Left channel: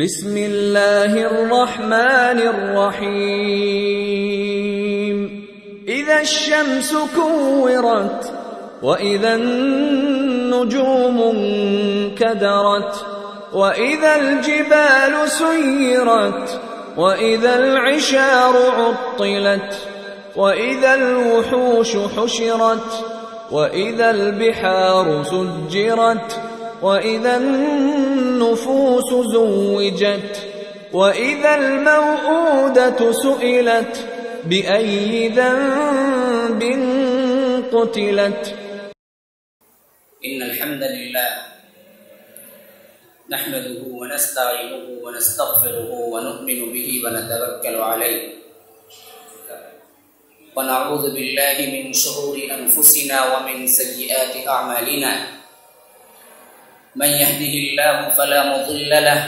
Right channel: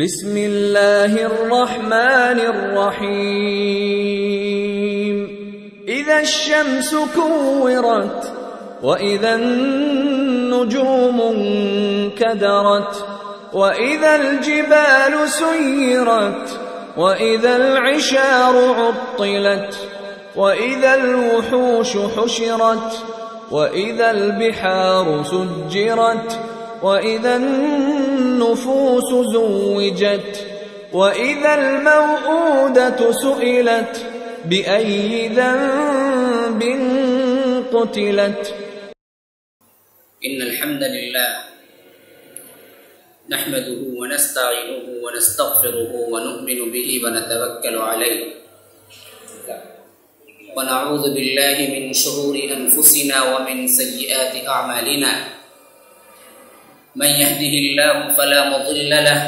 بسم اللہ الرحمن الرحیم اذا الشمس كورت واذا النجوم انكدرت واذا الجبال سيرت واذا العشار عطلت واذا الوحوش حشرت واذا البحار سجرت وَإِذَا النُّفُوسُ زُوِّجَتْ وَإِذَا الْمَوْءُودَةُ سُئِلَتْ بِأَيِّ ذَنبٍ قُتِلَتْ إن الحمد لله نحمده ونستعينه ونستغفره ونؤمن به ونتوكل عليه ونعوذ بالله من شرور أنفسنا ومن سيئات أعمالنا من يهده الله فلا مضل له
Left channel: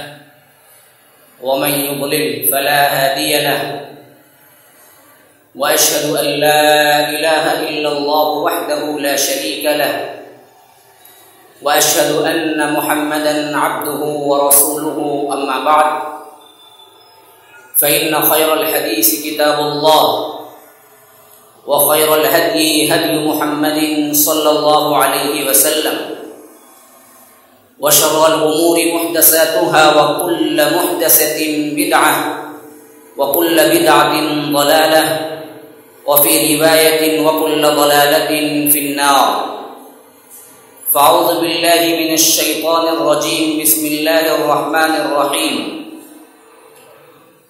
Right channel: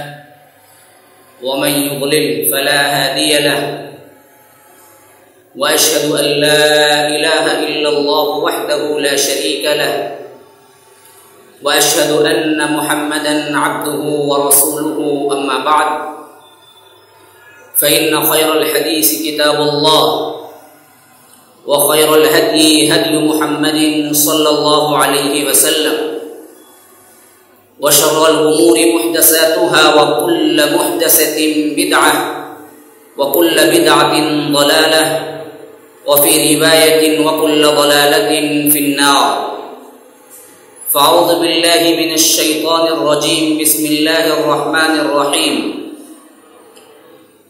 ومن يضلل فلا هادي له وأشهد أن لا إله إلا الله وحده لا شريك له وأشهد أن محمدا عبده ورسوله أما بعد فإن خير الحديث كتاب الله وخير الهدي هدي محمد صلى الله عليه وسلم وشر الأمور محدثاتها وكل محدثة بدعة وكل بدعة ضلالة وفي رواية وكل ضلالة في النار فأعوذ بالله من الشيطان الرجيم بسم الله الرحمن الرحيم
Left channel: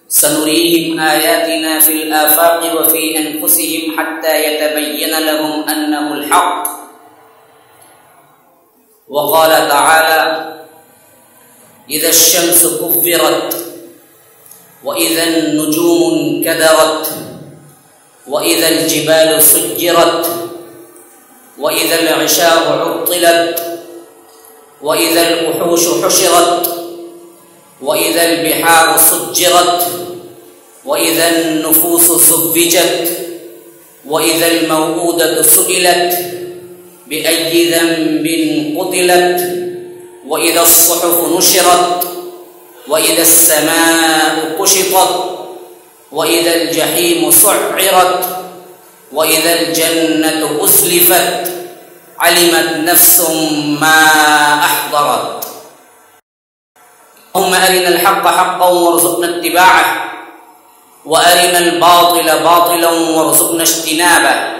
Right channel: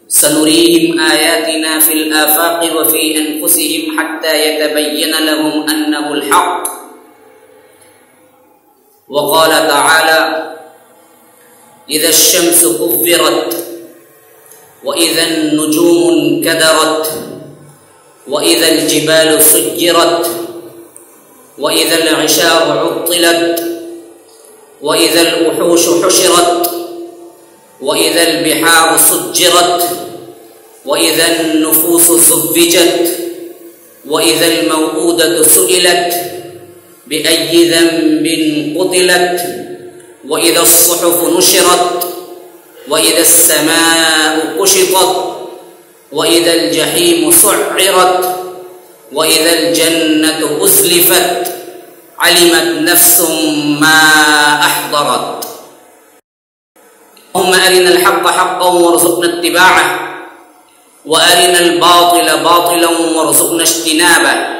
سنريهم آياتنا في الآفاق وفي أنفسهم حتى يتبين لهم أنه الحق وقال تعالى إذا الشمس كورت وإذا النجوم انكدرت وإذا الجبال سجرت وإذا العشار عطلت وإذا الوحوش حشرت وإذا البحار سجرت وإذا النفوس زوجت وإذا الموءودة سئلت بأي ذنب قتلت وإذا الصحف نشرت وإذا السماء كشطت وإذا الجحيم سعرت وإذا الجنة أزلفت علمت نفس ما أحضرت اللهم أرنا الحق حقا وارزقنا اتباعه وأرنا الباطل باطلا وارزقنا اجتنابه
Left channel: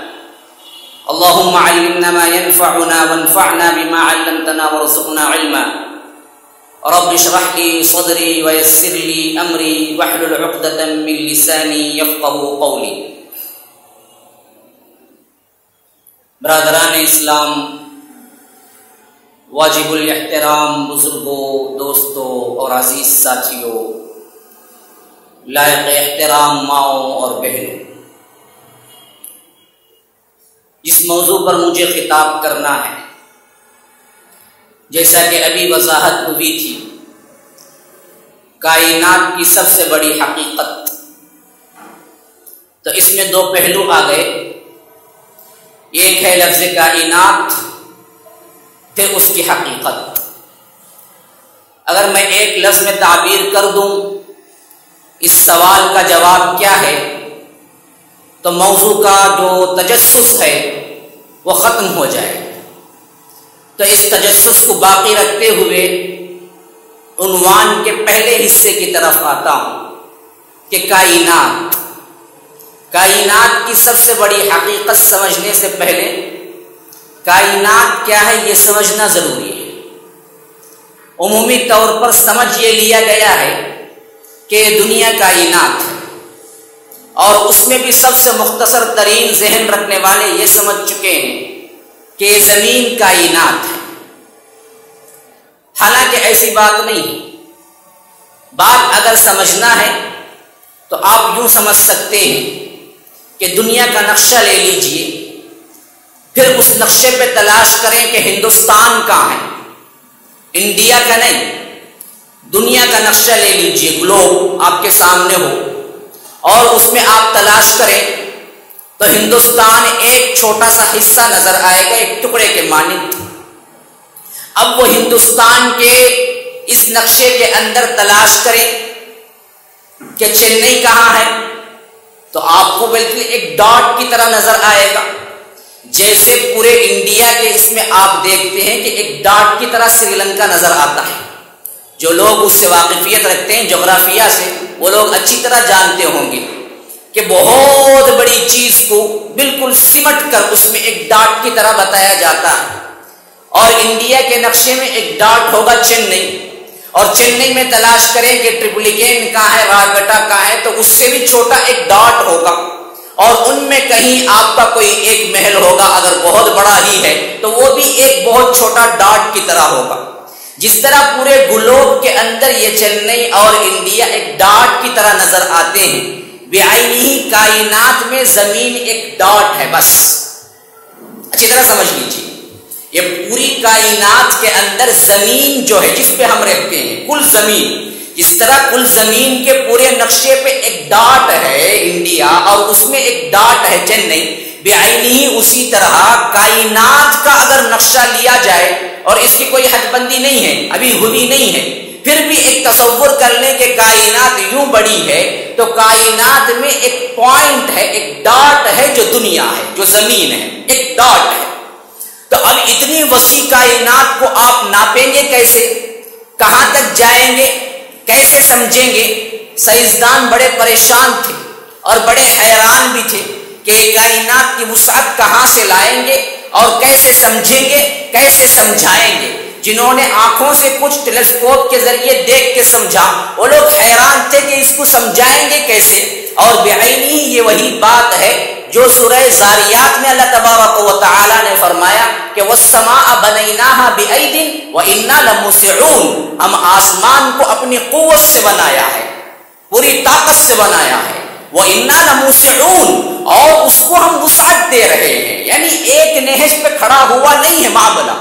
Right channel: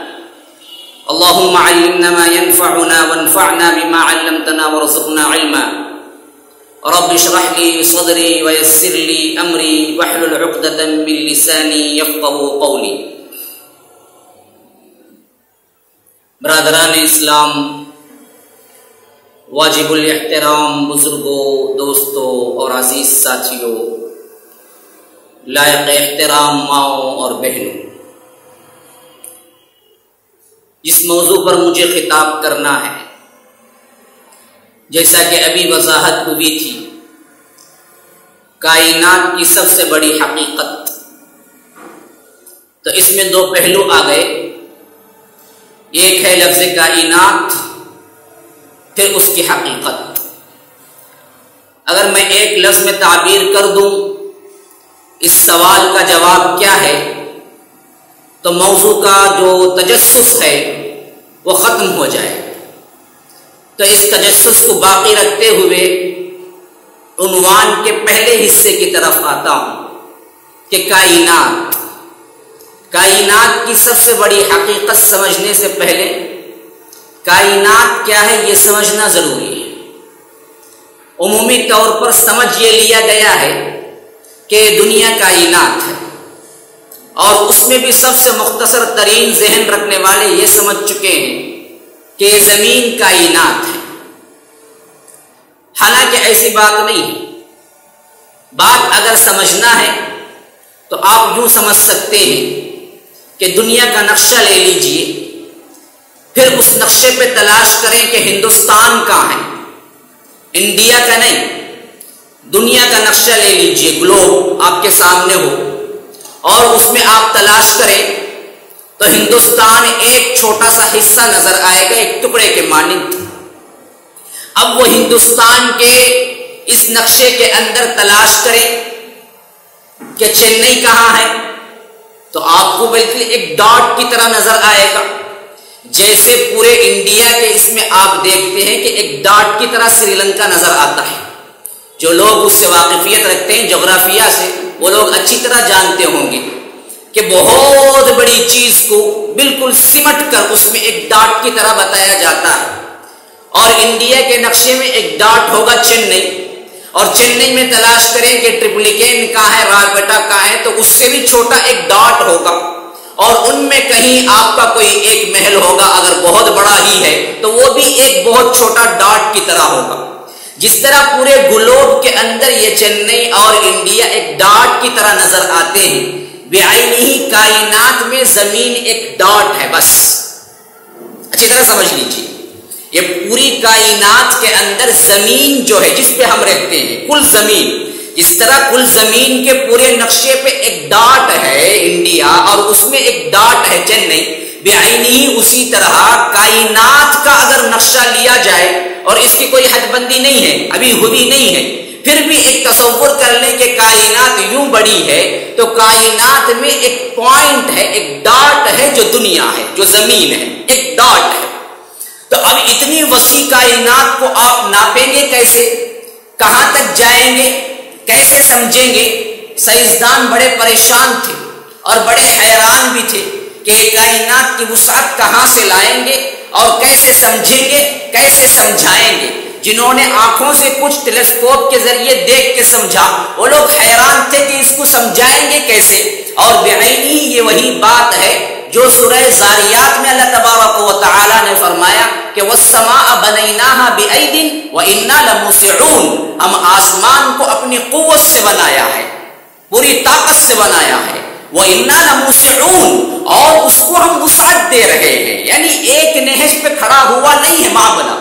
اللهم علمنا ما ينفعنا وانفعنا بما علمتنا وارزقنا علما رب اشرح لي صدري ويسر لي امري واحلل عقدة من لساني يفقهوا قولي برادران اسلام، واجب الاحترام بزرگوں، دوستوں اور عزیز ساتھیوں، لائق احترام ماؤں اور بہنوں، جس موضوع پر مجھے خطاب کرنا ہے، جیسا کہ ابھی وضاحت ہوئی تھی، کائنات کی سب سے بڑی حقیقت، تو اس میں دو پہلو آ گئے، ایک ہے لفظ کائنات، پھر اس کی حقیقت۔ اگر میں ایک لفظ میں تعبیر کر دوں اس سوال کا جواب کیا ہے، تو موضوع کا جو تجسس ہے وہ ختم ہو جائے۔ تو اس تجسس کو باقی رکھتے ہوئے عنوان کے پہلے حصے کی طرف آتا ہوں کہ کائنات کی سب سے بڑی حقیقت سمجھنے سے پہلے کائنات کیا ہے یہ سمجھنا ضروری ہے۔ عمومی طور پر سمجھ یہ لیا گیا ہے کہ دنیا کائنات ہے، اور اس میں بھی سب سے مختصر ترین ذہن رکھنے والے یہ سمجھ چکے ہیں کہ زمین کائنات ہے، حالانکہ ایسی بات نہیں ہے۔ بات اگر سمجھنا ہے تو آپ یوں سمجھ سکتے ہیں کہ دنیا کا نقشہ لے لیجئے، پھر اس نقشے پہ تلاش کریں کہ ہندوستان کہاں ہے، انڈیا کا نہیں، دنیا کا نقشہ لے لیجئے، گلوب آپ کے سامنے ہو، اور اس میں آپ تلاش کریں تو ہندوستان ایک چھوٹا سا حصہ نظر آئے گا، ایک ٹکڑے کے مانند۔ اب وہ ہندوستان کے اس نقشے کے اندر تلاش کریں کہ چنئی کہاں ہے تو آپ کو بالکل ایک ڈاٹ کی طرح نظر آئے گا، جیسے پورے انڈیا کے اس میں آپ دیکھتے ہیں کہ ایک ڈاٹ کی طرح سری لنکا نظر آتا ہے۔ جو لوگ اس سے واقفیت رکھتے ہیں جغرافیہ سے، وہ لوگ اچھی طرح جانتے ہوں گے کہ بہت بڑی چیز کو بالکل سمٹ کر اس میں ایک ڈاٹ کی طرح بتایا جاتا ہے۔ اور انڈیا کے نقشے میں ایک ڈاٹ ہوگا چنئی، اور چنئی میں تلاش کریں کہ ٹریپلیکین کہاں ہے، رائپیٹا کہاں ہے، تو اس سے بھی چھوٹا ایک ڈاٹ ہوگا، اور ان میں کہیں آپ کا کوئی ایک محل ہوگا، اگر بہت بڑا ہی ہے تو وہ بھی ایک بہت چھوٹا ڈاٹ کی طرح ہوگا۔ جس طرح پورے گلوب کے اندر یہ چنئی اور انڈیا ایک ڈاٹ کی طرح نظر آتے ہیں، بعینہ کائنات میں زمین ایک ڈاٹ ہے بس۔ اچھی طرح سمجھ لیجیے، یہ پوری کائنات کے اندر زمین جو ہے جس پہ ہم رہتے ہیں، کل زمین، جس طرح کل زمین کے پورے نقشے پہ ایک ڈاٹ ہے انڈیا اور اس میں ایک ڈاٹ ہے چنئی، بعینہ اسی طرح کائنات کا اگر نقشہ لیا جائے، اور اس کی کوئی حد بندی نہیں ہے، ابھی ہوئی نہیں ہے، پھر بھی ایک تصور کر لیں کہ کائنات یوں بڑی ہے، تو کائنات میں ایک پوائنٹ ہے، ایک ڈاٹ ہے جو دنیا ہے، جو زمین ہے، ایک ڈاٹ ہے۔ تو اب اتنی وسیع کائنات کو آپ ناپیں گے کیسے؟ کہاں تک جائیں گے؟ کیسے سمجھیں گے؟ سائنسدان بڑے پریشان تھے اور بڑے حیران بھی تھے کہ کائنات کی وسعت کہاں سے لائیں گے اور کیسے سمجھیں گے، کیسے سمجھائیں گے۔ جنہوں نے آنکھوں سے کچھ ٹیلیسکوپ کے ذریعے دیکھ کے سمجھا، وہ لوگ حیران تھے کہ اس کو سمجھائیں گے کیسے۔ اور بعینہ یہ وہی بات ہے جو سورہ زاریات میں اللہ تبارک و تعالی نے فرمایا کہ وَالسَّمَاءَ بَنَيْنَاهَا بِأَيْدٍ وَإِنَّا لَمُوسِعُونَ، ہم آسمان کو اپنی قوت سے بنایا ہے، پوری طاقت سے بنایا ہے، وَإِنَّا لَمُوسِعُونَ، اور اس کو ہم وسعت دے رہے ہیں، یعنی ایک نہج پہ کھڑا ہوا نہیں ہے معاملہ۔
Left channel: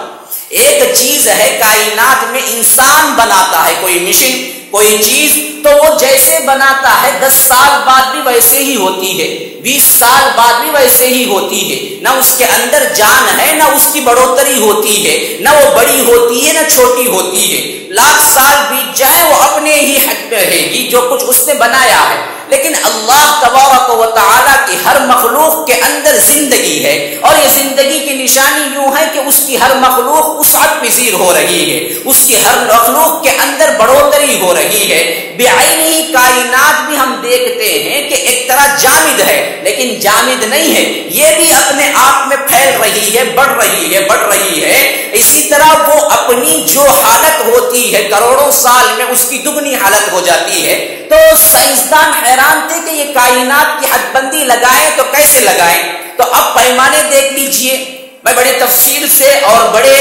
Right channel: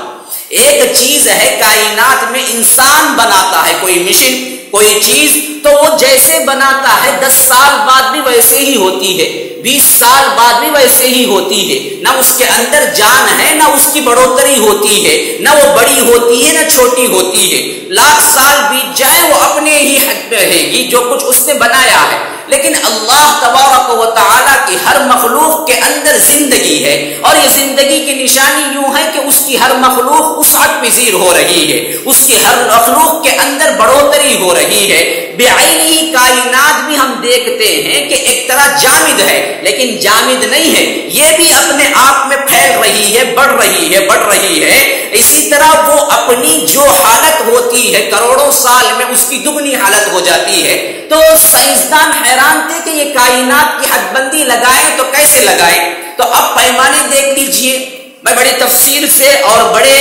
ایک چیز ہے کائنات میں انسان بناتا ہے کوئی مشن، کوئی چیز، تو وہ جیسے بناتا ہے 10 سال بعد بھی ویسے ہی ہوتی ہے، 20 سال بعد بھی ویسے ہی ہوتی ہے، نہ اس کے اندر جان ہے نہ اس کی بڑھوتری ہوتی ہے، نہ وہ بڑی ہوتی ہے نہ چھوٹی ہوتی ہے۔ 1,00,000 سال بیت جائیں وہ اپنے ہی حد پہ رہے گی جو کچھ اس نے بنایا ہے۔ لیکن اللہ تبارک و تعالی کی ہر مخلوق کے اندر زندگی ہے، اور یہ زندگی کی نشانی یوں ہے کہ اس کی ہر مخلوق وسعت پذیر ہو رہی ہے، اس کی ہر مخلوق کے اندر بڑھوتری ہو رہی ہے۔ بعینہ کائنات بھی ہم دیکھتے ہیں کہ ایک طرح جامد ہے، لیکن جامد نہیں ہے، یہ بھی اپنے آپ میں پھیل رہی ہے، بڑھ رہی ہے، بڑھ رہی ہے۔ اسی طرح وہ اپنی جو حالت ہوتی ہے کروڑوں سال میں اس کی دگنی حالت ہو جاتی ہے۔ تو سائنسدان حیران تھے کہ یہ کائنات کی حد بندی لگائیں تو کیسے لگائیں؟ تو اب پیمانے دیکھ لیجئے، میں بڑی تفصیل سے اور بڑے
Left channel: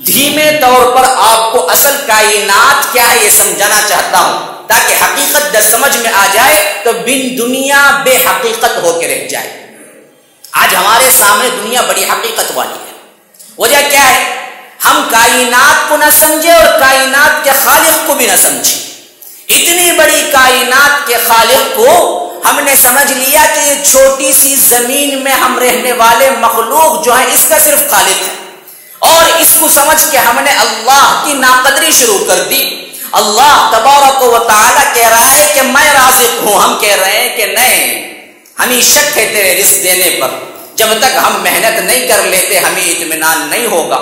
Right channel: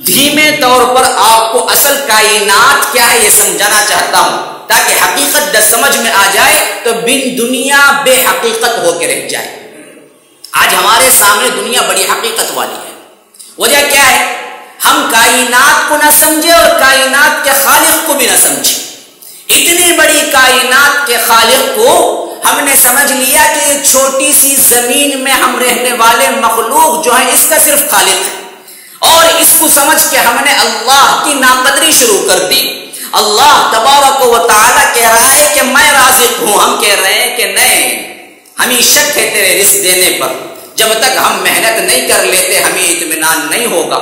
دھیمے طور پر آپ کو اصل کائنات کیا ہے یہ سمجھانا چاہتا ہوں، تاکہ حقیقت جب سمجھ میں آ جائے تو بن دنیا بے حقیقت ہو کے رہ جائے۔ آج ہمارے سامنے دنیا بڑی حقیقت والی ہے۔ وجہ کیا ہے؟ ہم کائنات کو نہ سمجھے اور کائنات کے خالق کو بھی نہ سمجھے۔ اتنی بڑی کائنات کے خالق کو ہم نے سمجھ لیا کہ یہ چھوٹی سی زمین میں ہم رہنے والے مخلوق جو ہے اس کا صرف خالق ہے، اور اس کو سمجھ کے ہم نے اللہ کی ناقدری شروع کر دی۔ اللہ تبارک و تعالی کہہ رہا ہے کہ میں رازق ہوں، ہم کہہ رہے ہیں کہ نہیں، ہمیں شک ہے تیرے رزق دینے پر، جب تک ہم محنت نہیں کر لیتے ہمیں اطمینان نہیں ہوگا۔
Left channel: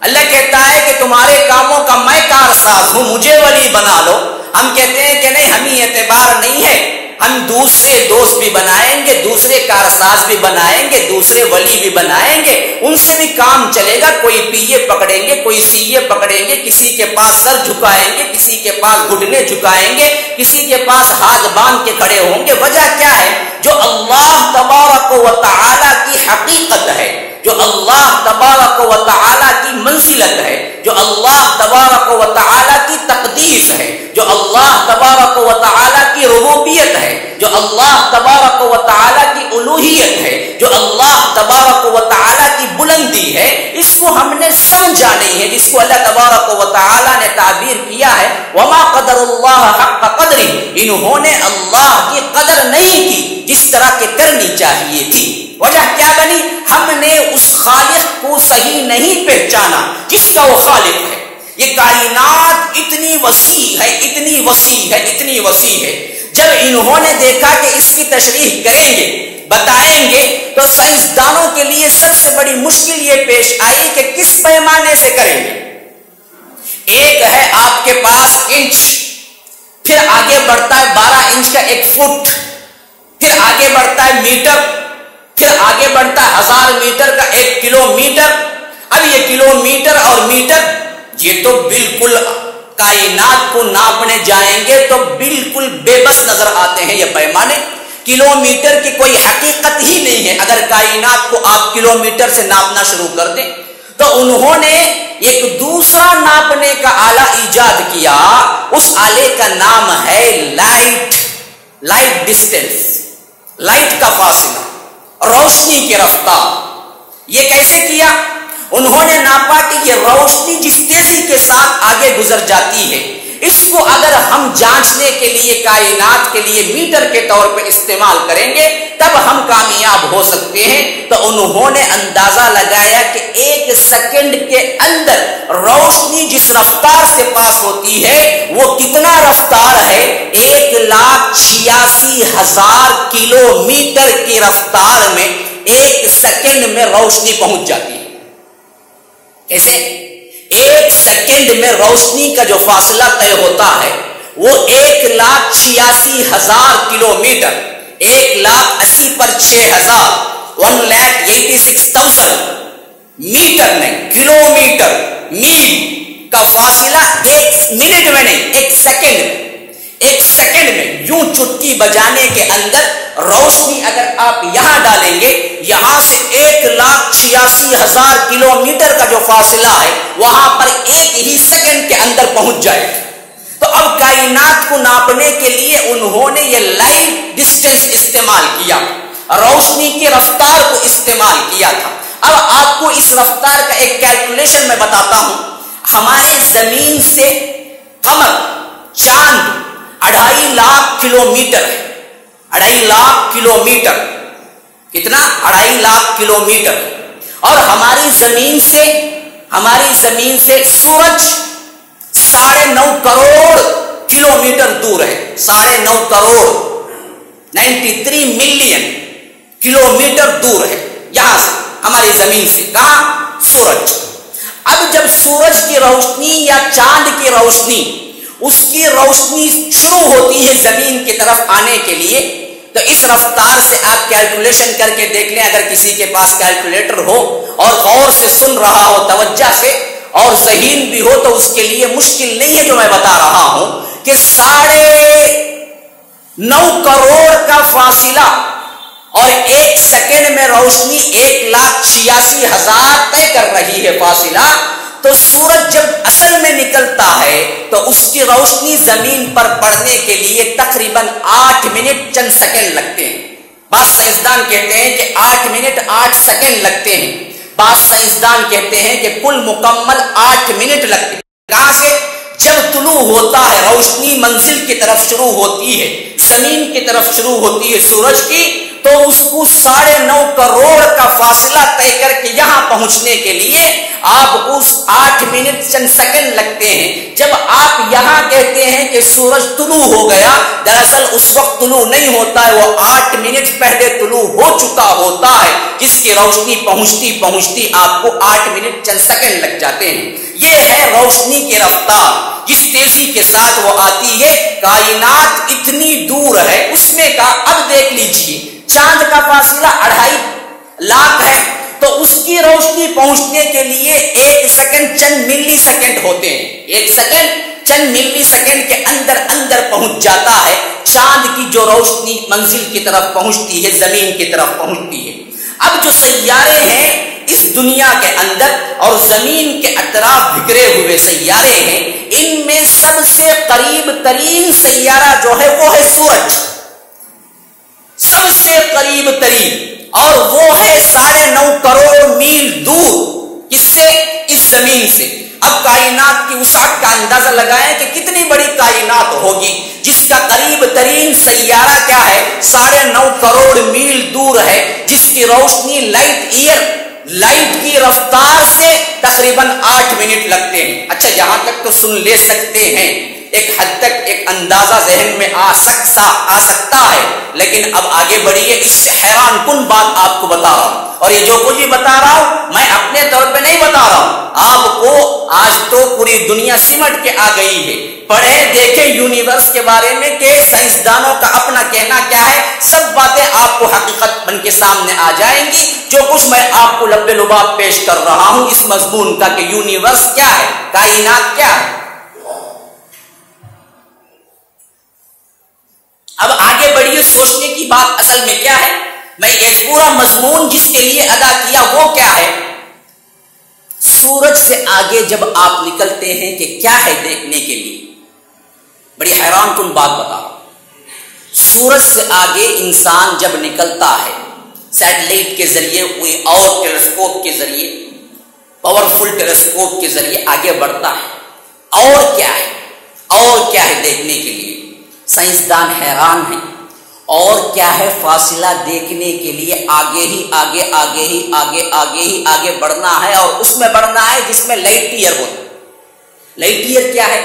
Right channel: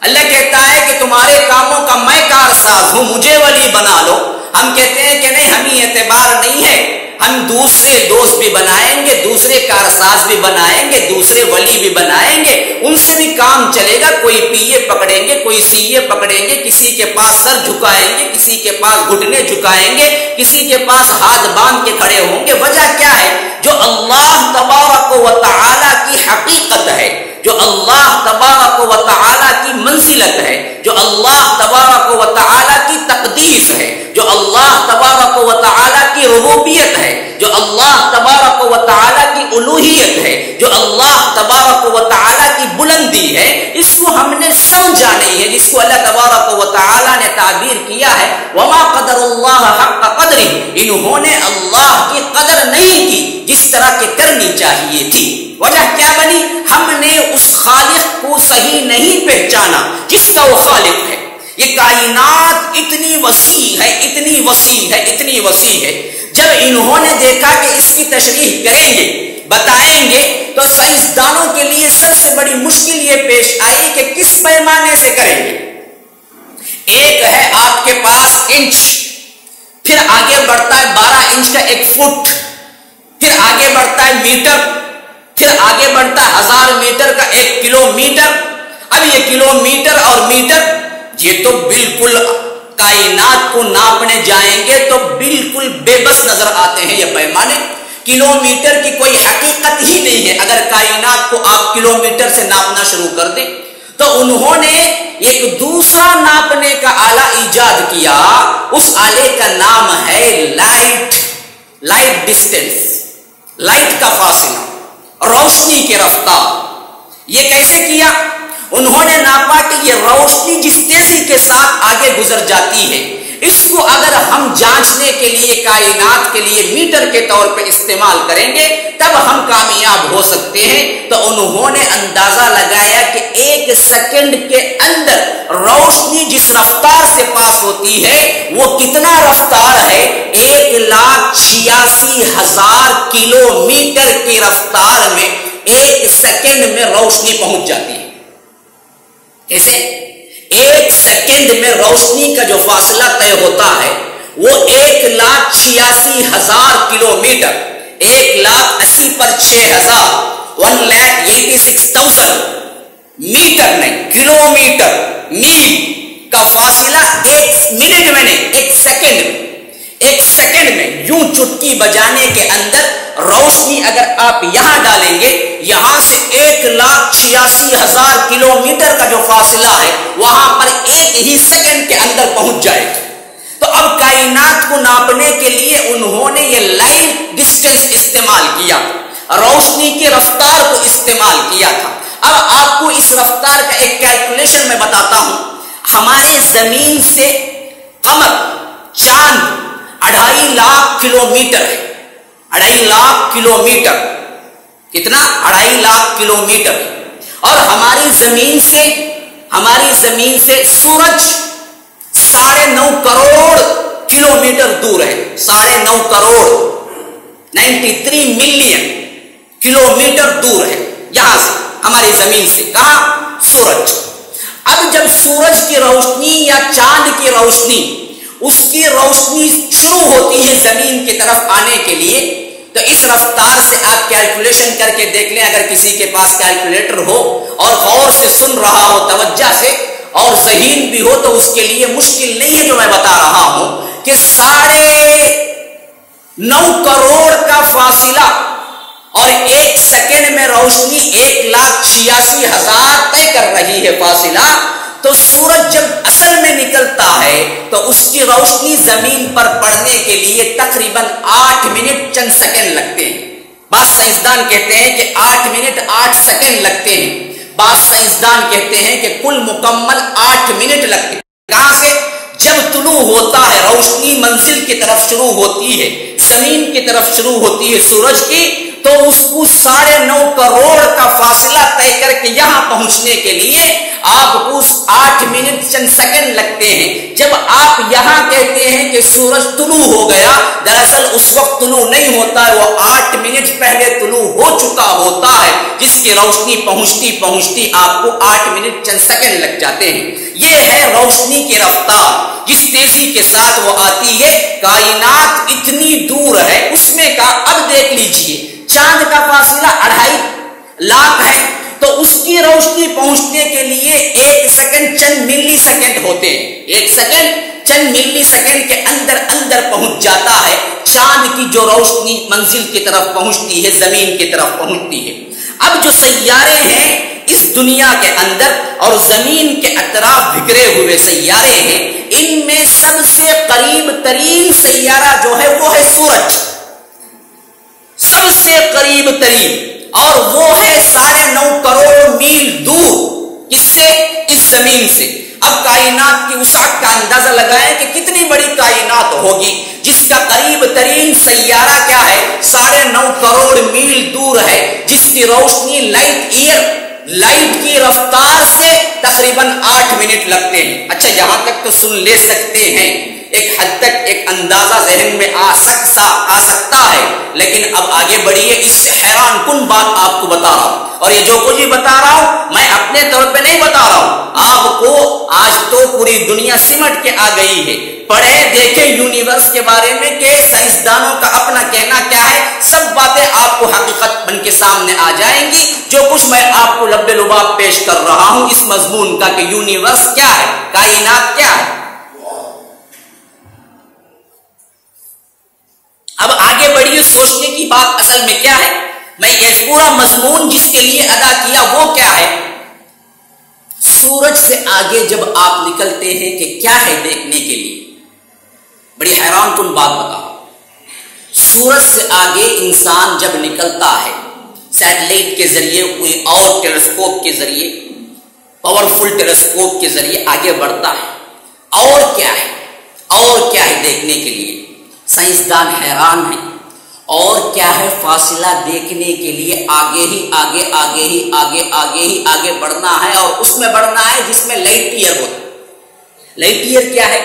اللہ کہتا ہے کہ تمہارے کاموں کا میں کارساز ہوں، مجھے ولی بنا لو۔ ہم کہتے ہیں کہ نہیں، ہمیں اعتبار نہیں ہے، ہم دوسرے دوست بھی بنائیں گے، دوسرے کارساز بھی بنائیں گے، دوسرے ولی بھی بنائیں گے، ان سے بھی کام چلے گا۔ کوئی پیے پکڑیں گے، کوئی سیے پکڑیں گے، کسی کے پاس سر جھکائیں گے، کسی کے پاس گھٹنے جھکائیں گے، کسی کے پاس ہاتھ باندھ کے کھڑے ہوں گے۔ وجہ کیا ہے؟ جو اللہ تبارک و تعالی کی حقیقت ہے، جو اللہ تبارک و تعالی کی منزلت ہے، جو اللہ تبارک و تعالی کی تقدیس ہے، جو اللہ تبارک و تعالی کی ربوبیت ہے، جو اللہ تبارک و تعالی کی الوہیت ہے، جو اللہ تبارک و تعالی کی بلندی ہے، اس کو ہم نے سمجھا نہیں ہے، جس کو اللہ تبارک و تعالی نے تعبیر کیا ہے وما قدر اللہ حق قدرہ، انہوں نے اللہ کی قدر نہیں کی جس طرح کہ کرنی چاہیے تھی۔ وجہ کیا بنی؟ ہم نے اس خالق کو صحیح نہیں پہچانا جس کا وہ خالق ہے۔ یہ کائنات اتنی وسیع ہے، اتنی وسیع ہے، اتنی وسیع ہے. جب انہوں نے دیکھا کہ اس کی تشریح کریں گے، بتائیں گے، تو سائنسدانوں کے لیے سب سے بڑی مشکل یہ پیش آئی کہ کس پیمانے سے کریں گے. ایک ہے آپ کے پاس انچ، پھر آگے بڑھتا ہے 12 انچ کا 1 فٹ، پھر آگے بڑھتا ہے میٹر، پھر آگے بڑھتا ہے 1000 میٹر کا 1 کلومیٹر. اب یہ کلومیٹر اور میٹر یہ تو بالکل کائنات کو ناپنے جائیں گے تو بالکل بے بس نظر آتے ہیں. یہ پیمانے کلومیٹر کی کوئی حقیقت ہی نہیں ہے. اگر کائنات کو آپ کلومیٹر سے ناپنا شروع کر دیں تو انہوں نے ایک دوسرا ناپنے کا آلہ ایجاد کیا. اس آلے کا نام ہے لائٹ ڈسٹینس، لائٹ کا فاصلہ، روشنی کی رفتار. یہ کیسے کیا؟ انہوں نے ناپا کہ یہ روشنی جس تیزی کے ساتھ آگے گزر جاتی ہے، اس کو اگر ہم جانچنے کے لیے کائنات کے لیے میٹر کے طور پہ استعمال کریں گے تب ہم کامیاب ہو سکتے ہیں. تو انہوں نے اندازہ لگایا کہ 1 سیکنڈ کے اندر روشنی جس رفتار سے پاس ہوتی ہے وہ کتنا رفتار ہے؟ 1,86,000 کلومیٹر کی رفتار میں 1 سیکنڈ میں روشنی پہنچ جاتی ہے. کیسے؟ 1 سیکنڈ میں روشنی کا جو فاصلہ طے ہوتا ہے وہ 1,86,000 کلومیٹر. 1,80,000 پر 6,000 1,86,000 میٹر نہیں، کلومیٹر، میل کا فاصلہ 1 منٹ میں نہیں، 1 سیکنڈ میں. 1 سیکنڈ میں یوں چٹکی بجانے کے اندر روشنی اگر آپ یہاں ڈالیں گے، یہاں سے 1,86,000 کلومیٹر کا جو فاصلہ ہے وہاں پر 1 ہی سیکنڈ کے اندر پہنچ جائے گا. تو اب کائنات کو ناپنے کے لیے انہوں نے یہ لائٹ ڈسٹینس استعمال کیا، روشنی کی رفتار کو استعمال کیا تھا. اب آپ کو اس رفتار کا ایک کیلکولیشن میں بتاتا ہوں. ہمارے زمین سے قمر، چاند 2.5 لاکھ کلومیٹر ہے. 2.5 لاکھ کلومیٹر. کتنا؟ 2.5 لاکھ کلومیٹر. اور ہماری زمین سے سورج 9.5 کروڑ کلومیٹر دور ہے. 9.5 کروڑ 93 ملین کلومیٹر دور ہے یہاں سے، ہماری زمین سے. کہاں؟ سورج. اب جب سورج کی روشنی یا چاند کی روشنی، اس کی روشنی شروع ہوتی ہے زمین کی طرف آنے کے لیے، تو اس رفتار سے آپ کیلکولیشن کر کے دیکھ لیں. اگر کسی کے پاس کیلکولیٹر ہو اور غور سے سن رہا ہو، توجہ سے، اور ذہین بھی ہو، تو اس کے لیے مشکل نہیں ہے جو میں بتا رہا ہوں کہ 9.5 کروڑ کا فاصلہ اور 1 سیکنڈ میں روشنی 1,86,000 طے کر رہی ہے فاصلہ. تو سورج جب اصل میں نکلتا ہے تو اس کی روشنی زمین پر پڑنے کے لیے تقریباً 8 منٹ چند سیکنڈ لگتے ہیں. بعض سائنسدان کہتے ہیں کہ 8 منٹ 8 سیکنڈ لگتے ہیں. بعض سائنسدان کہتے ہیں کہ کل مکمل 8 منٹ لگتے ہیں. کہاں سے؟ جب طلوع ہوتا ہے، روشنی منزل کی طرف شروع ہوتی ہے، زمین کی طرف شروع ہوتی ہے سورج کی، تو اس کو 9.5 کروڑ کا فاصلہ طے کر کے یہاں پہنچنے کے لیے آپ کو 8 منٹ چند سیکنڈ لگتے ہیں. جب آپ یہاں کہتے ہیں کہ سورج طلوع ہو گیا، دراصل اس وقت طلوع نہیں ہوتا ہے، وہ 8 منٹ پہلے طلوع ہو چکا ہوتا ہے، جس کی روشنی پہنچتی آپ کو 8 منٹ چند سیکنڈ لگ جاتے ہیں. یہ ہے روشنی کی رفتار جس تیزی کے ساتھ وہ آتی ہے. کائنات اتنی دور ہے، اس میں کا اب دیکھ لیجئے چاند کا فاصلہ 2.5 لاکھ ہے، تو اس کی روشنی پہنچنے کے لیے 1 سیکنڈ چند ملی سیکنڈ ہوتے ہیں. 1 سیکنڈ چند ملی سیکنڈ کے اندر پہنچ جاتا ہے. چاند کی جو روشنی منزل کی طرف پہنچتی ہے، زمین کی طرف پہنچتی ہے. اب جو سیارے ہیں اس دنیا کے اندر اور زمین کے اطراف بکھرے ہوئے سیارے ہیں، ان میں سب سے قریب ترین سیارہ جو ہے وہ ہے سورج. سب سے قریب ترین، اور وہ ہے 9.5 کروڑ میل دور. کس سے؟ اس زمین سے. اب کائنات کی وسعت کا اندازہ لگائیں کہ کتنی بڑی کائنات ہوگی جس کا قریب ترین سیارہ کیا ہے؟ 9.5 کروڑ میل دور ہے، جس کی روشنی لائٹ کی رفتار سے تقریباً 8 منٹ لگتے ہیں. اچھا یہاں تک تو سن لے سکتے ہیں, ایک حد تک ایک اندازہ ذہن میں آ سکتا ہے, لیکن اب آگے بڑھیے. اس سے حیران کن بات آپ کو بتا رہا ہوں, اور یہ جو کچھ بھی بتا رہا ہوں میں اپنے طور پہ نہیں بتا رہا ہوں, آپ کو آج تو پوری دنیا سمٹ کے آ گئی ہے. پڑھیں دیکھیں یونیورس کے بارے میں کہ سائنسدانوں کا اپنا کہنا کیا ہے, سب باتیں آپ کو حقیقت بن کے سامنے آ جائیں گی. جو کچھ میں آپ کو لب لباب پیش کر رہا ہوں اس مضمون کا کہ یونیورس کیا ہے, کائنات کیا ہے. اب آگے بڑھیے, سوچنے کی بات اصل میں کیا ہے. میں یہ پورا مضمون جس کے لیے ادا کیا وہ کیا ہے, سورج سے آگے جب آپ نکلتے ہیں کہ کیا ہے دیکھنے کے لیے. بڑی حیران کن بات بتا رہا ہوں. سورج سے آگے انسان جب نکلتا ہے سیٹلائٹ کے ذریعے, کوئی اور ٹیلیسکوپ کے ذریعے, پاورفل ٹیلیسکوپ کے ذریعے آگے بڑھتا ہے. اور کیا ہے, اور کیا ہے دیکھنے کے لیے. سائنسدان حیران ہیں. اور کیا ہے, فاصلہ دیکھنے کے لیے آگے ہی آگے آگے ہی آگے آگے ہی آگے بڑھنا ہے, اور اس میں بڑھنا ہے جس میں لائٹ ایئر ہوتا ہے. لائٹ ایئر کیا ہے,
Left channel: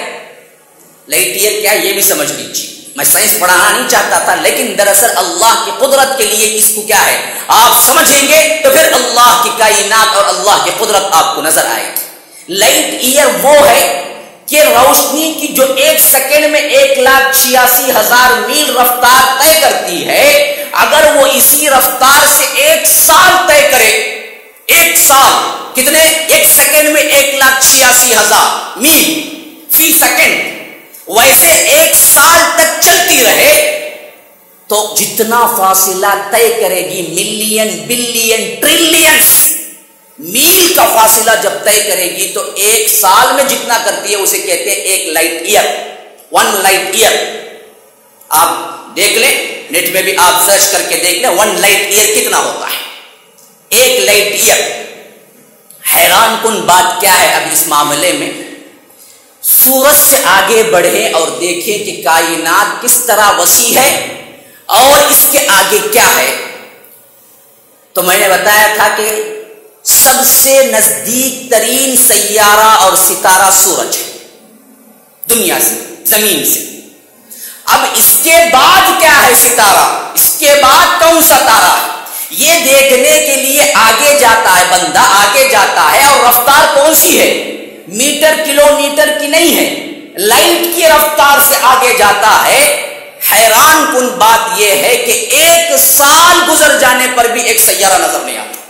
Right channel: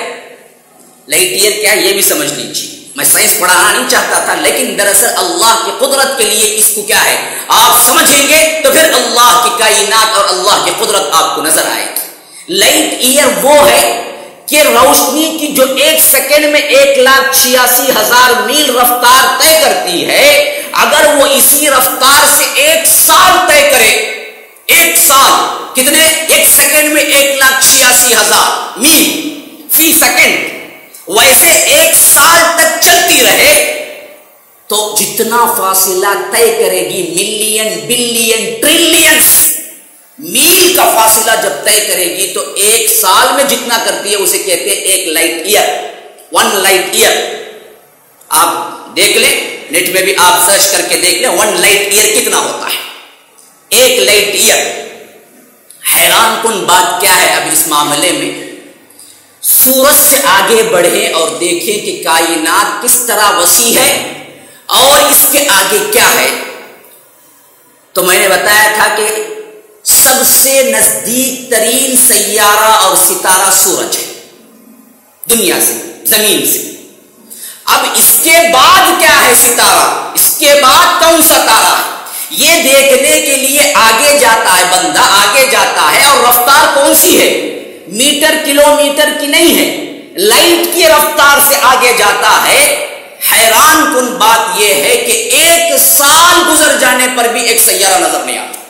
لائٹ ایئر کیا ہے یہ بھی سمجھ لیجیے. میں سائنس پڑھانا نہیں چاہتا تھا, لیکن دراصل اللہ کی قدرت کے لیے اس کو کیا ہے آپ سمجھیں گے تو پھر اللہ کی کائنات اور اللہ کی قدرت آپ کو نظر آئے گی. لائٹ ایئر وہ ہے کہ روشنی کی جو 1 سیکنڈ میں 1,86,000 میل رفتار طے کرتی ہے, اگر وہ اسی رفتار سے 1 سال طے کرے, 1 سال کتنے, 1 سیکنڈ میں 1,86,000 میل فی سیکنڈ, ویسے 1 سال تک چلتی رہے تو جتنا فاصلہ طے کرے گی, ملین بلین ٹریلینز میل کا فاصلہ جب طے کرے گی تو 1 سال میں جتنا کرتی ہے اسے کہتے ہیں 1 لائٹ ایئر, 1 لائٹ ایئر. آپ دیکھ لیں, نیٹ میں بھی آپ سرچ کر کے دیکھ لیں 1 لائٹ ایئر کتنا ہوتا ہے, 1 لائٹ ایئر. حیران کن بات کیا ہے اب اس معاملے میں, سورج سے آگے بڑھیں اور دیکھیں کہ کائنات کس طرح وسیع ہے اور اس کے آگے کیا ہے. تو میں نے بتایا تھا کہ سب سے نزدیک ترین سیارہ اور ستارہ سورج ہے دنیا سے, زمین سے. اب اس کے بعد کیا ہے ستارہ, اس کے بعد کون سا تارہ ہے, یہ دیکھنے کے لیے آگے جاتا ہے بندہ, آگے جاتا ہے. اور رفتار کون سی ہے, میٹر کلومیٹر کی نہیں ہے, لائٹ کی رفتار سے آگے جاتا ہے. حیران کن بات یہ ہے کہ 1 سال گزر جانے پر بھی ایک سیارہ نظر نہیں آتا.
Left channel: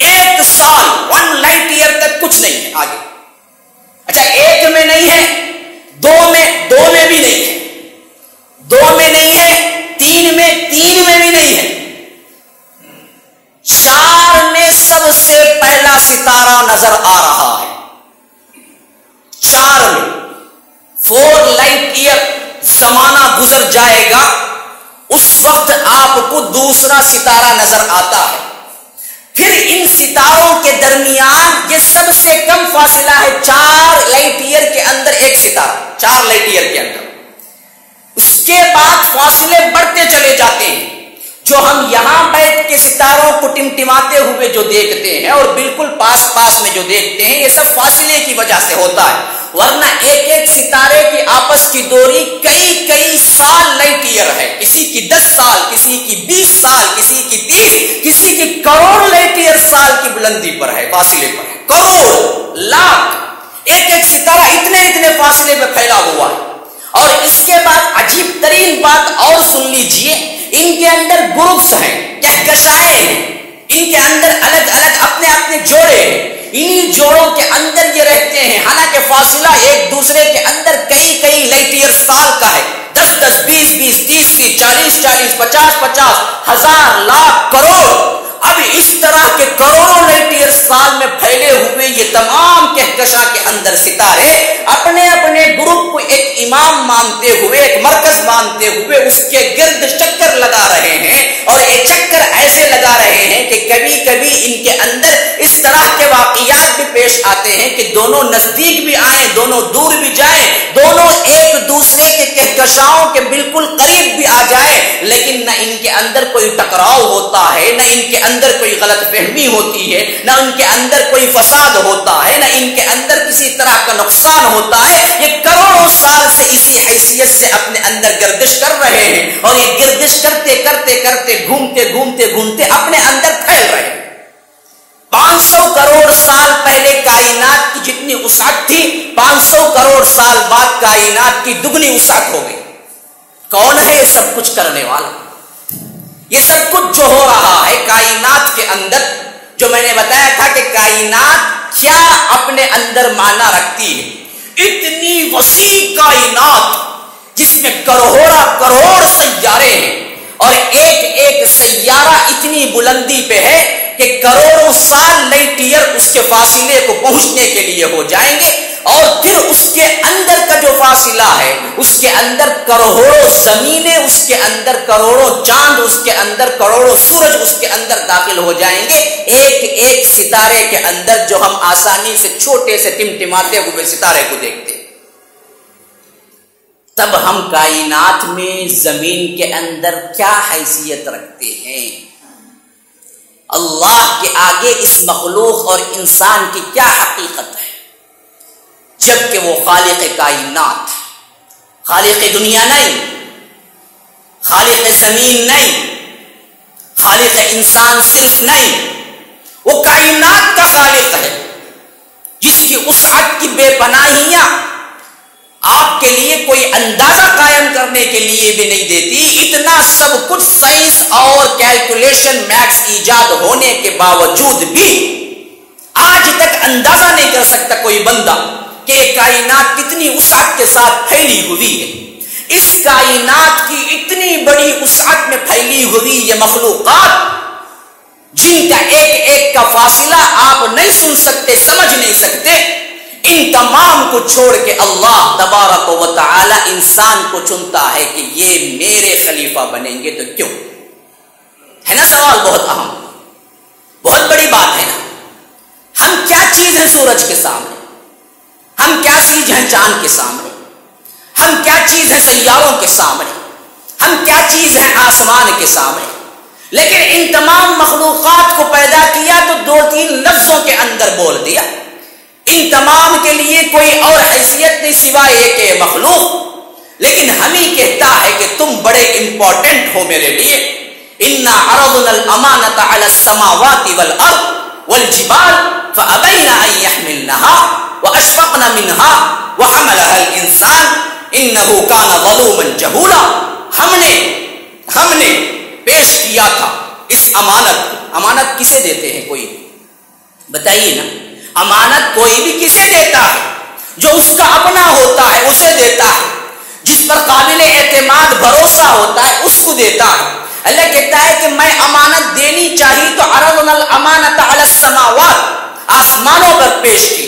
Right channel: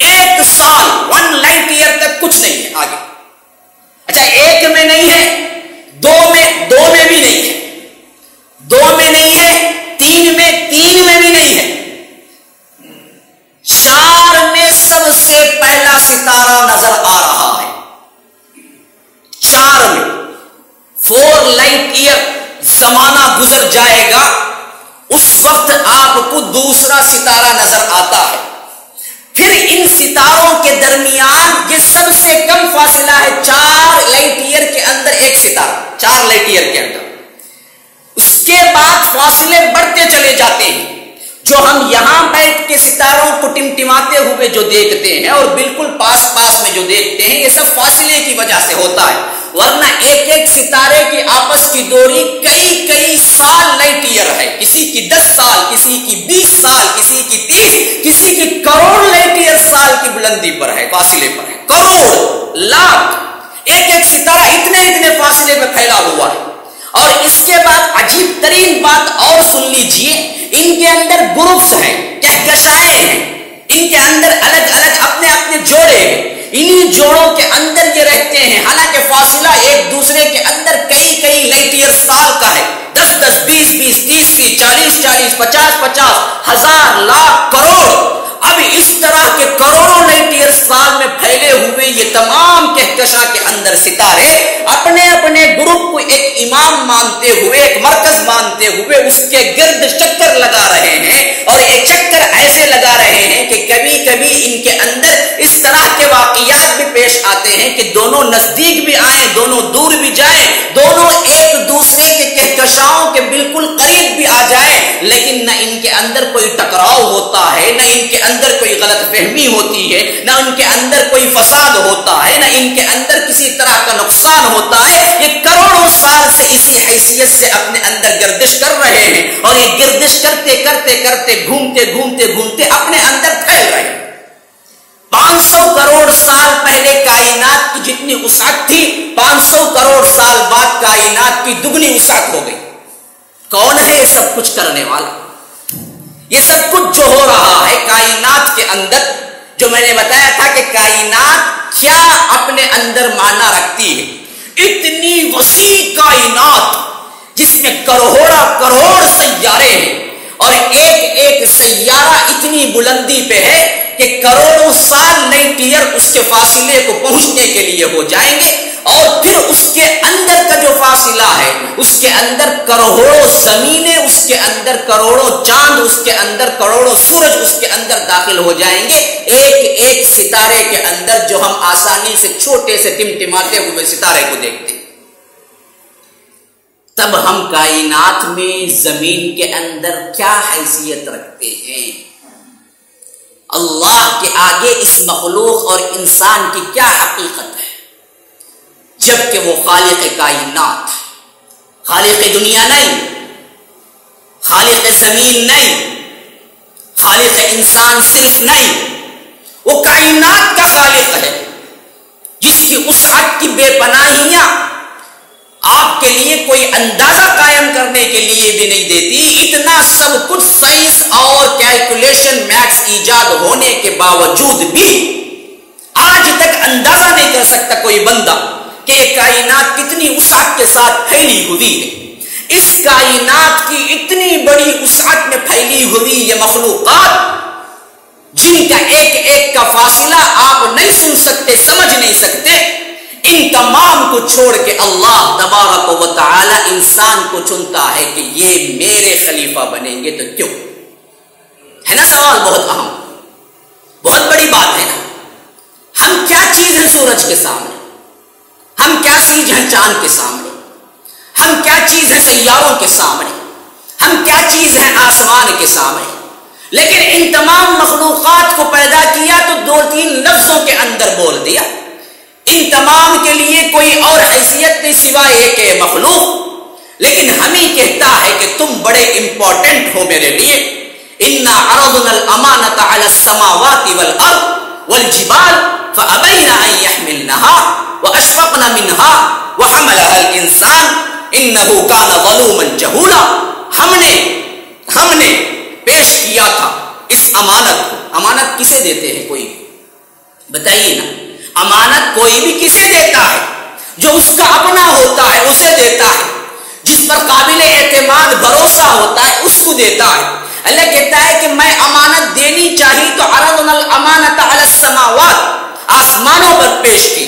1 سال, 1 لائٹ ایئر تک کچھ نہیں ہے آگے. اچھا 1 میں نہیں ہے, 2 میں بھی نہیں ہے, 2 میں نہیں ہے, 3 میں بھی نہیں ہے, 4 میں سب سے پہلا ستارہ نظر آ رہا ہے. 4 میں 4 لائٹ ایئر زمانہ گزر جائے گا, اس وقت آپ کو دوسرا ستارہ نظر آتا ہے. پھر ان ستاروں کے درمیان یہ سب سے کم فاصلہ ہے 4 لائٹ ایئر کے اندر ایک ستارہ, 4 لائٹ ایئر کے اندر. اس کے بعد فاصلے بڑھتے چلے جاتے ہیں. جو ہم یہاں بیٹھ کے ستاروں کو ٹمٹماتے ہوئے جو دیکھتے ہیں اور بالکل پاس پاس میں جو دیکھتے ہیں, یہ سب فاصلے کی وجہ سے ہوتا ہے. ورنہ ایک ایک ستارے کی آپس کی دوری کئی سال لائٹ ایئر ہے. کسی کی 10 سال, کسی کی 20 سال, کسی کی 30, کسی کی کروڑ لائٹ ایئر سال کی بلندی پر ہے, فاصلے پر ہے. کروڑ, لاکھ, ایک ایک ستارہ اتنے فاصلے میں پھیلا ہوا ہے. اور اس کے بعد عجیب ترین بات اور سن لیجئے, ان کے اندر گروپس ہیں, کہکشائیں ہیں, ان کے اندر الگ الگ اپنے جوڑے ہیں. انہی جوڑوں کے اندر یہ رہتے ہیں, حالانکہ فاصلہ ایک دوسرے کے اندر کئی لائٹ ایئر سال کا ہے. 10 20 30 40 50 ہزار, لاکھ, کروڑ. اب اس طرح کے کروڑوں لائٹ ایئر سال میں پھیلے ہوئے یہ تمام کہکشاں کے اندر ستارے اپنے گروپ کو ایک امام مانتے ہوئے, ایک مرکز مانتے ہوئے اس کے گرد چکر لگا رہے ہیں. اور یہ چکر ایسے لگا رہے ہیں کہ کبھی ان کے اندر اس طرح کے واقعات بھی پیش آتے ہیں کہ دونوں نزدیک بھی آئیں, دونوں دور بھی جائیں, دونوں ایک دوسرے کے کہکشاؤں کے بالکل قریب بھی آ جائے لیکن نہ ان کے اندر کوئی ٹکراؤ ہوتا ہے، نہ ان کے اندر کوئی غلط فہمی ہوتی ہے، نہ ان کے اندر کوئی فساد ہوتا ہے، نہ ان کے اندر کسی طرح کا نقصان ہوتا ہے۔ یہ کروڑوں سال سے اسی حیثیت سے اپنے اندر گردش کر رہے ہیں اور یہ گردش کرتے کرتے کرتے گھومتے گھومتے گھومتے اپنے اندر پھیل رہے ہیں۔ 500 کروڑ سال پہلے کائنات کی جتنی وسعت تھی 500 کروڑ سال بعد کائنات کی دگنی وسعت ہو گئی۔ کون ہے یہ سب کچھ کرنے والا؟ یہ سب کچھ جو ہو رہا ہے کائنات کے اندر، جو میں نے بتایا تھا کہ کائنات کیا اپنے اندر معنی رکھتی ہے، اتنی وسیع کائنات جس میں کروڑ سیارے ہیں اور ایک ایک سیارہ اتنی بلندی پہ ہے کہ کروڑوں سال لائٹ ایئر اس کے فاصلے کو پہنچنے کے لیے ہو جائیں گے، اور پھر اس کے اندر کا جو فاصلہ ہے اس کے اندر کروڑوں زمینیں، اس کے اندر کروڑوں چاند، اس کے اندر کروڑوں سورج اس کے اندر داخل ہو جائیں گے، ایک ایک ستارے کے اندر جو ہم آسانی سے چھوٹے سے ٹمٹماتے ہوئے ستارے کو دیکھتے ہیں۔ تب ہم کائنات میں زمین کے اندر کیا حیثیت رکھتے ہیں، اللہ کے آگے اس مخلوق اور انسان کی کیا حقیقت ہے، جبکہ وہ خالق کائنات، خالق دنیا نہیں، خالق زمین نہیں، خالق انسان صرف نہیں، وہ کائنات کا خالق ہے جس کی وسعت کی بے پناہیاں آپ کے لیے کوئی اندازہ قائم کرنے کے لیے بھی نہیں دیتی۔ اتنا سب کچھ سائنس اور کیلکولیشن میکس ایجاد ہونے کے باوجود بھی آج تک اندازہ نہیں کر سکتا کوئی بندہ کہ یہ کائنات کتنی وسعت کے ساتھ پھیلی ہوئی ہے۔ اس کائنات کی اتنی بڑی وسعت میں پھیلی ہوئی یہ مخلوقات جن کا ایک ایک کا فاصلہ آپ نہیں سن سکتے، سمجھ نہیں سکتے، ان تمام کو چھوڑ کے اللہ تبارک و تعالی انسان کو چنتا ہے کہ یہ میرے خلیفہ بنیں گے، تو کیوں؟ ہے نا سوال بہت اہم، بہت بڑی بات ہے نا۔ ہم کیا چیز ہیں سورج کے سامنے، ہم کیا چیز ہیں چاند کے سامنے، ہم کیا چیز ہیں سیاروں کے سامنے، ہم کیا چیز ہیں آسمان کے سامنے، لیکن ان تمام مخلوقات کو پیدا کیا تو 2-3 لفظوں کے اندر بول دیا۔ ان تمام کے لیے کوئی اور حیثیت نہیں سوائے ایک مخلوق، لیکن ہم ہی کہتا ہے کہ تم بڑے امپورٹنٹ ہو میرے لیے۔ انا عرضنا الامانۃ علی السماوات والارض والجبال فابین ان يحملنها واشفقن منها وحملها الانسان انه كان ظلوما جهولا۔ ہم نے پیش کیا تھا اس امانت کو۔ امانت کسے دیتے ہیں؟ کوئی بتائیے نا، امانت کوئی بھی کسے دیتا ہے؟ جو اس کا اپنا ہوتا ہے اسے دیتا ہے، جس پر قابل اعتماد بھروسہ ہوتا ہے اس کو دیتا ہے۔ اللہ کہتا ہے کہ میں امانت دینی چاہیے تو عرضنا الامانۃ علی السماوات، آسمانوں پر پیش کی،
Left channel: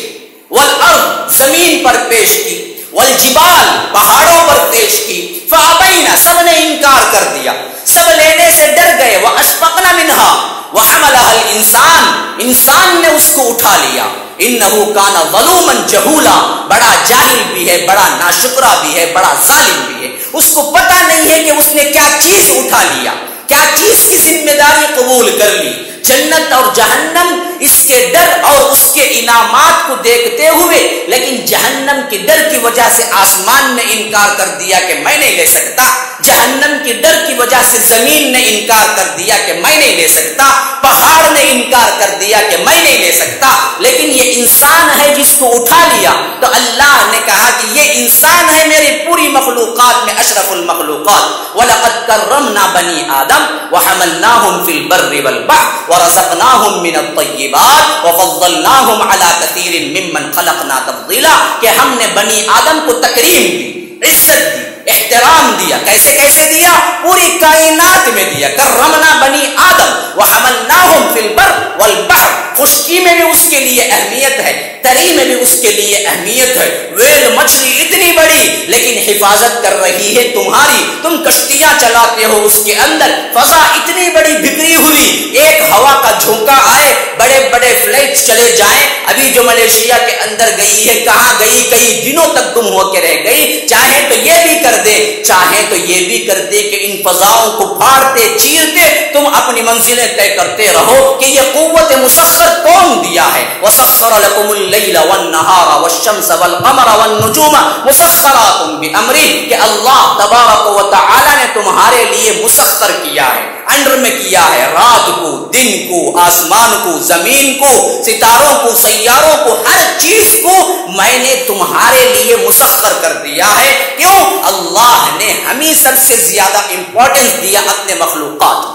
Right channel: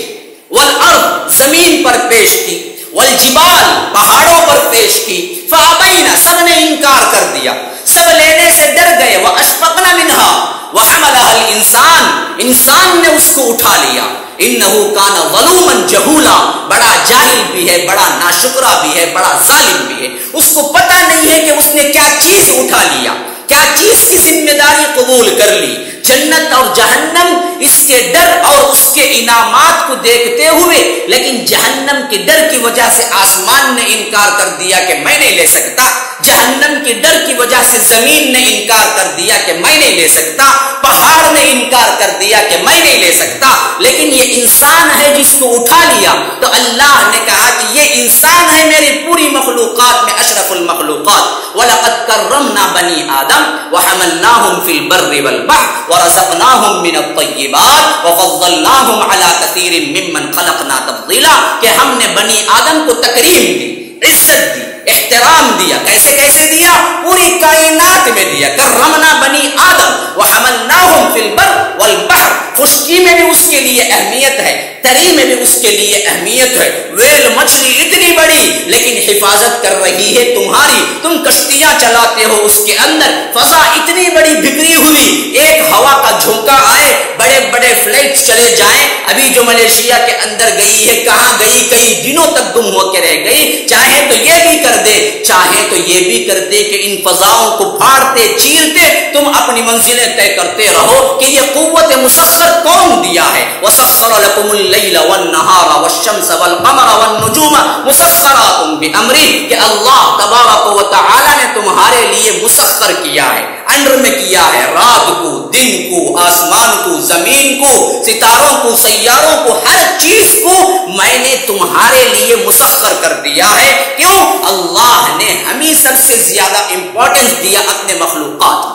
والارض زمین پر پیش کی، والجبال پہاڑوں پر پیش کی، فابینا سب نے انکار کر دیا، سب لینے سے ڈر گئے، واشفقنا منها وحملها الانسان، انسان نے اس کو اٹھا لیا، انه كان ظلوما جهولا، بڑا جاہل بھی ہے، بڑا ناشکرا بھی ہے، بڑا ظالم بھی ہے۔ اس کو پتہ نہیں ہے کہ اس نے کیا چیز اٹھا لیا، کیا چیز کی ذمہ داری قبول کر لی۔ جنت اور جہنم اس کے ڈر اور اس کے انعامات کو دیکھتے ہوئے، لیکن جہنم کے ڈر کی وجہ سے آسمان نے انکار کر دیا کہ میں نہیں لے سکتا، جہنم کے ڈر کی وجہ سے زمین نے انکار کر دیا کہ میں نہیں لے سکتا، پہاڑ نے انکار کر دیا کہ میں نہیں لے سکتا، لیکن یہ انسان ہے جس کو اٹھا لیا۔ تو اللہ نے کہا کہ یہ انسان ہے میری پوری مخلوقات میں اشرف المخلوقات۔ وَلَقَدْ كَرَّمْنَا بَنِي آدَمَ وَحَمَلْنَاهُمْ فِي الْبَرِّ وَالْبَحْرِ وَرَزَقْنَاهُمْ مِنَ الطَّيِّبَاتِ وَفَضَّلْنَاهُمْ عَلَى كَثِيرٍ مِّمَّنْ خَلَقْنَا تَفْضِيلًا، کہ ہم نے بنی آدم کو تکریم دی، عزت دی، احترام دیا۔ کیسے کیسے دیا؟ پوری کائنات میں دیا۔ کرمنا بنی آدم وحملناہم فی البر والبحر، خشکی میں بھی اس کے لیے اہمیت ہے، تری میں بھی اس کے لیے اہمیت ہے. ویل مچھلی اتنی بڑی لیکن حفاظت کر رہی ہے تمہاری. تم کشتیاں چلاتے ہو اس کے اندر. فضا اتنی بڑی بکھری ہوئی, ایک ہوا کا جھونکا آئے, بڑے بڑے فلائٹ چلے جائیں. ابھی جو ملیشیا کے اندر گئی ہے, کہاں گئی, کئی دنوں تک گم ہو کے رہ گئی. چاہے تو یہ بھی کر دے, چاہے تو یہ بھی کر دے کہ ان فضاؤں کو پھاڑتے چیرتے تم اپنی منزلیں طے کرتے رہو. کہ یہ قوت مسخر کون دیا ہے؟ وسخر لكم الليل والنهار والشمس والقمر والنجوم مسخرات بأمره, کہ اللہ تبارک و تعالی نے تمہارے لیے مسخر کیا ہے, انڈر میں کیا ہے, رات کو, دن کو, آسمان کو, زمین کو, ستاروں کو, سیاروں کو, ہر چیز کو میں نے تمہارے لیے مسخر کر دیا ہے. کیوں؟ اللہ نے ہمیں سب سے زیادہ امپورٹنس دیا اپنے مخلوقات.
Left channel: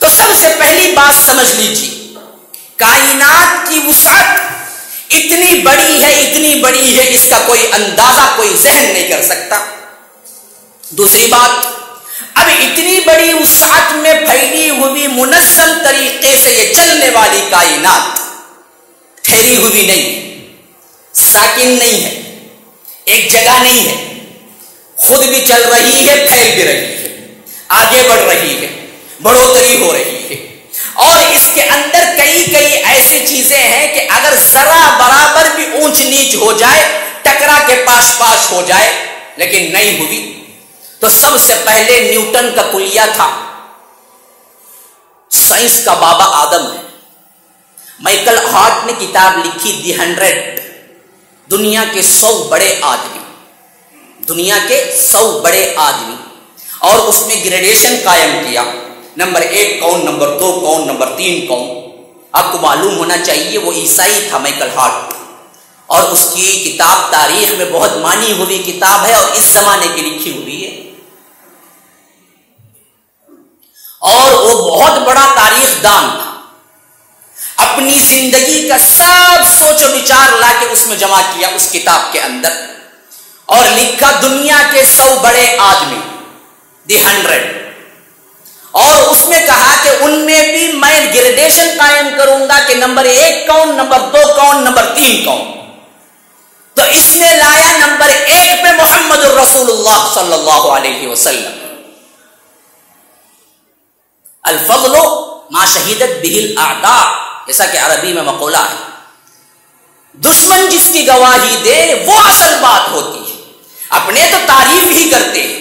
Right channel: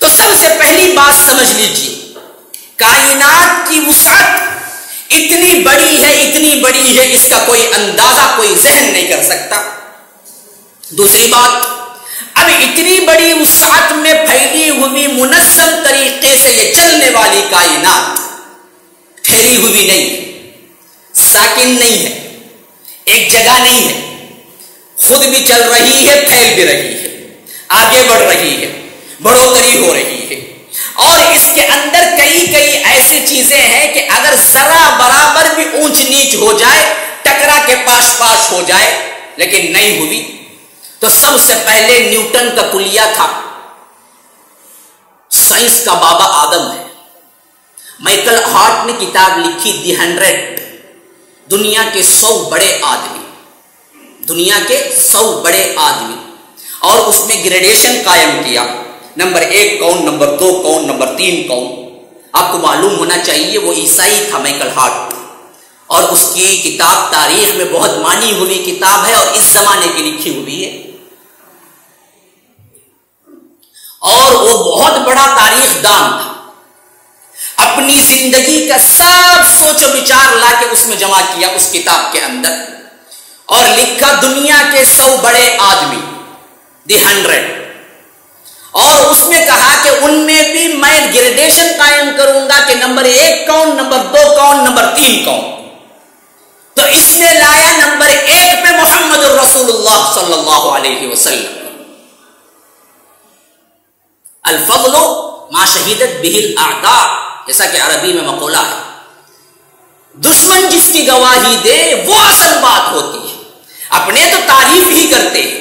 تو سب سے پہلی بات سمجھ لیجیے, کائنات کی وسعت اتنی بڑی ہے, اتنی بڑی ہے, اس کا کوئی اندازہ کوئی ذہن نہیں کر سکتا. دوسری بات, اب اتنی بڑی وسعت میں پھیلی ہوئی منظم طریقے سے یہ چلنے والی کائنات ٹھہری ہوئی نہیں ہے, ساکن نہیں ہے, ایک جگہ نہیں ہے, خود بھی چل رہی ہے, پھیل بھی رہی ہے, آگے بڑھ رہی ہے, بڑھوتری ہو رہی ہے. اور اس کے اندر کئی ایسی چیزیں ہیں کہ اگر ذرا برابر بھی اونچ نیچ ہو جائے, ٹکرا کے پاش پاش ہو جائے, لیکن نہیں ہوئی. تو سب سے پہلے نیوٹن کا کلیہ تھا, سائنس کا بابا آدم ہے. مائیکل ہارٹ نے کتاب لکھی دی 100, دنیا کے 100 بڑے آدمی, دنیا کے 100 بڑے آدمی, اور اس میں گریڈیشن قائم کیا. نمبر 1 کون, نمبر 2 کون, نمبر 3 کون. آپ کو معلوم ہونا چاہیے وہ عیسائی تھا مائیکل ہارٹ, اور اس کی کتاب تاریخ میں بہت مانی ہوئی کتاب ہے اور اس زمانے کی لکھی ہوئی ہے. اور وہ بہت بڑا تاریخ دان تھا. اپنی زندگی کا سب سوچ و بچار لا کے اس میں جمع کیا اس کتاب کے اندر, اور لکھا دنیا کے 100 بڑے آدمی, دی 100. اور اس میں کہا کہ ان میں بھی میں گریڈیشن قائم کروں گا کہ نمبر 1 کون, نمبر 2 کون, نمبر 3 کون. تو اس نے لایا نمبر 1 پہ محمد الرسول اللہ صلی اللہ علیہ وسلم. الفضل ما شہیدت به الاعداء, جیسا کہ عربی میں مقولہ ہے, دشمن جس کی گواہی دے وہ اصل بات ہوتی ہے. اپنے تو تعریف ہی کرتے ہیں,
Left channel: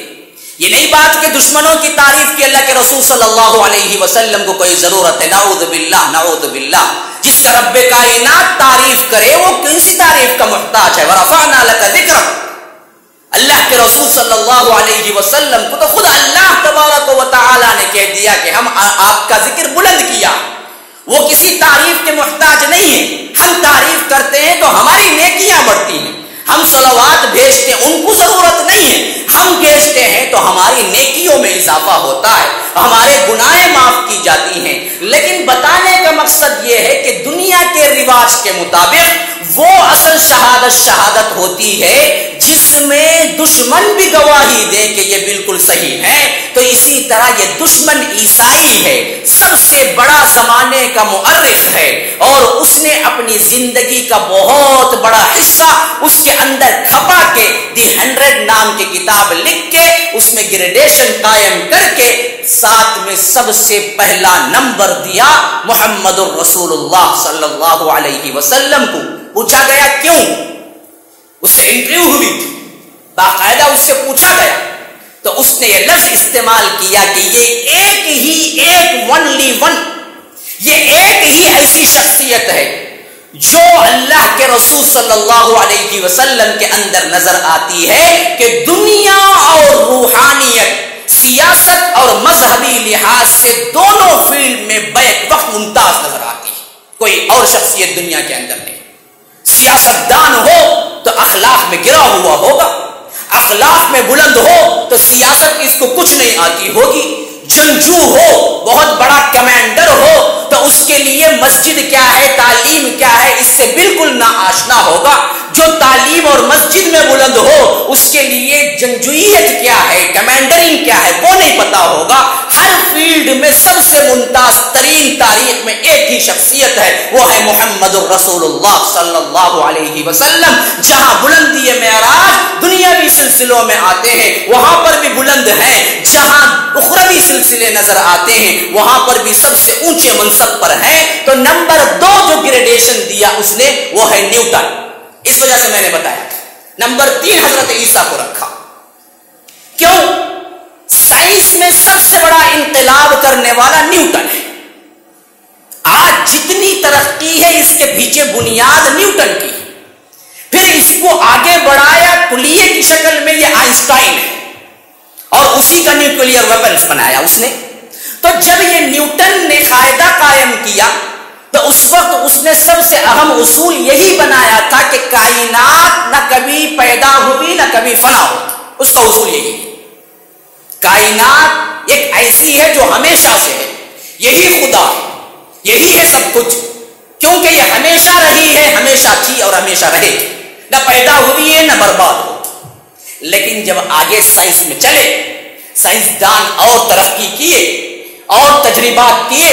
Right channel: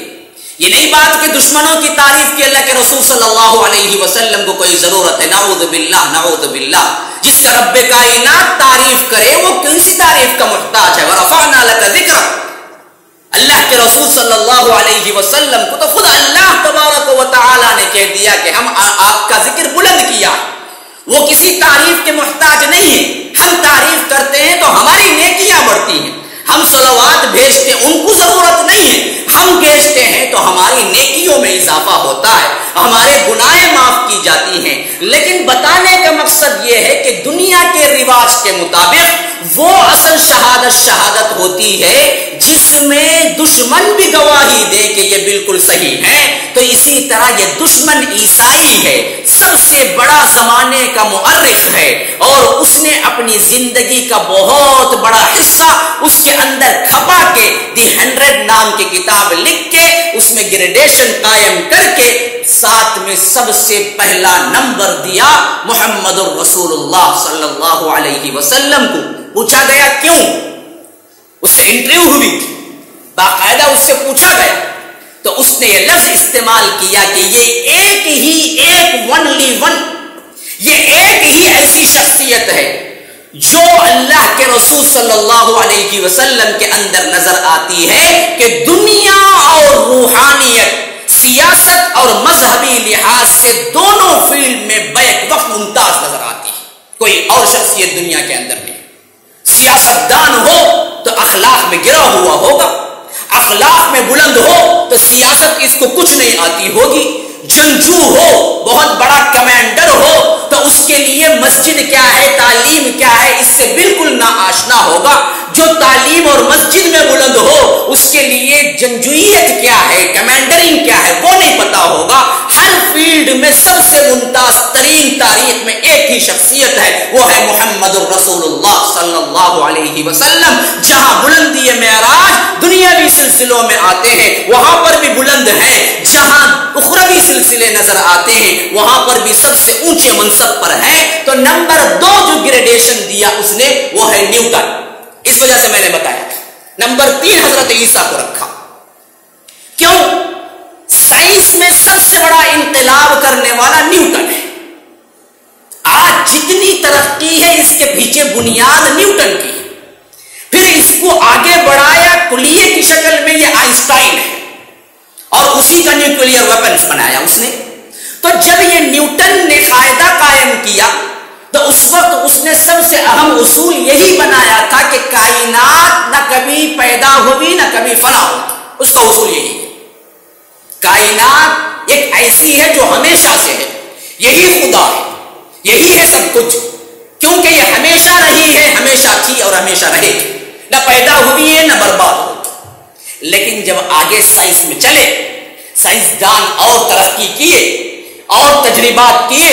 یہ نہیں بات کہ دشمنوں کی تعریف کی اللہ کے رسول صلی اللہ علیہ وسلم کو کوئی ضرورت ہے. نعوذ باللہ, نعوذ باللہ. جس کا رب کائنات تعریف کرے وہ کون سی تعریف کا محتاج ہے؟ ورفعنا لک ذکرک. اللہ کے رسول صلی اللہ علیہ وسلم کو تو خود اللہ تبارک و تعالی نے کہہ دیا کہ ہم آپ کا ذکر بلند کیا. وہ کسی تعریف کے محتاج نہیں ہے. ہم تعریف کرتے ہیں تو ہماری نیکیاں بڑھتی ہیں. ہم صلوات بھیجتے ہیں, ان کو ضرورت نہیں ہے. ہم بھیجتے ہیں تو ہماری نیکیوں میں اضافہ ہوتا ہے, ہمارے گناہیں معاف کی جاتی ہیں. لیکن بتانے کا مقصد یہ ہے کہ دنیا کے رواج کے مطابق وہ اصل شہادت ہوتی ہے جس میں دشمن بھی گواہی دے کہ یہ بالکل صحیح ہے. تو اسی طرح یہ دشمن عیسائی ہے, سب سے بڑا زمانے کا مؤرخ ہے, اور اس نے اپنی زندگی کا بہت بڑا حصہ اس کے اندر کھپا کے دی 100 نام کی کتاب لکھ کے اس میں گریڈیشن قائم کر کے ساتھ میں سب سے پہلا نمبر دیا محمد الرسول اللہ صلی اللہ علیہ وسلم کو. پوچھا گیا کیوں, اس سے انٹرویو ہوئی تھی, باقاعدہ اس سے پوچھا گیا, تو اس نے یہ لفظ استعمال کیا کہ یہ ایک ونلی ون, یہ ایک ہی ایسی شخصیت ہے جو اللہ کے رسول صلی اللہ علیہ وسلم کے اندر نظر آتی ہے کہ دنیا اور روحانیت, سیاست اور مذہبی لحاظ سے دونوں فیلڈ میں بیک وقت ممتاز نظر آتی ہے. کوئی اور شخصیت دنیا کے اندر نہیں. سیاست دان ہو تو اخلاق میں گرا ہوا ہوگا, اخلاق میں بلند ہو تو سیاست اس کو کچھ نہیں آتی ہوگی. جنگجو ہو, بہت بڑا کمانڈر ہو تو اس کے لیے مسجد کیا ہے, تعلیم کیا ہے, اس سے بالکل نا آشنا ہوگا. جو تعلیم اور مسجد میں بلند ہو اس کے لیے جنگجویت کیا ہے، کمانڈرنگ کیا ہے وہ نہیں پتا ہوگا. ہر فیلڈ میں سب سے ممتاز ترین تاریخ میں ایک ہی شخصیت ہے، وہ ہے محمد الرسول اللہ صلی اللہ علیہ وسلم. جہاں بلندی معراج دنیاوی سلسلوں میں آتے ہیں وہاں پر بھی بلند ہیں، جہاں اخروی سلسلے نظر آتے ہیں وہاں پر بھی سب سے اونچے منصب پر ہیں. تو نمبر 2 جو گریڈیشن دیا اس نے وہ ہے نیوٹن. اس وجہ سے میں نے بتایا نمبر 3 حضرت عیسیٰ کو رکھا. کیوں؟ سائنس میں سب سے بڑا انقلاب کرنے والا نیوٹن ہے. آج جتنی ترقی ہے اس کے پیچھے بنیاد نیوٹن کی. پھر اس کو آگے بڑھایا کلیے کی شکل میں یہ آئنسٹائن ہے اور اسی کا نیوکلیئر ویپنز بنایا اس نے. تو جب یہ نیوٹن نے قاعدہ قائم کیا تو اس وقت اس نے سب سے اہم اصول یہی بنایا تھا کہ کائنات نہ کبھی پیدا ہوئی نہ کبھی فنا ہوئی. اس کا اصول یہی ہے. کائنات ایک ایسی ہے جو ہمیشہ سے ہے، یہی خدا ہے، یہی ہے سب کچھ، کیونکہ یہ ہمیشہ رہی ہے، ہمیشہ تھی اور ہمیشہ رہے گی، نہ پیدا ہوئی ہے نہ برباد ہوگی. لیکن جب آگے سائنس میں چلے، سائنسدان اور ترقی کیے اور تجربات کیے،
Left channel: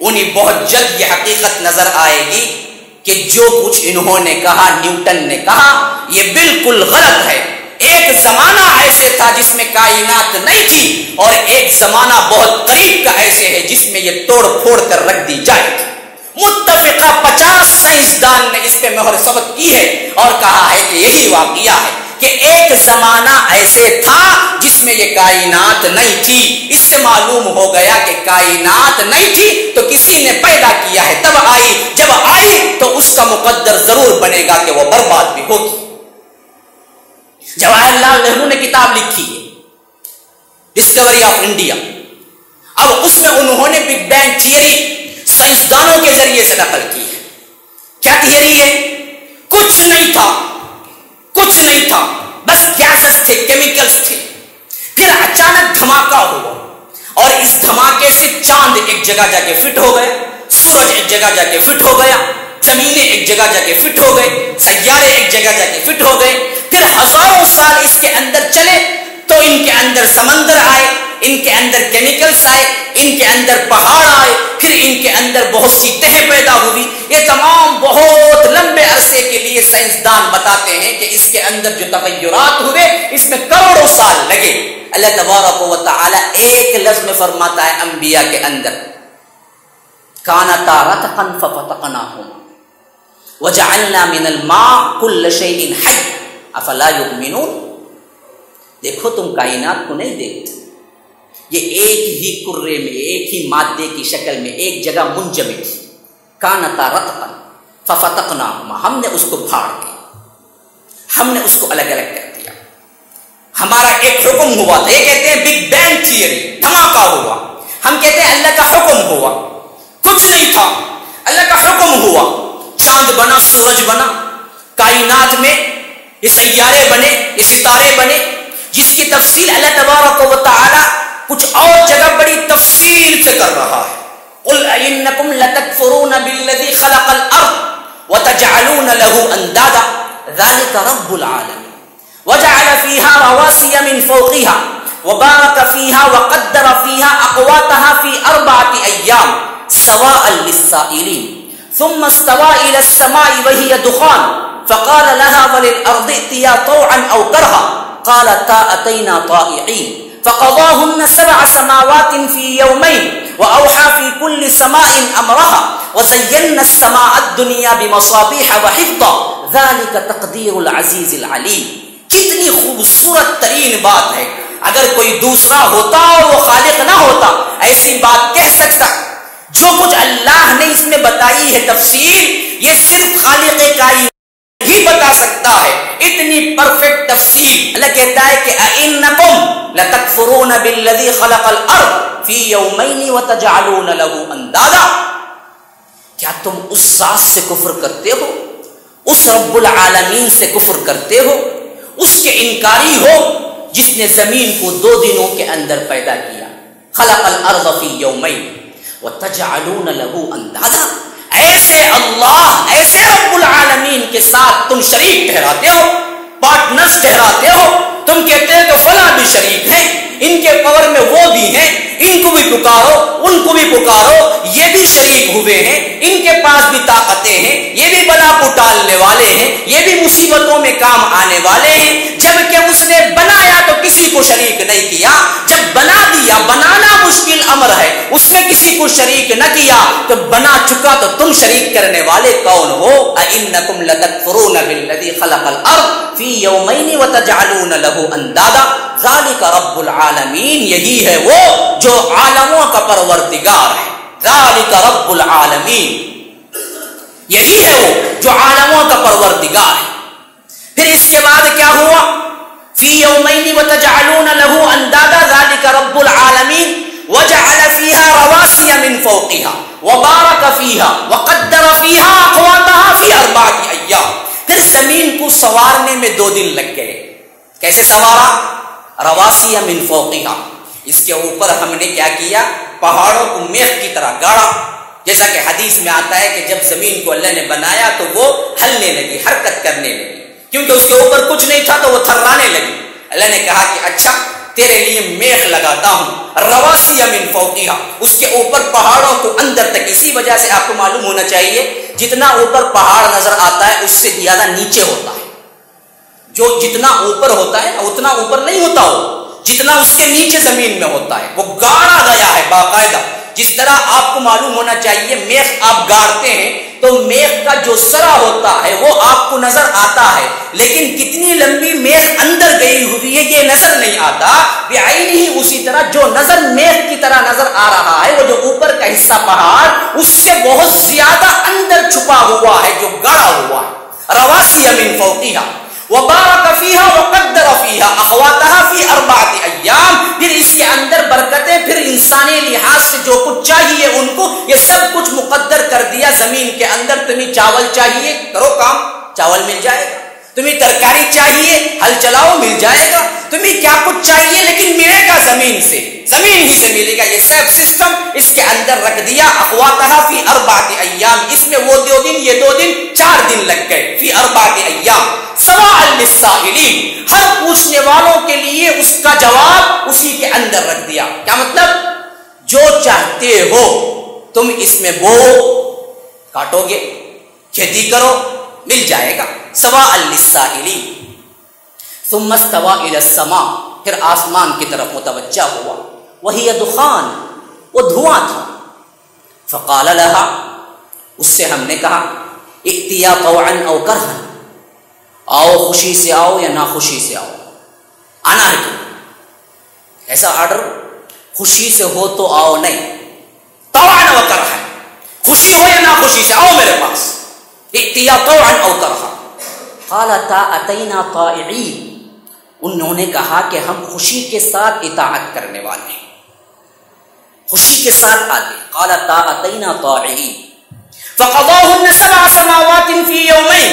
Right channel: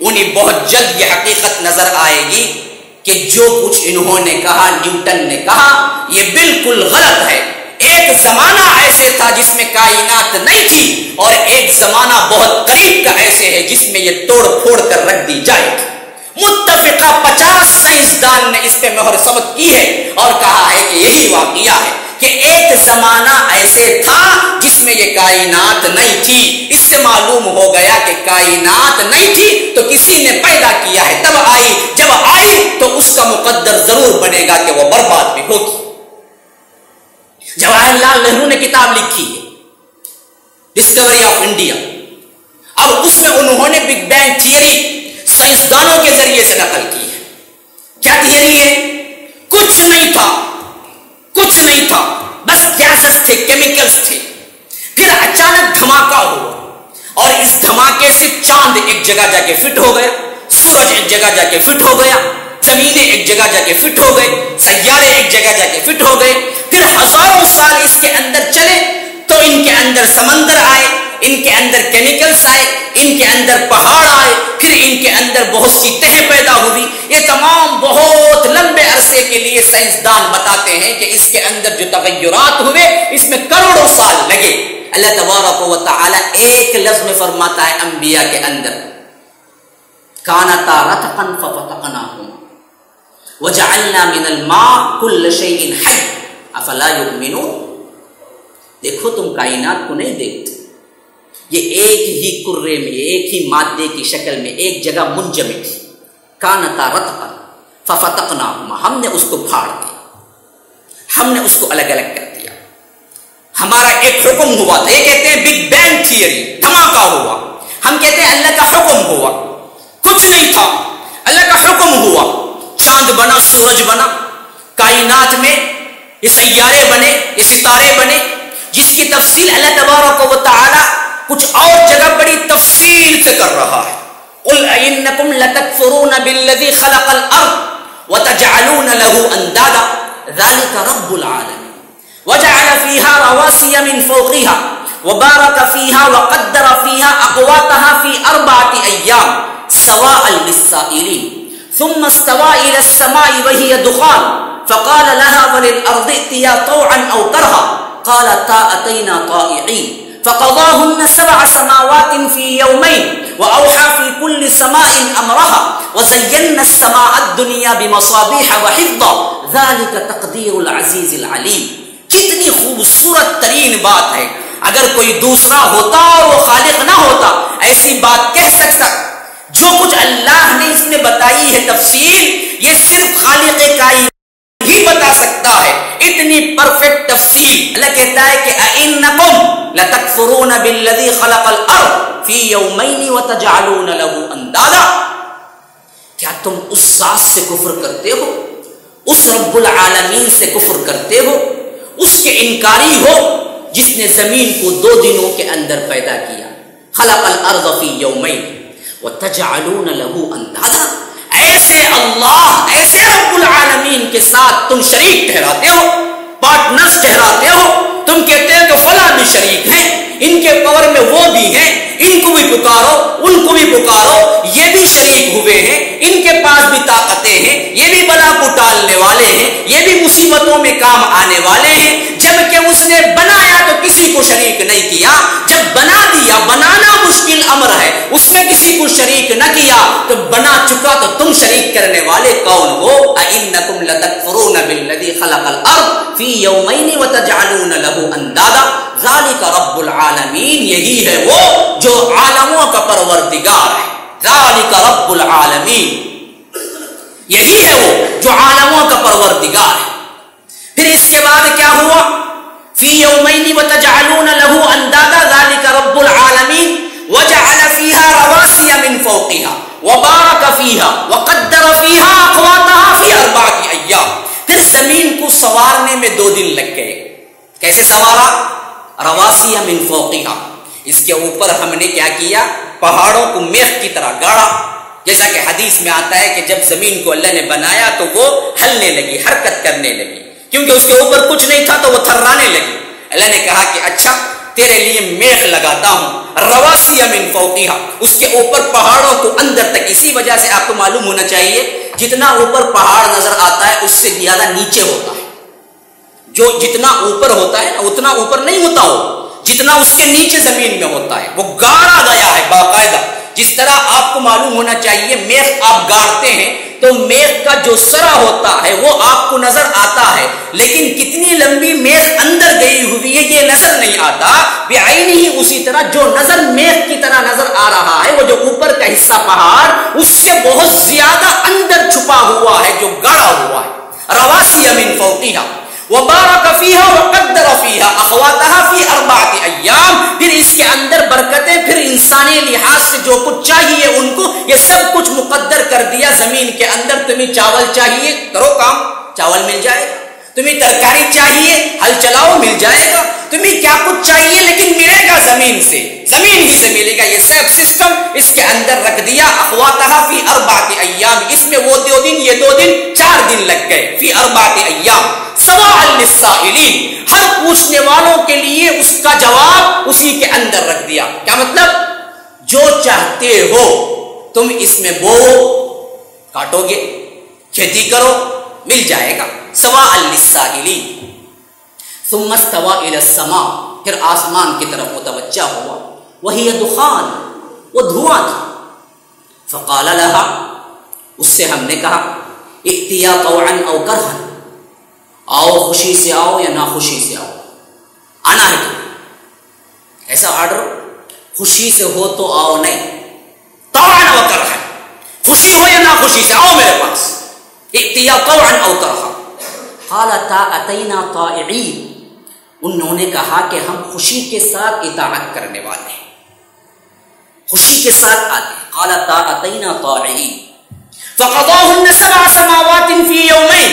انہیں بہت جلد یہ حقیقت نظر آئے گی کہ جو کچھ انہوں نے کہا، نیوٹن نے کہا، یہ بالکل غلط ہے. ایک زمانہ ایسے تھا جس میں کائنات نہیں تھی اور ایک زمانہ بہت قریب کا ایسے ہے جس میں یہ توڑ پھوڑ کر رکھ دی جائے گی. متفقہ 50 سائنسدان نے اس پہ مہر ثبت کی ہے اور کہا ہے کہ یہی واقعہ ہے کہ ایک زمانہ ایسے تھا جس میں یہ کائنات نہیں تھی. اس سے معلوم ہو گیا کہ کائنات نہیں تھی تو کسی نے پیدا کیا ہے، تب آئی. جب آئی تو اس کا مقدر ضرور بنے گا کہ وہ برباد بھی ہوگی. جواہر لال نہرو نے کتاب لکھی ہے ڈسکوری آف انڈیا. اب اس میں انہوں نے بگ بینگ تھیوری سائنسدانوں کے ذریعے سے نقل کی ہے. کیا تھیوری ہے؟ کچھ نہیں تھا، کچھ نہیں تھا، بس گیسز تھے، کیمیکلز تھے. پھر اچانک دھماکہ ہوا اور اس دھماکے سے چاند ایک جگہ جا کے فٹ ہو گیا، سورج ایک جگہ جا کے فٹ ہو گیا، زمینیں ایک جگہ جا کے فٹ ہو گئے، سیارے ایک جگہ جا کے فٹ ہو گئے. پھر ہزاروں سال اس کے اندر چلے تو ان کے اندر سمندر آئے، ان کے اندر کیمیکلز آئے، ان کے اندر پہاڑ آئے، پھر ان کے اندر بہت سی تہیں پیدا ہوئی. یہ تمام بہت لمبے عرصے کے لیے سائنسدان بتاتے ہیں کہ اس کے اندر جو تغیرات ہوئے اس میں کروڑوں سال لگے. اللہ تبارک و تعالی ایک لفظ میں فرماتا ہے انبیاء کے اندر کانتا رتقا ففتقناهما وجعلنا من الماء كل شيء حي افلا يؤمنون. دیکھو تم کائنات کو نہیں دیکھتے، یہ ایک ہی کرے میں، ایک ہی مادے کی شکل میں ایک جگہ منجمد تھی. کانتا رتقا ففتقناهما، ہم نے اس کو پھاڑ دیا، ہم نے اس کو الگ الگ کر دیا. ہمارا ایک حکم ہوا تھا. یہ کہتے ہیں بگ بینگ تھیوری، دھماکہ ہوا. ہم کہتے ہیں اللہ کا حکم ہوا. کچھ نہیں تھا، اللہ کا حکم ہوا. چاند بنا، سورج بنا، کائنات میں یہ سیارے بنے، یہ ستارے بنے، جس کی تفصیل اللہ تبارک و تعالی کچھ اور جگہ بڑی تفصیل سے کر رہا ہے. قل انکم لتکفرون بالذی خلق الارض وتجعلون له اندادا ذلك رب العالمین وجعل فيها رواسي من فوقها وبارك فيها وقدر فيها اقواتها في 4 ايام سواء للسائلين ثم استوى الى السماء وهي دخان فقال لها وللارض ائتيا طوعا او كرها قالتا اتينا طائعين فقضاهن 7 سماوات في يومين واوحى في كل سماء امرها وزينا السماء الدنيا بمصابيح وحفظا ذلك تقدير العزيز العليم. کتنی خوبصورت ترین بات ہے. اگر کوئی دوسرا ہوتا اور وہ خالق نہ ہوتا ایسی بات کہہ سکتا. جو کچھ اللہ نے اس میں بتائی ہے تفصیل، یہ صرف خالق کائنات ہی بتا سکتا ہے. اتنی پرفیکٹ تفصیل. اللہ کہتا ہے کہ اَإِنَّكُمْ لَتَكْفُرُونَ بِالَّذِي خَلَقَ الْأَرْضَ فِي يَوْمَيْنِ وَتَجْعَلُونَ لَهُ أَندَادًا. کیا تم اس ذات سے کفر کرتے ہو، اس رب العالمین سے کفر کرتے ہو، اس کے انکاری ہو جس نے زمین کو 2 دنوں کے اندر پیدا کیا. خلق الارض فی یومین وتجعلون له اندادا. ایسے اللہ، ایسے رب العالمین کے ساتھ تم شریک ٹھہراتے ہو. پارٹنرز ٹھہراتے ہو، تم کہتے ہو کہ فلاں بھی شریک ہیں، ان کے پاور میں وہ بھی ہیں، ان کو بھی پکارو، ان کو بھی پکارو، یہ بھی شریک ہوئے ہیں، ان کے پاس بھی طاقتیں ہیں، یہ بھی بلا کو ٹالنے والے ہیں، یہ بھی مصیبتوں میں کام آنے والے ہیں، جبکہ اس نے بنایا تو کسی کو شریک نہیں کیا، جب بنا دیا، بنانا مشکل امر ہے، اس میں کسی کو شریک نہ کیا تو بنا چکا تو تم شریک کرنے والے کون ہو؟ اَإِنَّكُمْ لَتَكْفُرُونَ بِالَّذِي خَلَقَ الْأَرْضَ فِي يَوْمَيْنِ وَتَجْعَلُونَ لَهُ أَندَادًا ذَلِكَ رَبُّ الْعَالَمِينَ، یہی ہے وہ جو عالموں کا پروردگار ہے، ذَلِكَ رَبُّ الْعَالَمِينَ، یہی ہے وہ جو عالموں کا پروردگار ہے۔ پھر اس کے بعد کیا ہوا؟ فِي يَوْمَيْنِ وَتَجْعَلُونَ لَهُ أَندَادًا ذَلِكَ رَبُّ الْعَالَمِينَ وَجَعَلَ فِيهَا رَوَاسِيَ مِن فَوْقِهَا وَبَارَكَ فِيهَا وَقَدَّرَ فِيهَا أَقْوَاتَهَا فِي 4 أَيَّامٍ۔ پھر زمین کو سوارنے میں 2 دن لگ گئے۔ کیسے سوارا؟ رَوَاسِيَ مِن فَوْقِهَا، اس کے اوپر ہم نے کیا کیا؟ پہاڑوں کو میخ کی طرح گاڑا، جیسا کہ حدیث میں آتا ہے کہ جب زمین کو اللہ نے بنایا تو وہ ہلنے لگی، حرکت کرنے لگی، کیونکہ اس کے اوپر کچھ نہیں تھا تو وہ تھرانے لگی۔ اللہ نے کہا کہ اچھا تیرے لیے میخ لگاتا ہوں، رواسی من فوقیہا، اس کے اوپر پہاڑوں کو اندر تک۔ اسی وجہ سے آپ کو معلوم ہونا چاہیے جتنا اوپر پہاڑ نظر آتا ہے اس سے زیادہ نیچے ہوتا ہے، جو جتنا اوپر ہوتا ہے نا اتنا اوپر نہیں ہوتا ہو، جتنا اس کے نیچے زمین میں ہوتا ہے وہ گاڑا گیا ہے باقاعدہ۔ جس طرح آپ کو معلوم ہونا چاہیے میخ آپ گاڑتے ہیں تو میخ کا جو سرا ہوتا ہے وہ آپ کو نظر آتا ہے، لیکن کتنی لمبی میخ اندر گئی ہوئی ہے یہ نظر نہیں آتا۔ بعینہ ہی اسی طرح جو نظر میخ کی طرح نظر آ رہا ہے وہ جو اوپر کا حصہ پہاڑ اس سے بہت زیادہ اندر چھپا ہوا ہے، جو گاڑا ہوا ہے۔ رواسی من فوقیہا وبارک فیہا وقدر فیہا اقواتہا فی 4 ایام۔ پھر اس کے اندر برکتیں، پھر انسانی لحاظ سے جو کچھ چاہیے ان کو یہ سب کچھ مقدر کر دیا زمین کے اندر۔ تمہیں چاول چاہیے کرو کام، چاول مل جائے گا، تمہیں ترکاری چاہیے ہل چلاؤ مل جائے گا، تمہیں کیا کچھ چاہیے لیکن ملے گا زمین سے، زمین ہی سے ملے گا۔ یہ سب سسٹم اس کے اندر رکھ دیا۔ اقواتہا فی 4 ایام، اس میں وہ 2 دن یہ 2 دن 4 دن لگ گئے۔ فی 4 ایام سواء للسائلین، ہر پوچھنے والوں کے لیے اس کا جواب اسی کے اندر رکھ دیا۔ کیا مطلب؟ جو چاہتے ہو تم اس میں بو کاٹو گے، کھیتی کرو مل جائے گا۔ سواء للسائلین۔ ثم استوى الى السماء، پھر آسمان کی طرف متوجہ ہوا۔ وہی دخان، وہ دھواں تھا۔ فقال لها، اس سے ہم نے کہا ائتیا طوعا او کرها، آؤ خوشی سے آؤ یا ناخوشی سے آؤ، آنا ہے تو ایسا آرڈر خوشی سے ہو تو آؤ نہیں، طوعا او کرها، خوشی ہو یا ناخوشی سے آؤ میرے پاس۔ ائتیا طوعا او کرها، قالتا اتینا طائعین، انہوں نے کہا کہ ہم خوشی کے ساتھ اطاعت کرنے والے ہیں، خوشی کے ساتھ آتے۔ قالتا اتینا طائعین فقضاهن 7 سماوات فی یومین،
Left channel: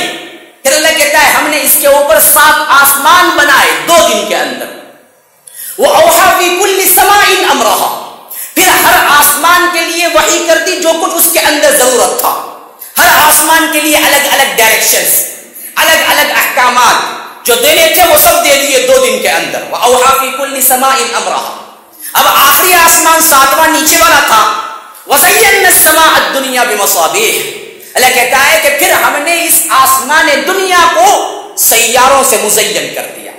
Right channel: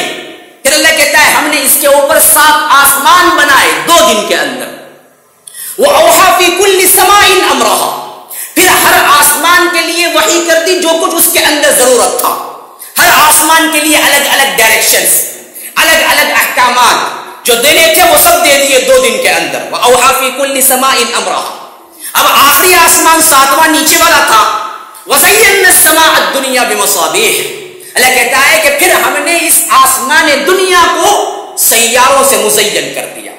پھر اللہ کہتا ہے ہم نے اس کے اوپر 7 آسمان بنائے 2 دن کے اندر۔ وَأَوْحَى فِي كُلِّ سَمَاءٍ أَمْرَهَا، پھر ہر آسمان کے لیے وحی کر دی جو کچھ اس کے اندر ضرورت تھا، ہر آسمان کے لیے الگ الگ ڈائریکشنز، الگ الگ احکامات جو دینے تھے وہ سب دے دیے 2 دن کے اندر۔ وَأَوْحَى فِي كُلِّ سَمَاءٍ أَمْرَهَا، اب آخری آسمان 7واں نیچے والا تھا۔ وَزَيَّنَّا السَّمَاءَ الدُّنْيَا بِمَصَابِيحَ، اللہ کہتا ہے کہ پھر ہم نے اس آسمان دنیا کو سیاروں سے مزین کر دیا۔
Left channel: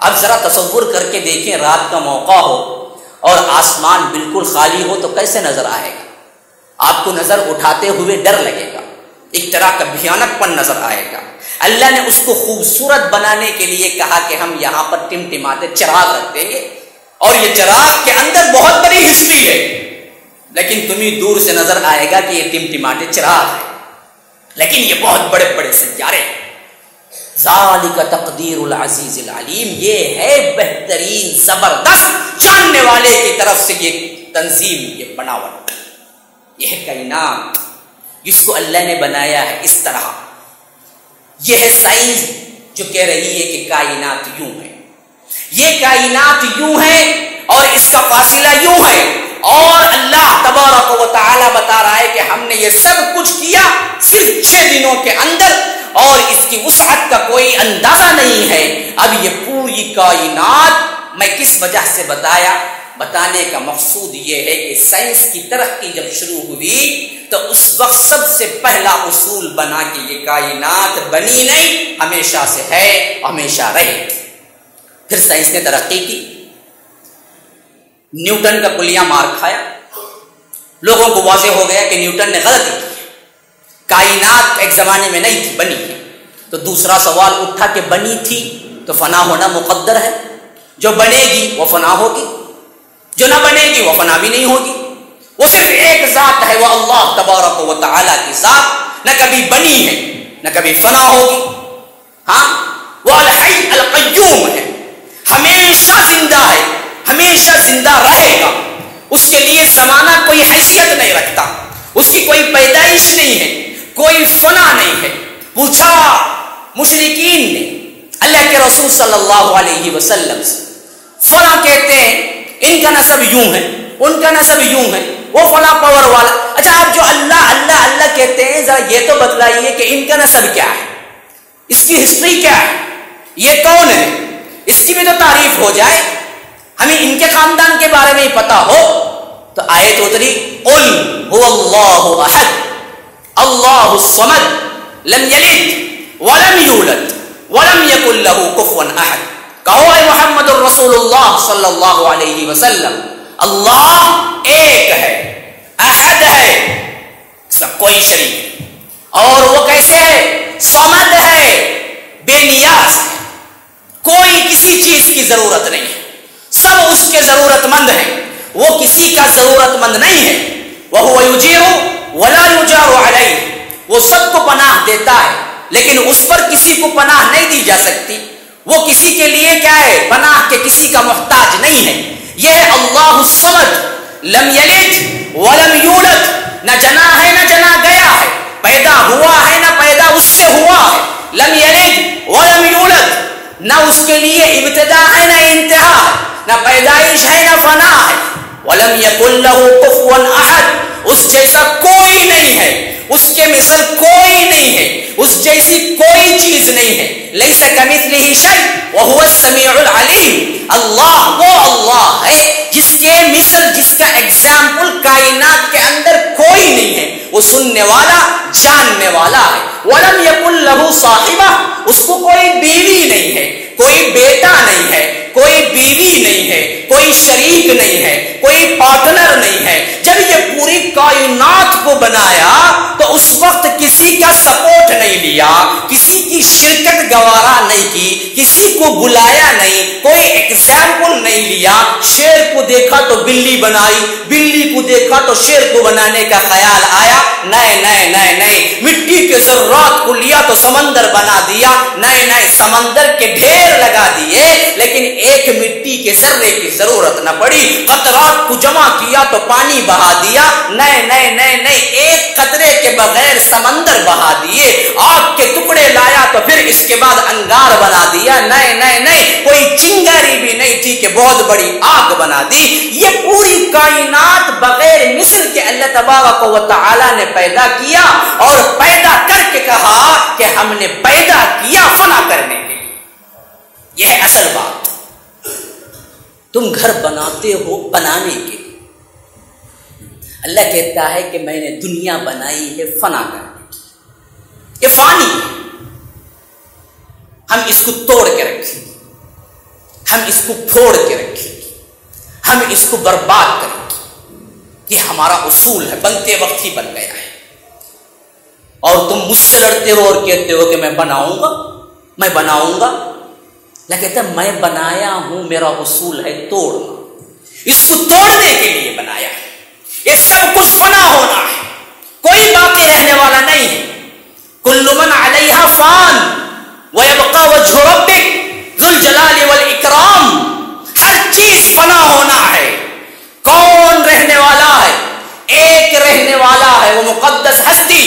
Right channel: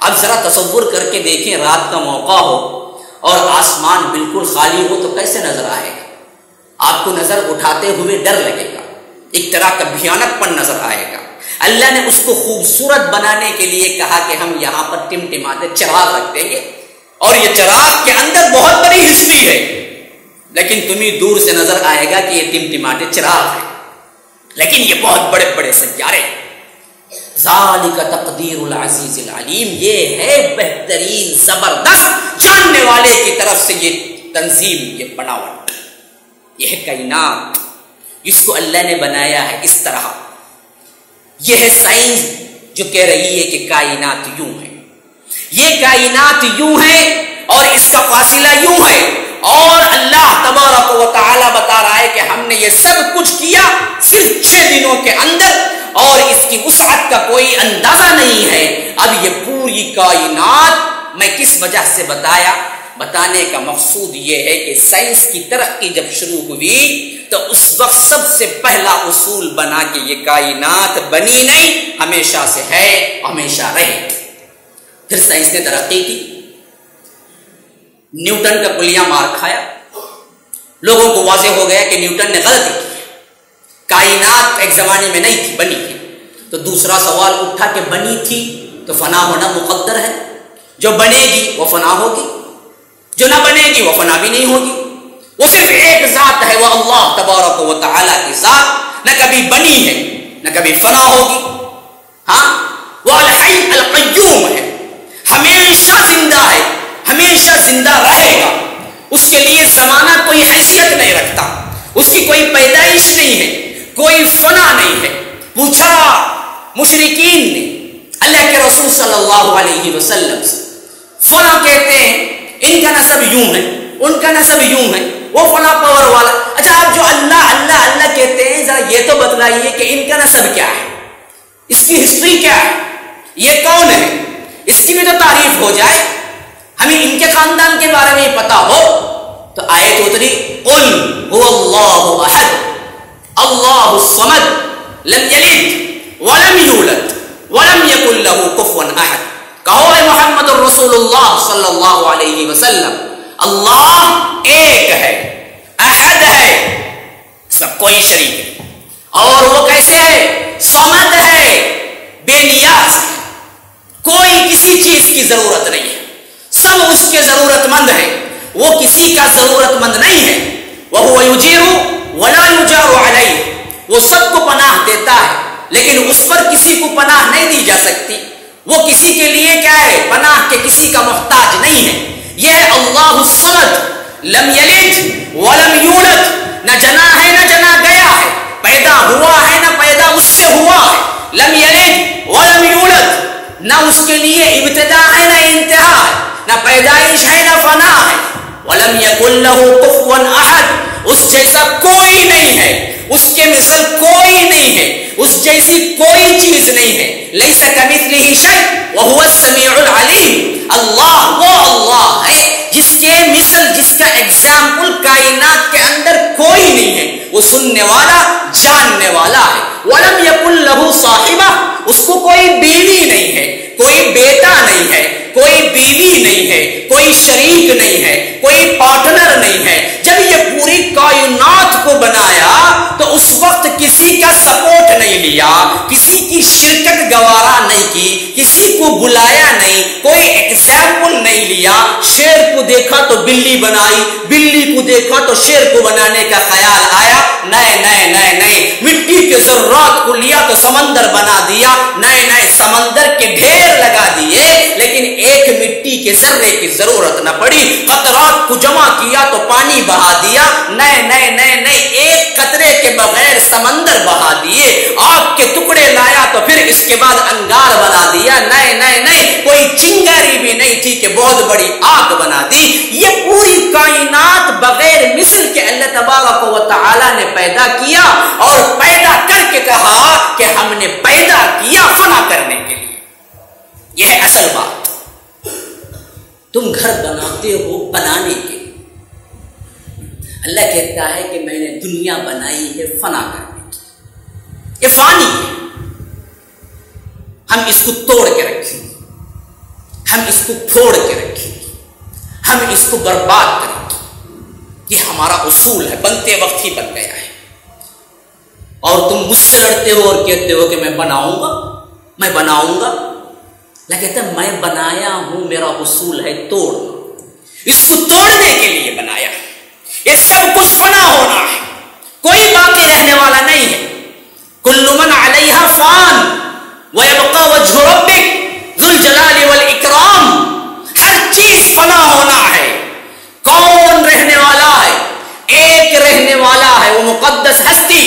اب ذرا تصور کر کے دیکھیں، رات کا موقع ہو اور آسمان بالکل خالی ہو تو کیسے نظر آئے گا؟ آپ کو نظر اٹھاتے ہوئے ڈر لگے گا، ایک طرح کا بھیانک پن نظر آئے گا۔ اللہ نے اس کو خوبصورت بنانے کے لیے کہا کہ ہم یہاں پر ٹمٹماتے چراغ رکھ دیں گے، اور یہ چراغ کے اندر بہت بڑی ہسٹری ہے، لیکن تمہیں دور سے نظر آئے گا کہ یہ ٹمٹماتے چراغ ہے، لیکن یہ بہت بڑے بڑے سیارے۔ ذالک تقدیر العزیز العلیم، یہ ہے بہترین زبردست جاننے والے کی طرف سے یہ تنظیم، یہ بناوٹ، یہ ہے کائنات جس کو اللہ نے بنایا ہے اس طرح۔ یہ ہے سائنس جو کہہ رہی ہے کہ کائنات یوں ہے، یہ کائنات یوں ہے اور اس کا فاصلہ یوں ہے، اور اللہ تبارک و تعالی بتا رہا ہے کہ ہم نے یہ سب کچھ کیا صرف 6 دنوں کے اندر، اور اس کی وسعت کا کوئی اندازہ نہیں ہے۔ اب یہ پوری کائنات میں کس وجہ سے بتانے کا مقصود یہ ہے کہ سائنس کی ترقی جب شروع ہوئی تو اس وقت سب سے پہلا اصول بنا کہ یہ کائنات بنی نہیں، ہمیشہ سے ہے، ہمیشہ رہے۔ پھر سائنس نے ترقی کی، نیوٹن کا کلیہ مار کھایا، لوگوں کو واضح ہو گیا کہ نیوٹن نے غلطی کی، کائنات ایک زمانے میں نہیں تھی، بنی ہے۔ تو دوسرا سوال اٹھا کہ بنی تھی تو فنا ہونا مقدر ہے، جو بنے گی وہ فنا ہوگی، جو نہ بنے گی وہ فنا بھی نہیں ہوگی۔ وہ صرف ایک ذات ہے، وہ اللہ تبارک و تعالی کی ذات، نہ کبھی بنی ہے نہ کبھی فنا ہوگی۔ ہاں، وہ الحی القیوم ہے، ہمیشہ زندہ ہے، ہمیشہ زندہ رہے گا۔ اس کے لیے زمانہ کوئی حیثیت نہیں رکھتا، اس کی کوئی پیدائش نہیں ہے، کوئی فنا نہیں ہے۔ پوچھا مشرکین نے اللہ کے رسول صلی اللہ علیہ وسلم سے، فلاں کہتے ہیں ان کا نسب یوں ہے، ان کا نسب یوں ہے، وہ فلاں پاور والا۔ اچھا، آپ جو اللہ اللہ اللہ کہتے ہیں، ذرا یہ تو بتلائیے کہ ان کا نسب کیا ہے، اس کی ہسٹری کیا ہے، یہ کون ہے، اس کی بھی تو تعریف ہو جائے، ہمیں ان کے خاندان کے بارے میں پتا ہو۔ تو آیت اتری، قل هو اللہ احد اللہ الصمد لم یلد ولم یولد ولم یکن له کفوا احد۔ کہو اے محمد الرسول اللہ صلی اللہ علیہ وسلم، اللہ ایک ہے، احد ہے، اس کا کوئی شریک نہیں، اور وہ کیسے ہے، صمد ہے، بے نیاز ہے، کوئی کسی چیز کی ضرورت نہیں ہے، سب اس کے ضرورت مند ہیں، وہ کسی کا ضرورت مند نہیں ہے۔ وَهُوَ يُجِيرُ وَلَا يُجَارُ عَلَيْهِ، وہ سب کو پناہ دیتا ہے لیکن اس پر کسی کو پناہ نہیں دی جا سکتی، وہ کسی کے لیے کیا ہے، پناہ کے کسی کا محتاج نہیں ہے۔ یہ ہے اللہ الصمد، لم یلد ولم یولد، نہ جنا ہے نہ جنا گیا ہے، پیدا ہوا ہے نہ پیدا اس سے ہوا ہے، لم یلد ولم یولد، نہ اس کے لیے ابتدا ہے نہ انتہا ہے، نہ پیدائش ہے نہ فنا ہے، ولم یکن لہ کفوا احد، اس جیسا کوئی نہیں ہے، اس کے مثل کوئی نہیں ہے، اس جیسی کوئی چیز نہیں ہے، لیس کمثلہ شیء وہو السمیع العلیم۔ اللہ وہ اللہ ہے جس کے مثل، جس کا ایگزامپل کائنات کے اندر کوئی نہیں ہے، وہ سننے والا، جاننے والا ہے۔ ولم یکن لہ صاحبہ، اس کو کوئی بیوی نہیں ہے، کوئی بیٹا نہیں ہے، کوئی بیوی نہیں ہے، کوئی شریک نہیں ہے، کوئی پارٹنر نہیں ہے۔ جب یہ پوری کائنات کو بنایا تو اس وقت کسی کا سپورٹ نہیں لیا، کسی کی شرکت گوارا نہیں کی، کسی کو بلایا نہیں، کوئی ایگزامپل نہیں لیا۔ شیر کو دیکھا تو بلی بنائی، بلی کو دیکھا تو شیر کو بنانے کا خیال آیا، نئے نئے نئے نئے مٹی کے ذرات کو لیا تو سمندر بنا دیا، نئے نئے سمندر کے ڈھیر لگا دیے، لیکن ایک مٹی کے ذرے کی ضرورت نہ پڑی، قطرات کو جمع کیا تو پانی بہا دیا، نئے نئے نئے نئے ایک قطرے کے بغیر سمندر بہا دیے، آگ کے ٹکڑے لایا تو پھر اس کے بعد انگار بنا دیا، نئے نئے نئے، کوئی چنگاری بھی نہیں تھی کہ بہت بڑی آگ بنا دی۔ یہ پوری کائنات بغیر مثل کے اللہ تبارک و تعالی نے پیدا کیا، اور پیدا کر کے کہا کہ ہم نے پیدا کیا فنا کرنے کے لیے۔ یہ ہے اصل بات۔ تم گھر بناتے ہو بنانے کے لیے، اللہ کہتا ہے کہ میں نے دنیا بنائی ہے فنا کرنے کی، یہ فانی ہے، ہم اس کو توڑ کے رکھیں گے، ہم اس کو پھوڑ کے رکھیں گے، ہم اس کو برباد کریں گے، یہ ہمارا اصول ہے، بنتے وقت ہی بن گیا ہے۔ اور تم مجھ سے لڑتے ہو اور کہتے ہو کہ میں بناؤں گا، میں بناؤں گا۔ اللہ کہتا ہے میں بنایا ہوں، میرا اصول ہے توڑنا، اس کو توڑنے کے لیے بنایا ہے۔ یہ سب کچھ فنا ہونا ہے، کوئی باقی رہنے والا نہیں ہے۔ کل من علیہا فان ویبقى وجہ ربک ذو الجلال والاکرام، ہر چیز فنا ہونا ہے۔ کون رہنے والا ہے؟ ایک رہنے والا ہے، وہ مقدس ہستی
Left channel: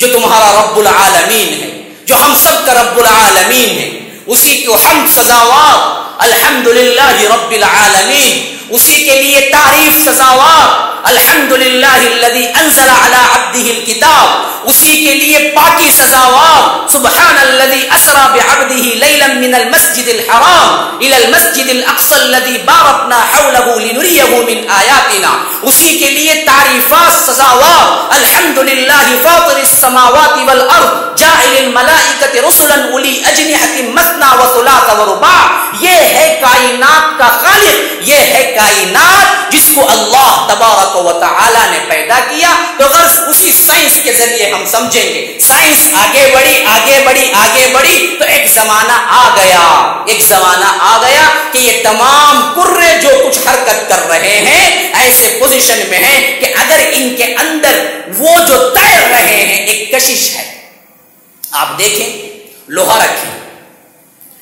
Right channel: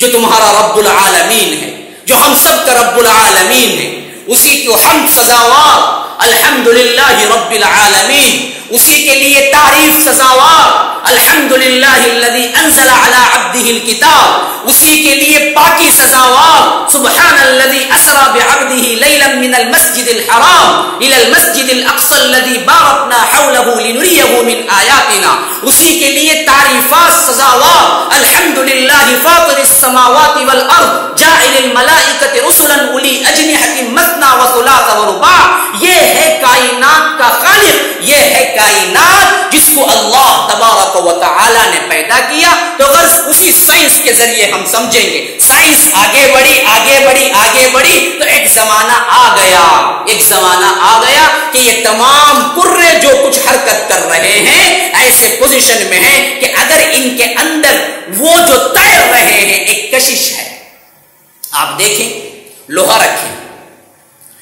جو تمہارا رب العالمین ہے، جو ہم سب کا رب العالمین ہے، اسی کو حمد سزاوار، الحمدللہ رب العالمین، اسی کے لیے تعریف سزاوار، الحمدللہ الذی انزل علی عبدہ الکتاب، اسی کے لیے پاکی سزاوار سبحان الذی اسری بعبدہ لیلا من المسجد الحرام الی المسجد الاقصی الذی بارکنا حولہ لنریہ من آیاتنا، اسی کے لیے تعریفات سزاوار الحمدللہ فاطر السماوات والارض جاعل الملائکۃ رسلا اولی اجنحۃ مثنی وثلاث ورباع، یہ ہے کائنات کا خالق، یہ ہے کائنات جس کو اللہ تبارک و تعالی نے پیدا کیا۔ تو غرض اسی سائنس کے ذریعے ہم سمجھیں گے، سائنس آگے بڑھی آگے بڑھی آگے بڑھی تو ایک زمانہ آ گیا کہ یہ تمام کرے جو کچھ حرکت کر رہے ہیں ایسے پوزیشن میں ہیں کہ اگر ان کے اندر وہ جو تیر رہے ہیں ایک کشش ہے، آپ دیکھیں لوہا رکھیں،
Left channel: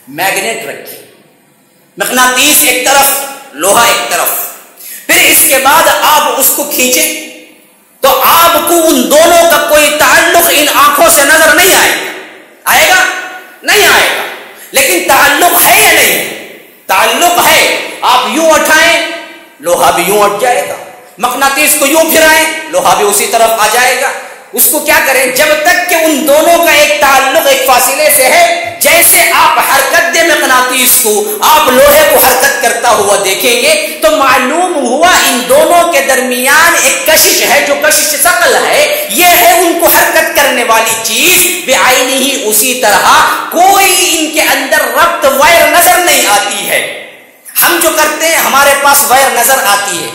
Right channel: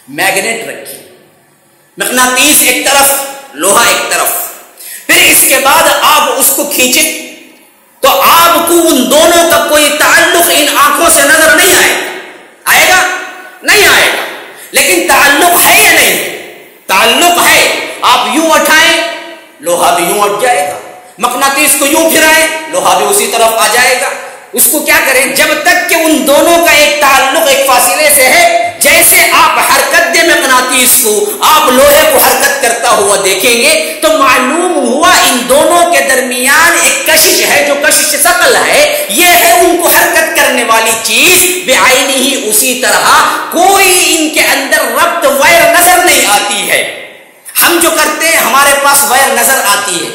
میگنیٹ رکھیں، مقناطیس ایک طرف لوہا ایک طرف، پھر اس کے بعد آپ اس کو کھینچیں تو آپ کو ان دونوں کا کوئی تعلق ان آنکھوں سے نظر نہیں آئے گا نہیں آئے گا، لیکن تعلق ہے یا نہیں؟ تعلق ہے۔ آپ یوں اٹھائیں لوہا بھی یوں اٹھ جائے گا، مقناطیس کو یوں پھرائیں لوہا بھی اسی طرف آ جائے گا۔ اس کو کیا کریں؟ جب تک کہ ان دونوں کا ایک تعلق ایک فاصلے سے ہے، جیسے آپ حرکت دیں مقناطیس کو، آپ لوہے کو حرکت کرتا ہوا دیکھیں گے تو معلوم ہوا ان دونوں کے درمیان ایک کشش ہے جو کشش ثقل ہے، یہ ہے ان کو حرکت کرنے والی چیز بعینہ ہی۔ اسی طرح کوئی ان کے اندر ربط وائر نظر نہیں آتی ہے، ہم جو کرتے ہیں ہمارے پاس وائر نظر آتی ہے،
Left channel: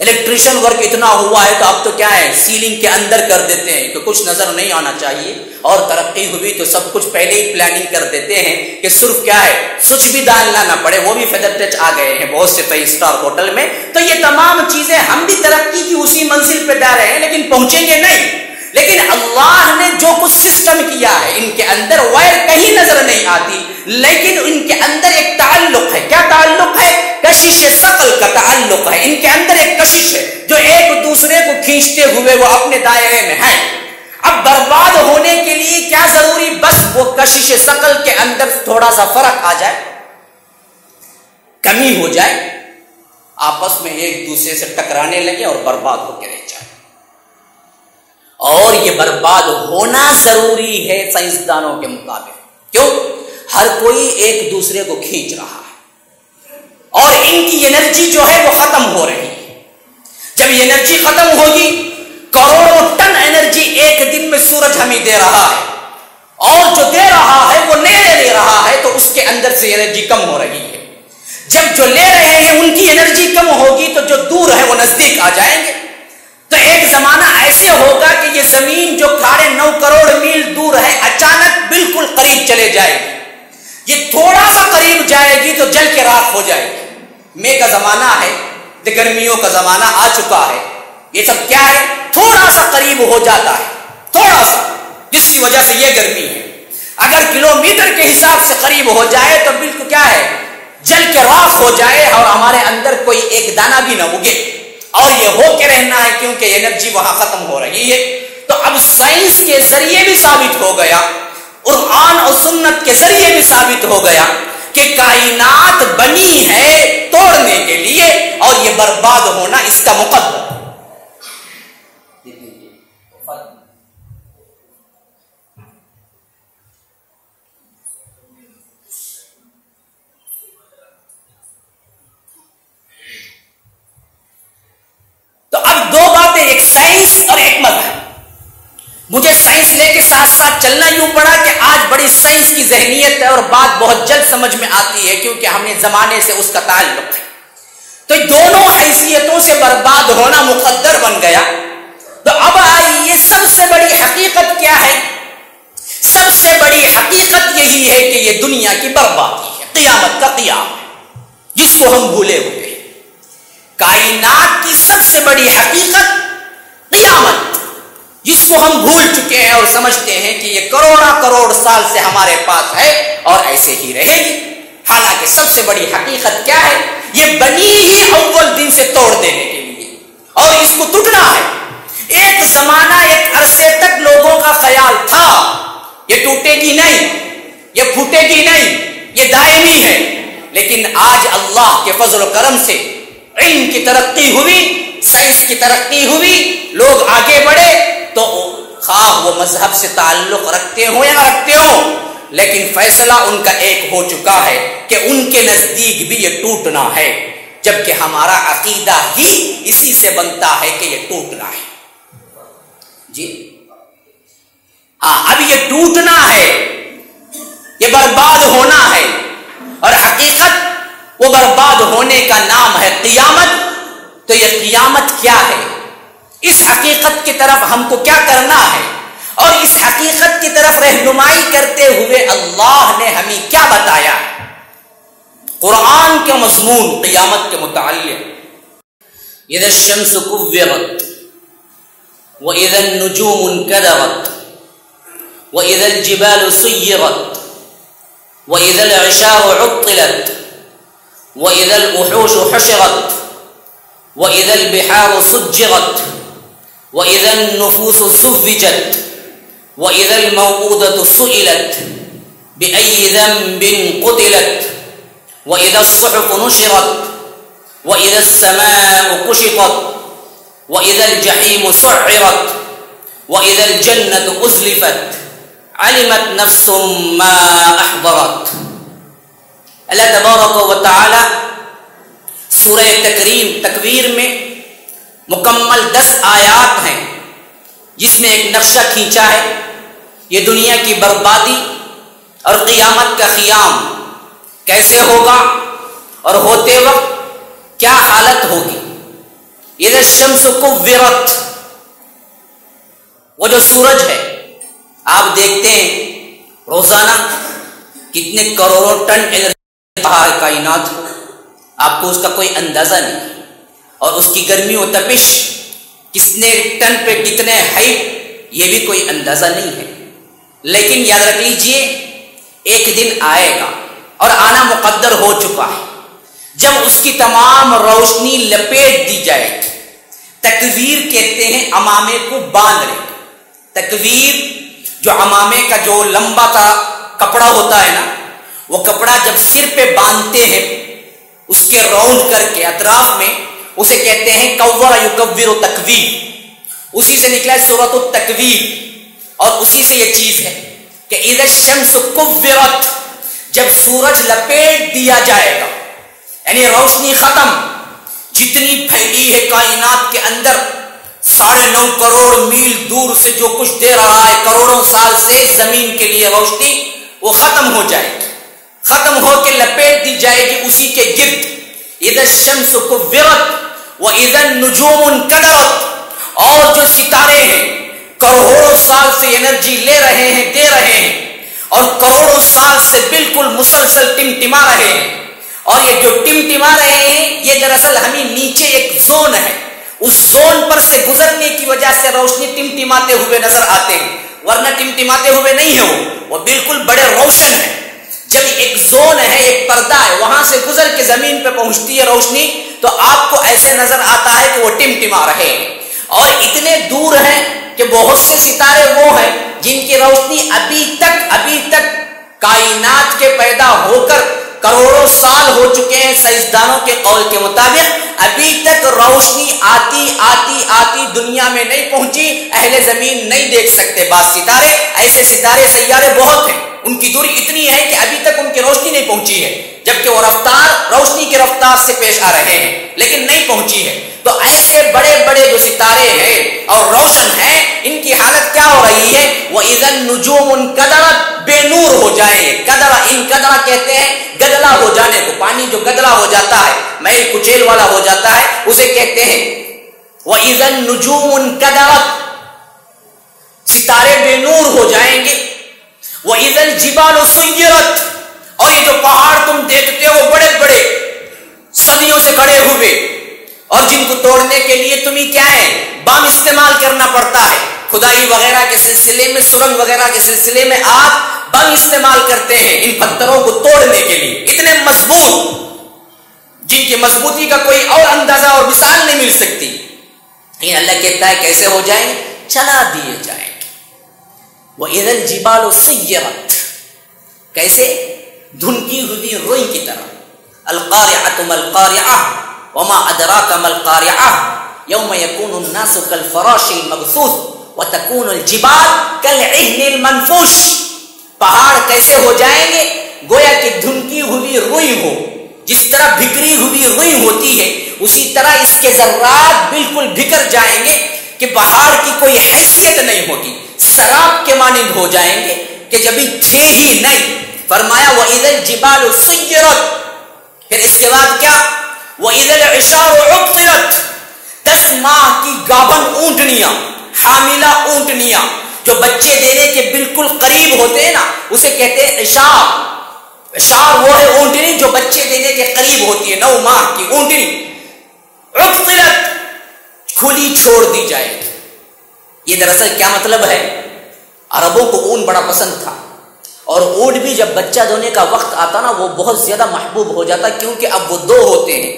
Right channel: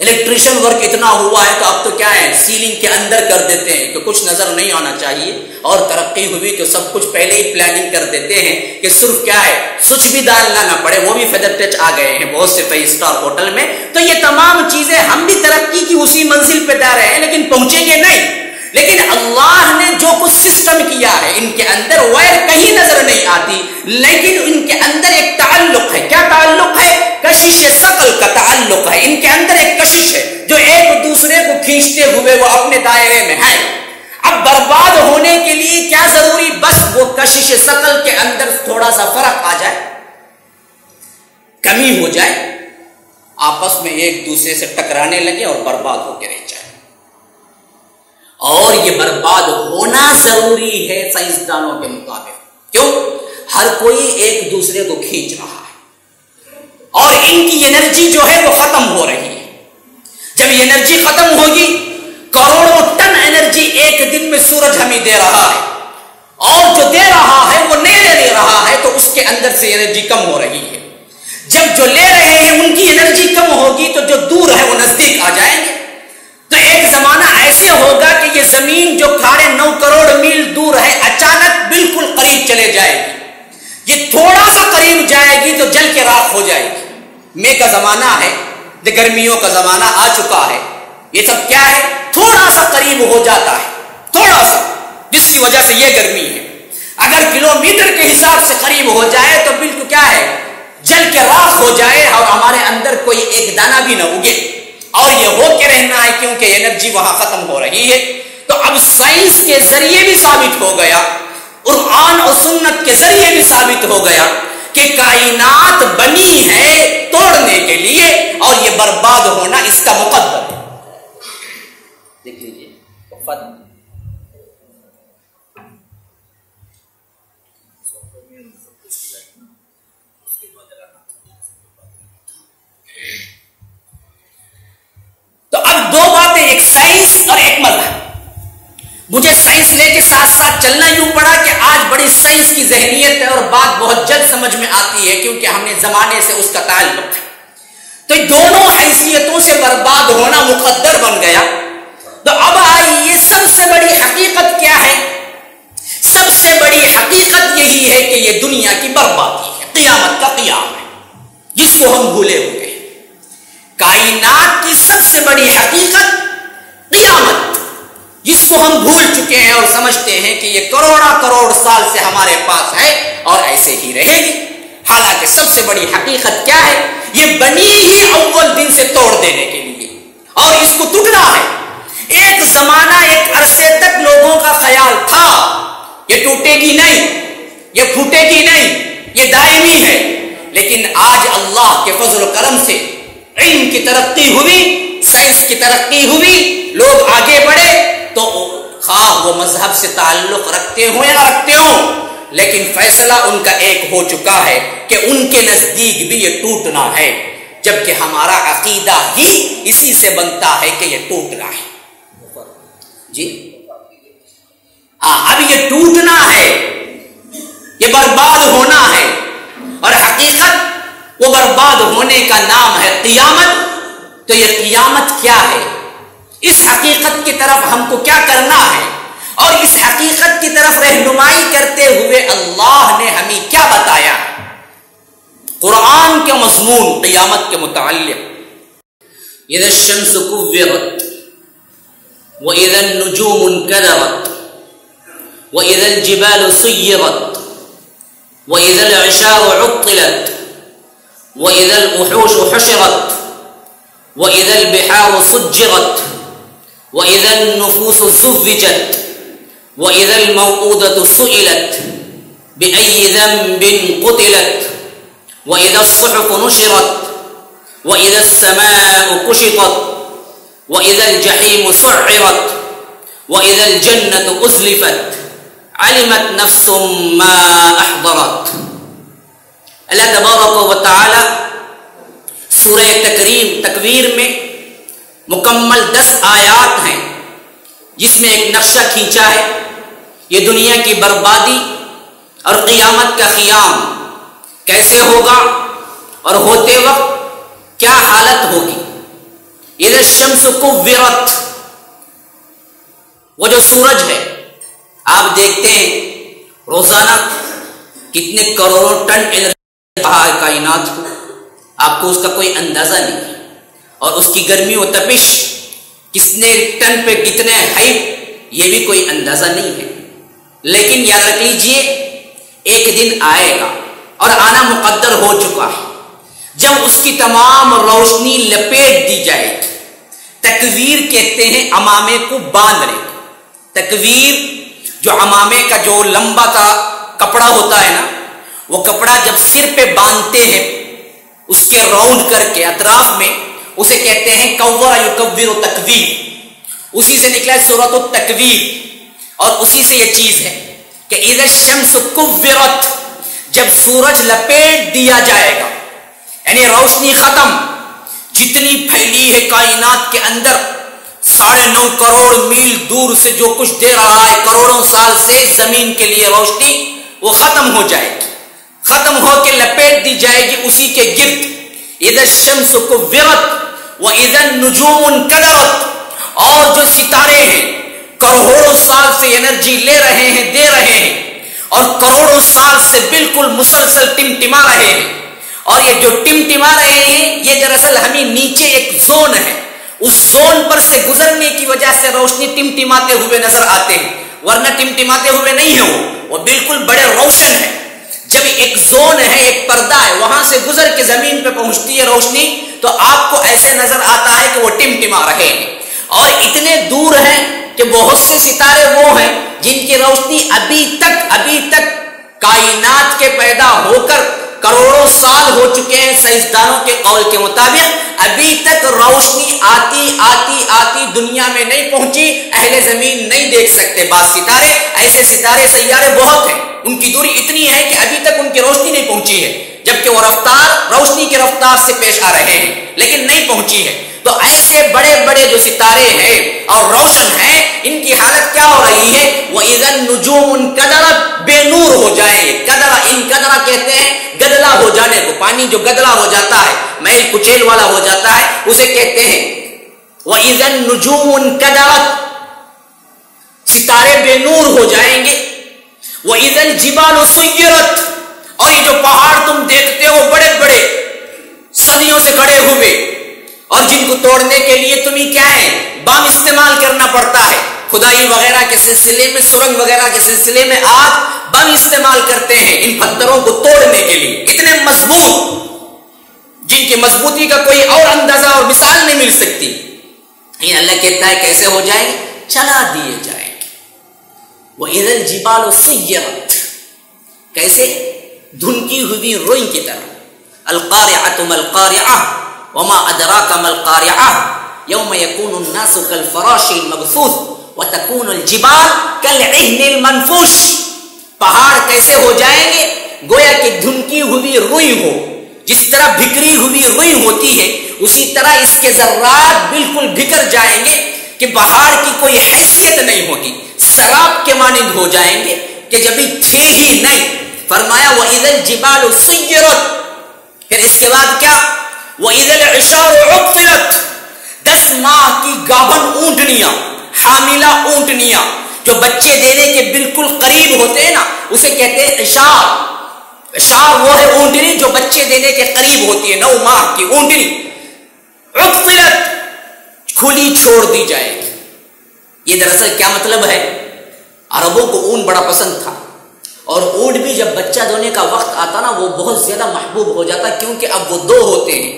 الیکٹریشن ورک اتنا ہوا ہے تو اب تو کیا ہے سیلنگ کے اندر کر دیتے ہیں کہ کچھ نظر نہیں آنا چاہیے، اور ترقی ہوئی تو سب کچھ پہلے ہی پلاننگ کر دیتے ہیں کہ صرف کیا ہے سوئچ بھی ڈالنا نہ پڑے، وہ بھی فیدر ٹچ آ گئے ہیں بہت سے 5 اسٹار ہوٹل میں۔ تو یہ تمام چیزیں ہم بھی ترقی کی اسی منزل پہ جا رہے ہیں لیکن پہنچیں گے نہیں، لیکن اللہ نے جو کچھ سسٹم کیا ہے ان کے اندر وائر کہیں نظر نہیں آتی، لیکن ان کے اندر ایک تعلق ہے۔ کیا تعلق ہے؟ کشش ثقل کا تعلق ہے، ان کے اندر ایک کشش ہے جو ایک دوسرے کو کھینچتے ہوئے وہ اپنے دائرے میں ہیں۔ اب برباد ہونے کے لیے کیا ضروری؟ بس وہ کشش ثقل کے اندر تھوڑا سا فرق آ جائے، کمی ہو جائے، آپس میں ایک دوسرے سے ٹکرانے لگے اور برباد ہو کے رہ جائے۔ اور یہ برباد ہونا ضروری ہے سائنسدانوں کے مطابق، کیوں؟ ہر کوئی ایک دوسرے کو کھینچ رہا ہے اور ان کی انرجی جو ہے وہ ختم ہو رہی ہے۔ جب یہ انرجی ختم ہوگی، کروڑوں ٹن انرجی ایک دن میں سورج ہمیں دے رہا ہے، اور جو دے رہا ہے وہ نہیں لے رہا ہے تو اس کے اندر سے انرجی کم ہو رہی ہے۔ جب جو لے رہے ہیں ان کی انرجی کم ہوگی تو جو دور ہے وہ نزدیک آ جائیں گے۔ تو ایک زمانہ ایسے ہوگا کہ یہ زمین جو 9.5 کروڑ میل دور ہے اچانک بالکل قریب چلے جائے گی، یہ تھوڑا سا قریب جائے گی تو جل کے راکھ ہو جائے گی۔ مے کا زمانہ ہے، گرمیوں کا زمانہ آ چکا ہے، یہ سب کیا ہے تھوڑا سا قریب ہو جاتا ہے، تھوڑا سا، جس کی وجہ سے یہ گرمی ہے۔ اگر کلومیٹر کے حساب سے قریب ہو جائے تو بالکل کیا ہے جل کے راکھ ہو جائے اور ہمارے اندر کوئی ایک دانہ بھی نہ اگے، اور یہ ہو کے رہنا ہے کیونکہ انرجی وہاں ختم ہو رہی ہے۔ تو اب سائنس کے ذریعے بھی ثابت ہو گیا، قرآن اور سنت کے ذریعے بھی ثابت ہو گیا کہ کائنات بنی ہے توڑنے کے لیے اور یہ برباد ہونا اس کا مقدر ہے۔ دیکھ لیجیے تو اب دو باتیں، ایک سائنس اور ایک مذہب۔ مجھے سائنس لے کے ساتھ ساتھ چلنا یوں پڑا کہ آج بڑی سائنس کی ذہنیت ہے اور بات بہت جلد سمجھ میں آتی ہے کیونکہ ہم نے زمانے سے اس کا تعلق ہے۔ تو دونوں حیثیتوں سے برباد ہونا مقدر بن گیا۔ تو اب آئیے سب سے بڑی حقیقت کیا ہے؟ سب سے بڑی حقیقت یہی ہے کہ یہ دنیا کی بربادی ہے، قیامت کا قیام ہے جس کو ہم بھولے ہوئے ہیں۔ کائنات کی سب سے بڑی حقیقت قیامت، جس کو ہم بھول چکے ہیں اور سمجھتے ہیں کہ یہ کروڑا کروڑ سال سے ہمارے پاس ہے اور ایسے ہی رہے گی۔ حالانکہ سب سے بڑی حقیقت کیا ہے؟ یہ بنی ہی اول دن سے توڑ دینے کے لیے، اور اس کو ٹوٹنا ہے۔ ایک زمانہ ایک عرصے تک لوگوں کا خیال تھا یہ ٹوٹے گی نہیں، یہ پھوٹے گی نہیں، یہ دائمی ہے، لیکن آج اللہ کے فضل و کرم سے علم کی ترقی ہوئی، سائنس کی ترقی ہوئی، لوگ آگے بڑھے، تو خواہ وہ مذہب سے تعلق رکھتے ہوں یا نہ رکھتے ہوں، لیکن فیصلہ ان کا ایک ہو چکا ہے کہ ان کے نزدیک بھی یہ ٹوٹنا ہے، جبکہ ہمارا عقیدہ ہی اسی سے بنتا ہے کہ یہ ٹوٹنا ہے۔ جی ہاں، اب یہ ٹوٹنا ہے، یہ برباد ہونا ہے، اور حقیقت وہ برباد ہونے کا نام ہے قیامت۔ تو یہ قیامت کیا ہے؟ اس حقیقت کی طرف ہم کو کیا کرنا ہے، اور اس حقیقت کی طرف رہنمائی کرتے ہوئے اللہ نے ہمیں کیا بتایا؟ قرآن کے مضمون قیامت کے متعلق، اذا الشمس كورت واذا النجوم انكدرت واذا الجبال سيرت واذا العشار عطلت واذا الوحوش حشرت واذا البحار سجرت واذا النفوس زوجت واذا الموءودة سئلت بأي ذنب قتلت واذا الصحف نشرت واذا السماء كشطت واذا الجحيم سعرت واذا الجنة أزلفت علمت نفس ما احضرت۔ اللہ تبارک و تعالی سورہ تکویر میں مکمل 10 آیات ہیں، جس میں ایک نقشہ کھینچا ہے، یہ دنیا کی بربادی اور قیامت کا قیام کیسے ہوگا اور ہوتے وقت کیا حالت ہوگی۔ اذا الشمس كورت، وہ جو سورج ہے، آپ دیکھتے ہیں روزانہ کتنے کروڑوں ٹن انرجی بہا ہے کائنات کو، آپ کو اس کا کوئی اندازہ نہیں ہے، اور اس کی گرمی و تپش کتنے ٹن پہ کتنے ہے، یہ بھی کوئی اندازہ نہیں ہے۔ لیکن یاد رکھ لیجئے، ایک دن آئے گا اور آنا مقدر ہو چکا ہے، جب اس کی تمام روشنی لپیٹ دی جائے گی۔ تکویر کہتے ہیں عمامے کو باندھنے کو۔ تکویر جو عمامے کا جو لمبا کا کپڑا ہوتا ہے نا، وہ کپڑا جب سر پہ باندھتے ہیں اس کے راؤنڈ کر کے اطراف میں، اسے کہتے ہیں کور یکور تکویر، اسی سے نکلا ہے سورۃ التکویر، اور اسی سے یہ چیز ہے کہ اذا الشمس کورت، جب سورج لپیٹ دیا جائے گا، یعنی روشنی ختم، جتنی پھیلی ہے کائنات کے اندر 9.5 کروڑ میل دور سے جو کچھ دے رہا ہے کروڑوں سال سے زمین کے لیے روشنی، وہ ختم ہو جائے گی، ختم ہو کے لپیٹ دی جائے گی اسی کے گرد۔ اذا الشمس كورت واذا النجوم انكدرت، اور جو ستارے ہیں کروڑوں سال سے انرجی لے رہے ہیں، دے رہے ہیں، اور کروڑوں سال سے بالکل مسلسل ٹمٹما رہے ہیں، اور یہ جو ٹمٹما رہے ہیں یہ دراصل ہمیں نیچے ایک زون ہے، اس زون پر سے گزرنے کی وجہ سے روشنی ٹمٹماتے ہوئے نظر آتے ہیں، ورنہ ٹمٹماتے ہوئے نہیں ہے، وہ بالکل بڑے روشن ہے۔ جب ایک زون ہے، ایک پردہ ہے، وہاں سے گزر کے زمین پہ پہنچتی ہے روشنی، تو آپ کو ایسے نظر آتا ہے کہ وہ ٹمٹما رہے ہیں، اور اتنے دور ہیں کہ بہت سے ستارے وہ ہیں جن کی روشنی ابھی تک کائنات کے پیدا ہو کر کروڑوں سال ہو چکے ہیں، سائنسدانوں کے قول کے مطابق ابھی تک روشنی آتی دنیا میں نہیں پہنچی، اہل زمین نہیں دیکھ سکتے۔ بعض ستارے ایسے سیارے بہت ہیں، ان کی دوری اتنی ہے کہ ابھی تک ان کی روشنی نہیں پہنچی ہے، جبکہ وہ روشنی کی رفتار سے پیش آ رہے ہیں، لیکن نہیں پہنچی ہے۔ تو ایسے بڑے بڑے جو ستارے ہیں اور روشن ہیں، ان کی حالت کیا ہو رہی ہے؟ وَإِذَا النُّجُومُ انْكَدَرَتْ، بے نور ہو جائیں یہ۔ انکدرا کہتے ہیں گدلا ہو جانے کو، پانی جو گدلا ہو جاتا ہے، میل کچیل والا ہو جاتا ہے، اسے کہتے ہیں وَإِذَا النُّجُومُ انْكَدَرَتْ، ستارے بے نور ہو جائیں گے۔ وَإِذَا الْجِبَالُ سُيِّرَتْ، اور یہ جو پہاڑ تم دیکھتے ہو بڑے بڑے صدیوں سے کھڑے ہوئے، اور جن کو توڑنے کے لیے تمہیں کیا ہے، بم استعمال کرنا پڑتا ہے، کھدائی وغیرہ کے سلسلے میں، سرنگ وغیرہ کے سلسلے میں آج بم استعمال کرتے ہیں ان پتھروں کو توڑنے کے لیے، اتنے مضبوط جن کی مضبوطی کا کوئی اور اندازہ اور مثال نہیں مل سکتی۔ اللہ کہتا ہے کیسے ہو جائیں گے؟ چلا دیے جائیں گے۔ وَإِذَا الْجِبَالُ سُيِّرَتْ، کیسے؟ دھنکی ہوئی روئی کی طرح۔ القارعۃ ما القارعۃ وما ادراک ما القارعۃ، یوم یکون الناس کالفراش المبثوث وتکون الجبال کالعہن المنفوش. پہاڑ کیسے ہو جائیں گے؟ گویا کہ دھنکی ہوئی روئی ہو. جس طرح بکھری ہوئی روئی ہوتی ہے اسی طرح اس کے ذرات بالکل بکھر جائیں گے کہ پہاڑ کی کوئی حیثیت نہیں ہوگی. سراب کے مانند ہو جائیں گے کہ جبھی تھے ہی نہیں. فرمایا وَإِذَا الْجِبَالُ سُيِّرَتْ. پھر اس کے بعد کیا؟ وَإِذَا الْعِشَارُ عُطِّلَتْ. 10 ماہ کی گابھن اونٹنیاں، حاملہ اونٹنیاں جو بچے دینے کے بالکل قریب ہوتے ہیں نا، اسے کہتے ہیں عشار. عشار وہ ہے اونٹنی جو بچے دینے کے قریب ہوتی ہے، 9 ماہ کی اونٹنی. عُطِّلَتْ، کھلی چھوڑ دی جائے. یہ دراصل کیا مطلب ہے؟ عربوں کو اون بڑا پسند تھا، اور اونٹ بھی جب بچہ دینے کا وقت آتا نا وہ بہت زیادہ محبوب ہو جاتا، کیونکہ اب وہ 2 ہوتے ہیں.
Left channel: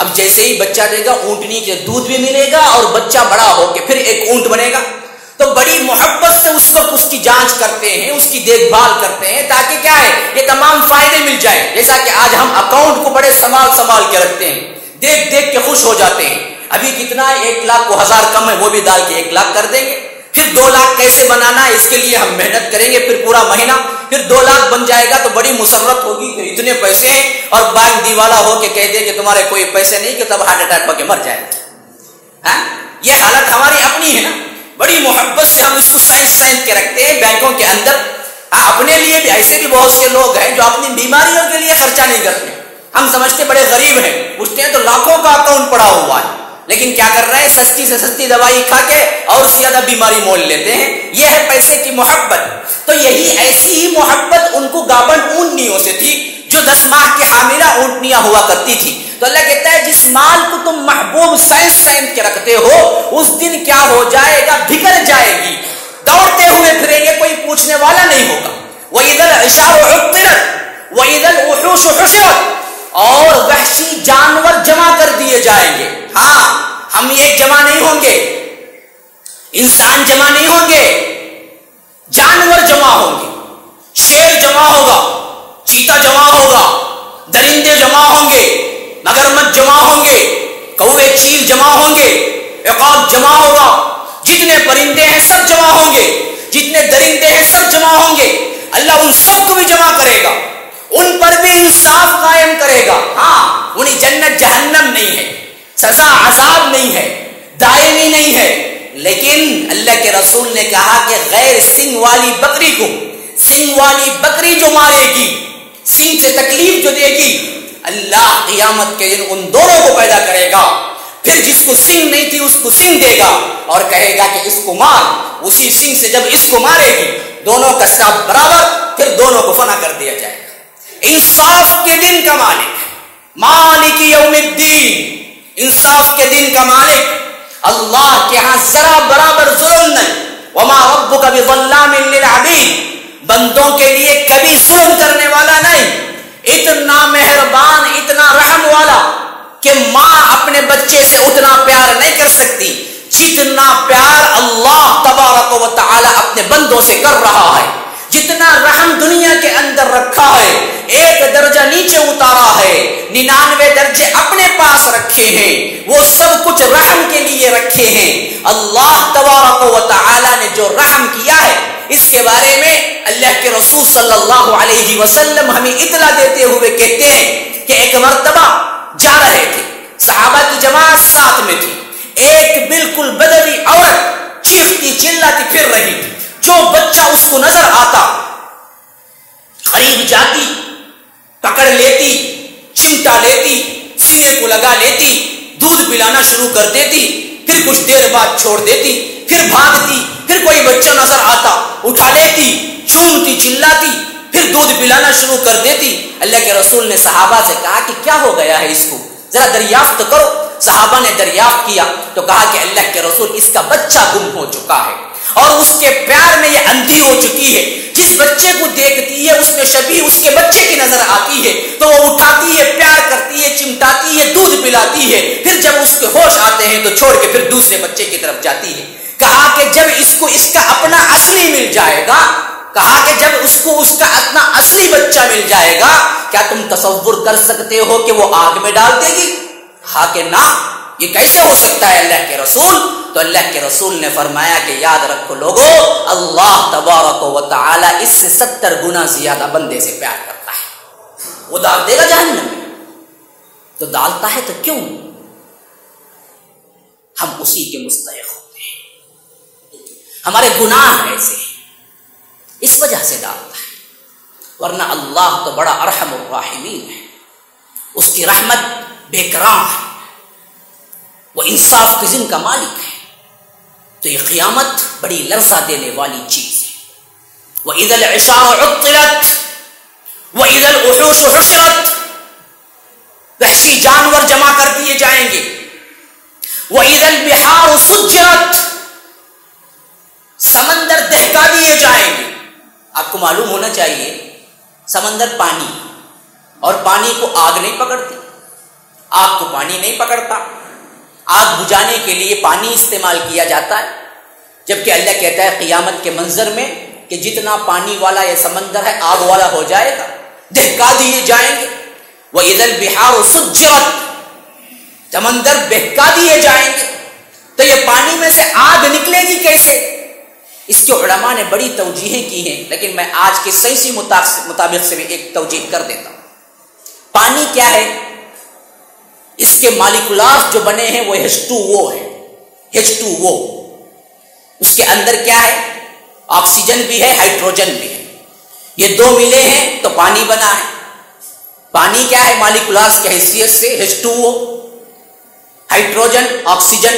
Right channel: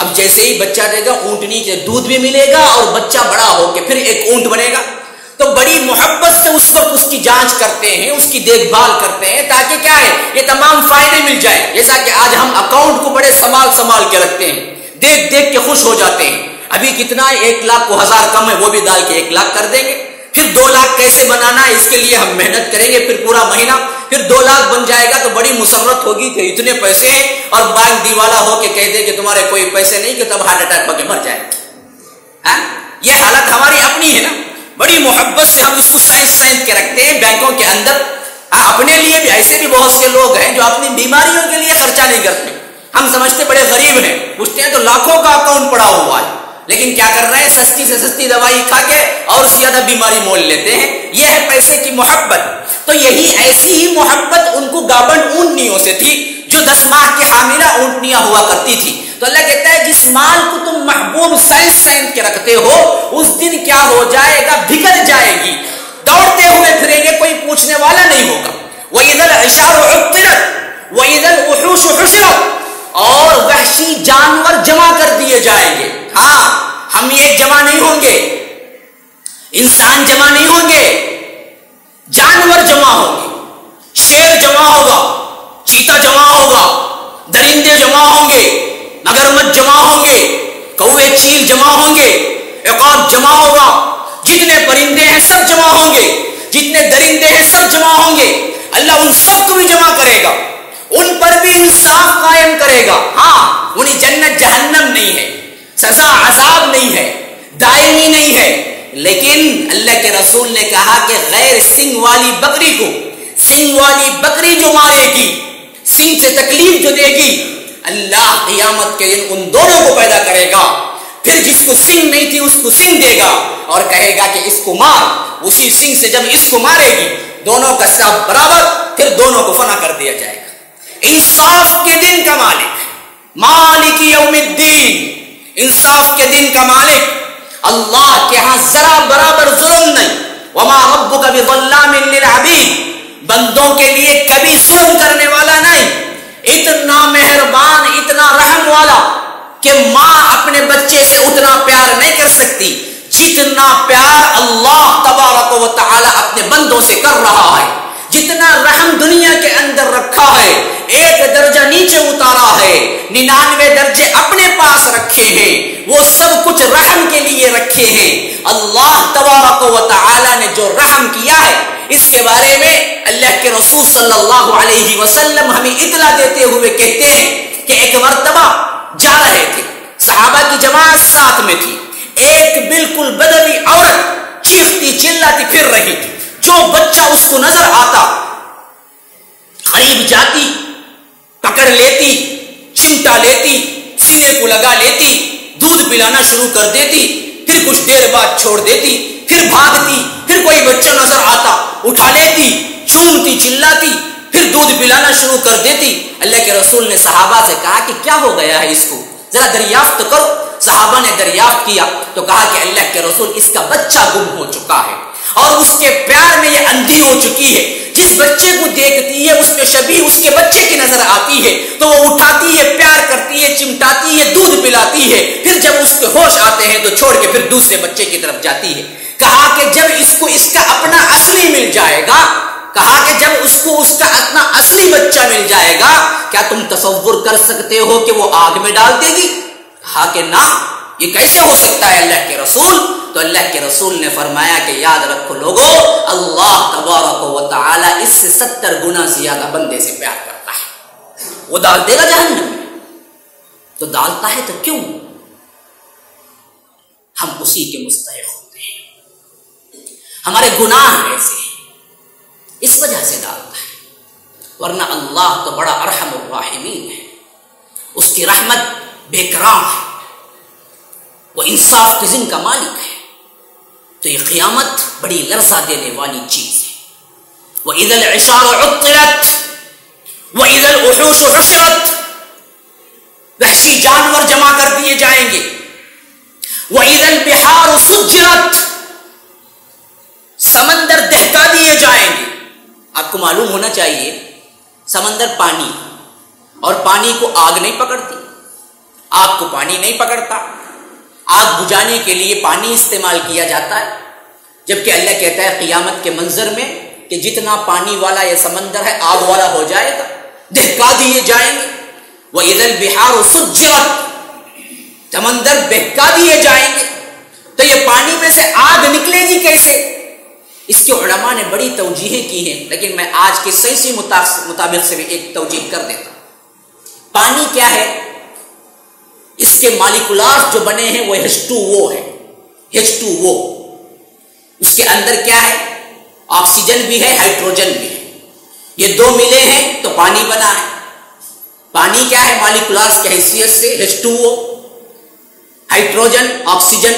اب جیسے ہی بچہ دے گا اونٹنی کے دودھ بھی ملے گا اور بچہ بڑا ہو کے پھر ایک اونٹ بنے گا. تو بڑی محبت سے اس وقت اس کی جانچ کرتے ہیں، اس کی دیکھ بھال کرتے ہیں تاکہ کیا ہے یہ تمام فائدے مل جائے. جیسا کہ آج ہم اکاؤنٹ کو بڑے سنبھال کے رکھتے ہیں، دیکھ کے خوش ہو جاتے ہیں. ابھی کتنا ہے، 1 لاکھ کو 1000 کم ہے، وہ بھی ڈال کے 1 لاکھ کر دیں گے. پھر 2 لاکھ کیسے بنانا ہے اس کے لیے ہم محنت کریں گے، پھر پورا مہینہ. پھر 2 لاکھ بن جائے گا تو بڑی مسرت ہوگی کہ اتنے پیسے ہیں، اور بینک دیوالا ہو کے کہہ دے کہ تمہارے کوئی پیسے نہیں، کہ تب ہارٹ اٹیک ہو کے مر جائے گا. یہ حالت ہماری اپنی ہے نا. بڑی محبت سے ہم اس کو سائنس کے رکھتے ہیں بینکوں کے اندر. اپنے لیے بھی ایسے بھی بہت سے لوگ ہیں جو اپنی بیماریوں کے لیے خرچہ نہیں کرتے. ہم سمجھتے بڑے غریب ہیں، پوچھتے ہیں تو لاکھوں کا اکاؤنٹ پڑا ہوا ہے، لیکن کیا کر رہے ہیں؟ سستی سے سستی دوائی کھا کے اور زیادہ بیماری مول لیتے ہیں. یہ ہے پیسے کی محبت. تو یہی ایسی ہی محبت ان کو گابن اونٹنیوں سے تھی جو 10 ماہ کی حاملہ اونٹنیاں ہوا کرتی تھی. تو اللہ کہتا ہے جس مال کو تم محبوب سائنس کے رکھتے ہو اس دن کیا ہو جائے گا؟ بکھر جائے گی، دوڑتے ہوئے پھریں گے، کوئی پوچھنے والا نہیں ہوگا. وَإِذَا الْعِشَارُ عُطِّلَتْ وَإِذَا الْوُحُوشُ حُشِرَتْ. اور وحشی جانور جمع کر دیے جائیں گے. ہاں، ہم ایک جمع نہیں ہوں گے، انسان جمع نہیں ہوں گے، جانور جمع ہوں گے. شیر جمع ہوگا، چیتا جمع ہوگا، درندے جمع ہوں گے، مگرمچھ جمع ہوں گے، کوے چیل جمع ہوں گے، عقاب جمع ہوگا. جتنے پرندے ہیں سب جمع ہوں گے، جتنے درندے ہیں سب جمع ہوں گے. اللہ ان سب کو بھی جمع کرے گا، ان پر بھی انصاف قائم کرے گا. ہاں، انہیں جنت جہنم نہیں ہے، سزا عذاب نہیں ہے، دائمی نہیں ہے. لیکن اللہ کے رسول نے کہا کہ غیر سنگ والی بکری کو، سنگ والی بکری جو مارے گی، سنگ سے تکلیف جو دے گی، اللہ قیامت کے دن ان دونوں کو پیدا کرے گا. پھر جس کو سنگ نہیں تھی اس کو سنگ دے گا اور کہے گا کہ اس کو مار. اسی سنگ سے جب اس کو مارے گی دونوں کا سب برابر، پھر دونوں کو فنا کر دیا جائے گا. انصاف کے دن کا مالک، مالک یوم الدین، انصاف کے دن کا مالک اللہ کے ہاں ذرا برابر ظلم نہیں. وما ربک بظلام للعبید، بندوں کے لیے کبھی ظلم کرنے والا نہیں. اتنا مہربان، اتنا رحم والا کہ ماں اپنے بچے سے اتنا پیار نہیں کر سکتی جتنا پیار اللہ تبارک و تعالی اپنے بندوں سے کر رہا ہے. جتنا رحم دنیا کے اندر رکھا ہے، 1 درجہ نیچے اتارا ہے، 99 درجے اپنے پاس رکھے ہیں، وہ سب کچھ رحم کے لیے رکھے ہیں. اللہ تبارک و تعالی نے جو رحم کیا ہے اس کے بارے میں اللہ کے رسول صلی اللہ علیہ وسلم ہمیں اطلاع دیتے ہوئے کہتے ہیں کہ ایک مرتبہ جا رہے تھے، صحابہ کی جماعت ساتھ میں تھی. ایک بالکل بدوی عورت چیختی چلاتی پھر رہی تھی. جو بچہ اس کو نظر آتا قریب جاتی، پکڑ لیتی، چمٹا لیتی، سینے کو لگا لیتی، دودھ پلانا شروع کر دیتی. پھر کچھ دیر بعد چھوڑ دیتی، پھر بھاگتی. پھر کوئی بچہ نظر آتا اٹھا لیتی، چومتی چلاتی، پھر دودھ پلانا شروع کر دیتی. اللہ کے رسول نے صحابہ سے کہا کہ کیا ہو گیا ہے اس کو، ذرا دریافت کرو. صحابہ نے دریافت کیا تو کہا کہ اللہ کے رسول اس کا بچہ گم ہو چکا ہے اور اس کے پیار میں یہ اندھی ہو چکی ہے. جس بچے کو دیکھتی ہے اس میں شبیہ اس کے بچے کی نظر آتی ہے تو وہ اٹھاتی ہے، پیار کرتی ہے، چمٹاتی ہے، دودھ پلاتی ہے. پھر جب اس کے ہوش آتے ہیں تو چھوڑ کے پھر دوسرے بچے کی طرف جاتی ہے. کہا کہ جب اس کو اس کا اپنا اصلی مل جائے گا، کہا کہ جب اس کو اس کا اپنا اصلی بچہ مل جائے گا، کیا تم تصور کر سکتے ہو کہ وہ آگ میں ڈال دے گی؟ کہا کہ نہ. یہ کیسے ہو سکتا ہے اللہ کے رسول؟ تو اللہ کے رسول نے فرمایا کہ یاد رکھو لوگو، اللہ تبارک و تعالی اس سے 70 گنا زیادہ بندے سے پیار کرتا ہے، وہ ڈال دے گا جہنم میں، تو ڈالتا ہے تو کیوں؟ ہم اسی کے مستحق ہوتے ہیں، ہمارے گناہ ایسے ہیں، اس وجہ سے ڈالتا ہے، ورنہ اللہ تو بڑا ارحم الراحمین ہے، اس کی رحمت بے کرام ہے، وہ انصاف کے ذن کا مالک ہے۔ تو یہ قیامت بڑی لرزہ دینے والی چیز ہے۔ وَإِذَا الْعِشَارُ عُطِّلَتْ وَإِذَا الْوُحُوشُ حُشِرَتْ، وحشی جانور جمع کر دیے جائیں گے۔ وَإِذَا الْبِحَارُ سُجِّرَتْ، سمندر دہکا دیے جائیں گے۔ آپ کو معلوم ہونا چاہیے سمندر پانی، اور پانی کو آگ نہیں پکڑتی، آگ کو پانی نہیں پکڑتا، آگ بجھانے کے لیے پانی استعمال کیا جاتا ہے، جبکہ اللہ کہتا ہے قیامت کے منظر میں کہ جتنا پانی والا یہ سمندر ہے آگ والا ہو جائے گا، دہکا دیے جائیں گے۔ وَإِذَا الْبِحَارُ سُجِّرَتْ، سمندر بہکا دیے جائیں گے، تو یہ پانی میں سے آگ نکلے گی کیسے؟ اس کے علماء نے بڑی توجیہیں کی ہیں، لیکن میں آج کے سائنسی مطابق سے بھی ایک توجیہ کر دیتا ہوں۔ پانی کیا ہے؟ اس کے مالیکولار جو بنے ہیں وہ H2O ہے، H2O، اس کے اندر کیا ہے؟ آکسیجن بھی ہے، ہائیڈروجن بھی ہے، یہ دو ملے ہیں تو پانی بنا ہے۔ پانی کیا ہے مالیکولارز کی حیثیت سے؟ H2O، hydrogen, oxygen.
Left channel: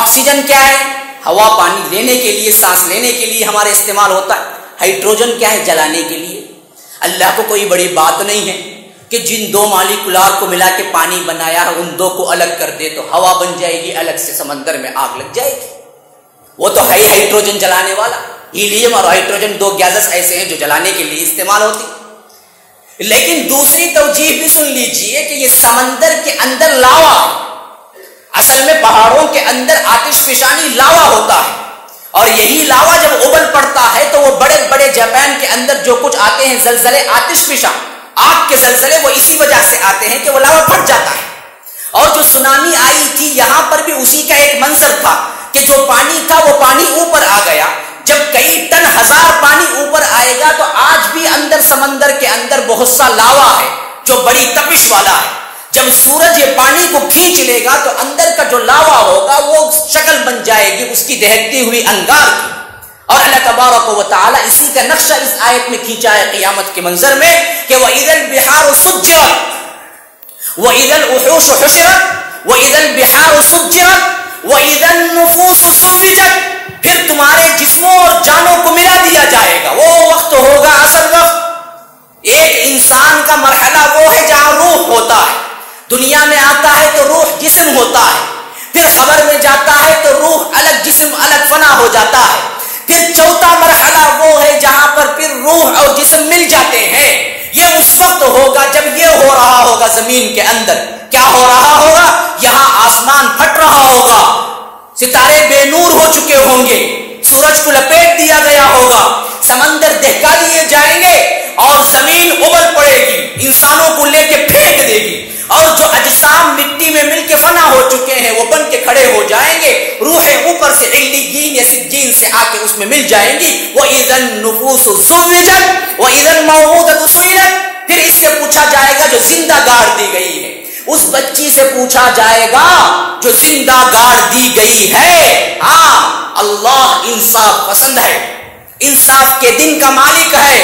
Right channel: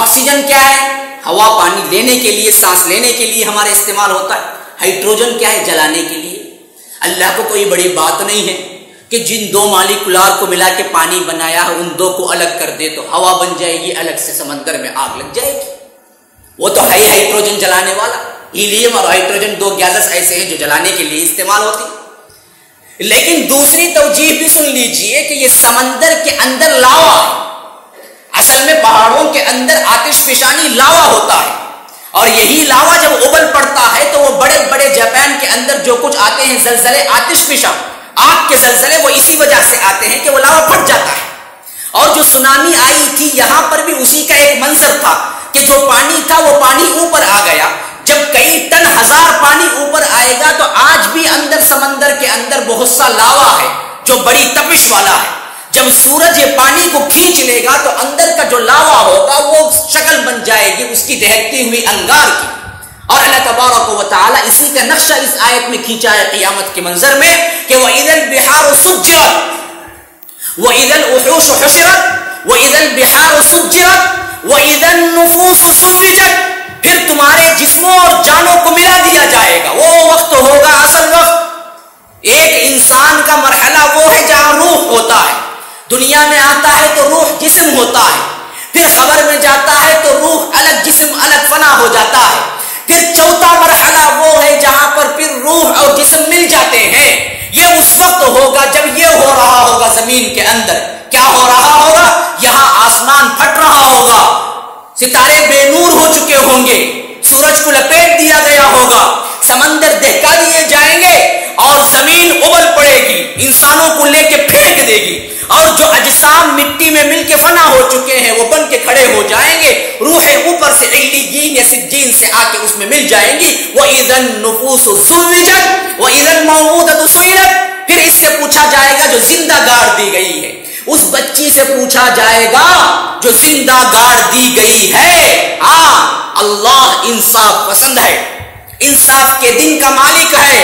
آکسیجن کیا ہے؟ ہوا پانی لینے کے لیے، سانس لینے کے لیے ہمارے استعمال ہوتا ہے۔ ہائیڈروجن کیا ہے؟ جلانے کے لیے۔ اللہ کو کوئی بڑی بات نہیں ہے کہ جن دو مالیکولار کو ملا کے پانی بنایا ہے ان دو کو الگ کر دے تو ہوا بن جائے گی، الگ سے سمندر میں آگ لگ جائے گی۔ وہ تو ہے ہائیڈروجن جلانے والا، ہیلیم اور ہائیڈروجن دو گیسز ایسے ہیں جو جلانے کے لیے استعمال ہوتی۔ لیکن دوسری توجیہ بھی سن لیجئے کہ یہ سمندر کے اندر لاوا ہے، اصل میں پہاڑوں کے اندر آتش فشانی لاوا ہوتا ہے، اور یہی لاوا جب ابل پڑتا ہے تو وہ بڑے بڑے جاپان کے اندر جو کچھ آتے ہیں زلزلے، آتش فشاں، آگ کے زلزلے، وہ اسی وجہ سے آتے ہیں کہ وہ لاوا پھٹ جاتا ہے۔ اور جو سونامی آئی تھی یہاں پر بھی اسی کا ایک منظر تھا کہ جو پانی تھا وہ پانی اوپر آ گیا۔ جب کئی ٹن ہزار پانی اوپر آئے گا تو آج بھی اندر سمندر کے اندر بہت سا لاوا ہے جو بڑی تپش والا ہے۔ جب سورج یہ پانی کو کھینچ لے گا تو اندر کا جو لاوا ہوگا وہ شکل بن جائے گی اس کی دہکتی ہوئی انگار کی۔ اور اللہ تبارک و تعالی اسی کا نقشہ اس آیت میں کھینچا ہے قیامت کے منظر میں کہ وَإِذَا الْبِحَارُ سُجِّرَتْ وَإِذَا الْوُحُوشُ حُشِرَتْ وَإِذَا الْبِحَارُ سُجِّرَتْ وَإِذَا النُّفُوسُ سُوِّجَتْ، پھر تمہارے جسموں اور جانوں کو ملا دیا جائے گا۔ وہ وقت ہوگا اصل وقت۔ ایک انسان کا مرحلہ وہ ہے جہاں روح ہوتا ہے، دنیا میں آتا ہے تو روح جسم ہوتا ہے، پھر قبر میں جاتا ہے تو روح الگ جسم الگ فنا ہو جاتا ہے، پھر چوتھا مرحلہ وہ ہے جہاں پر پھر روح اور جسم مل جاتے ہیں۔ یہ اس وقت ہوگا جب یہ ہو رہا ہوگا زمین کے اندر۔ کیا ہو رہا ہوگا؟ یہاں آسمان پھٹ رہا ہوگا، ستارے بے نور ہو چکے ہوں گے، سورج کو لپیٹ دیا گیا ہوگا، سمندر دہکا دیے جائیں گے اور زمین ابل پڑے گی، انسانوں کو لے کے پھینک دے گی، اور جو اجسام مٹی میں مل کے فنا ہو چکے ہیں وہ بن کے کھڑے ہو جائیں گے، روحیں اوپر سے علیین یا سجین سے آ کے اس میں مل جائیں گی۔ وَإِذَا النُّفُوسُ زُوِّجَتْ وَإِذَا الْمَوْءُودَةُ سُئِلَتْ، پھر اس سے پوچھا جائے گا جو زندہ گاڑ دی گئی ہے، اس بچی سے پوچھا جائے گا جو زندہ گاڑ دی گئی ہے۔ ہاں، اللہ انصاف پسند ہے، انصاف کے دن کا مالک ہے۔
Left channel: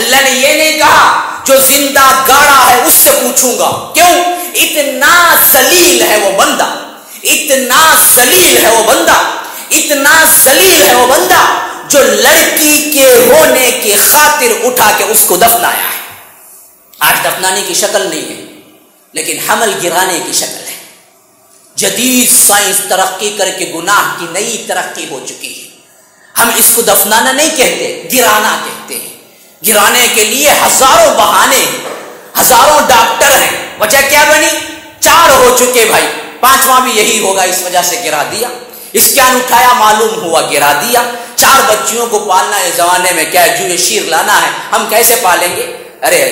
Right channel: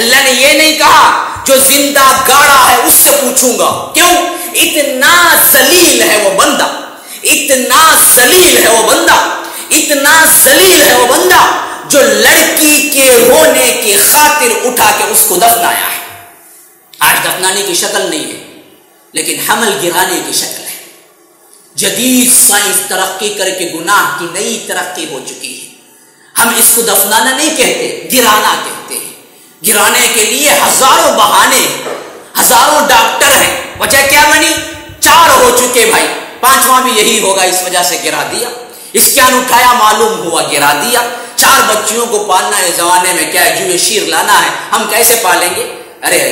اللہ نے یہ نہیں کہا جو زندہ گاڑا ہے اس سے پوچھوں گا، کیوں؟ اتنا ذلیل ہے وہ بندہ، اتنا ذلیل ہے وہ بندہ، اتنا ذلیل ہے وہ بندہ جو لڑکی کے ہونے کی خاطر اٹھا کے اس کو دفنایا ہے۔ آج دفنانے کی شکل نہیں ہے لیکن حمل گرانے کی شکل ہے۔ جدید سائنس ترقی کر کے گناہ کی نئی ترقی ہو چکی ہے۔ ہم اس کو دفنانا نہیں کہتے، گرانا کہتے ہیں۔ گرانے کے لیے ہزاروں بہانے، ہزاروں ڈاکٹر ہیں۔ وجہ کیا بنی؟ 4 ہو چکے بھائی، 5واں بھی یہی ہوگا، اس وجہ سے گرا دیا۔ اس کیا اٹھایا معلوم ہوا، گرا دیا۔ 4 بچیوں کو پالنا اس زمانے میں کیا جو شیر لانا ہے، ہم کیسے پالیں گے؟ ارے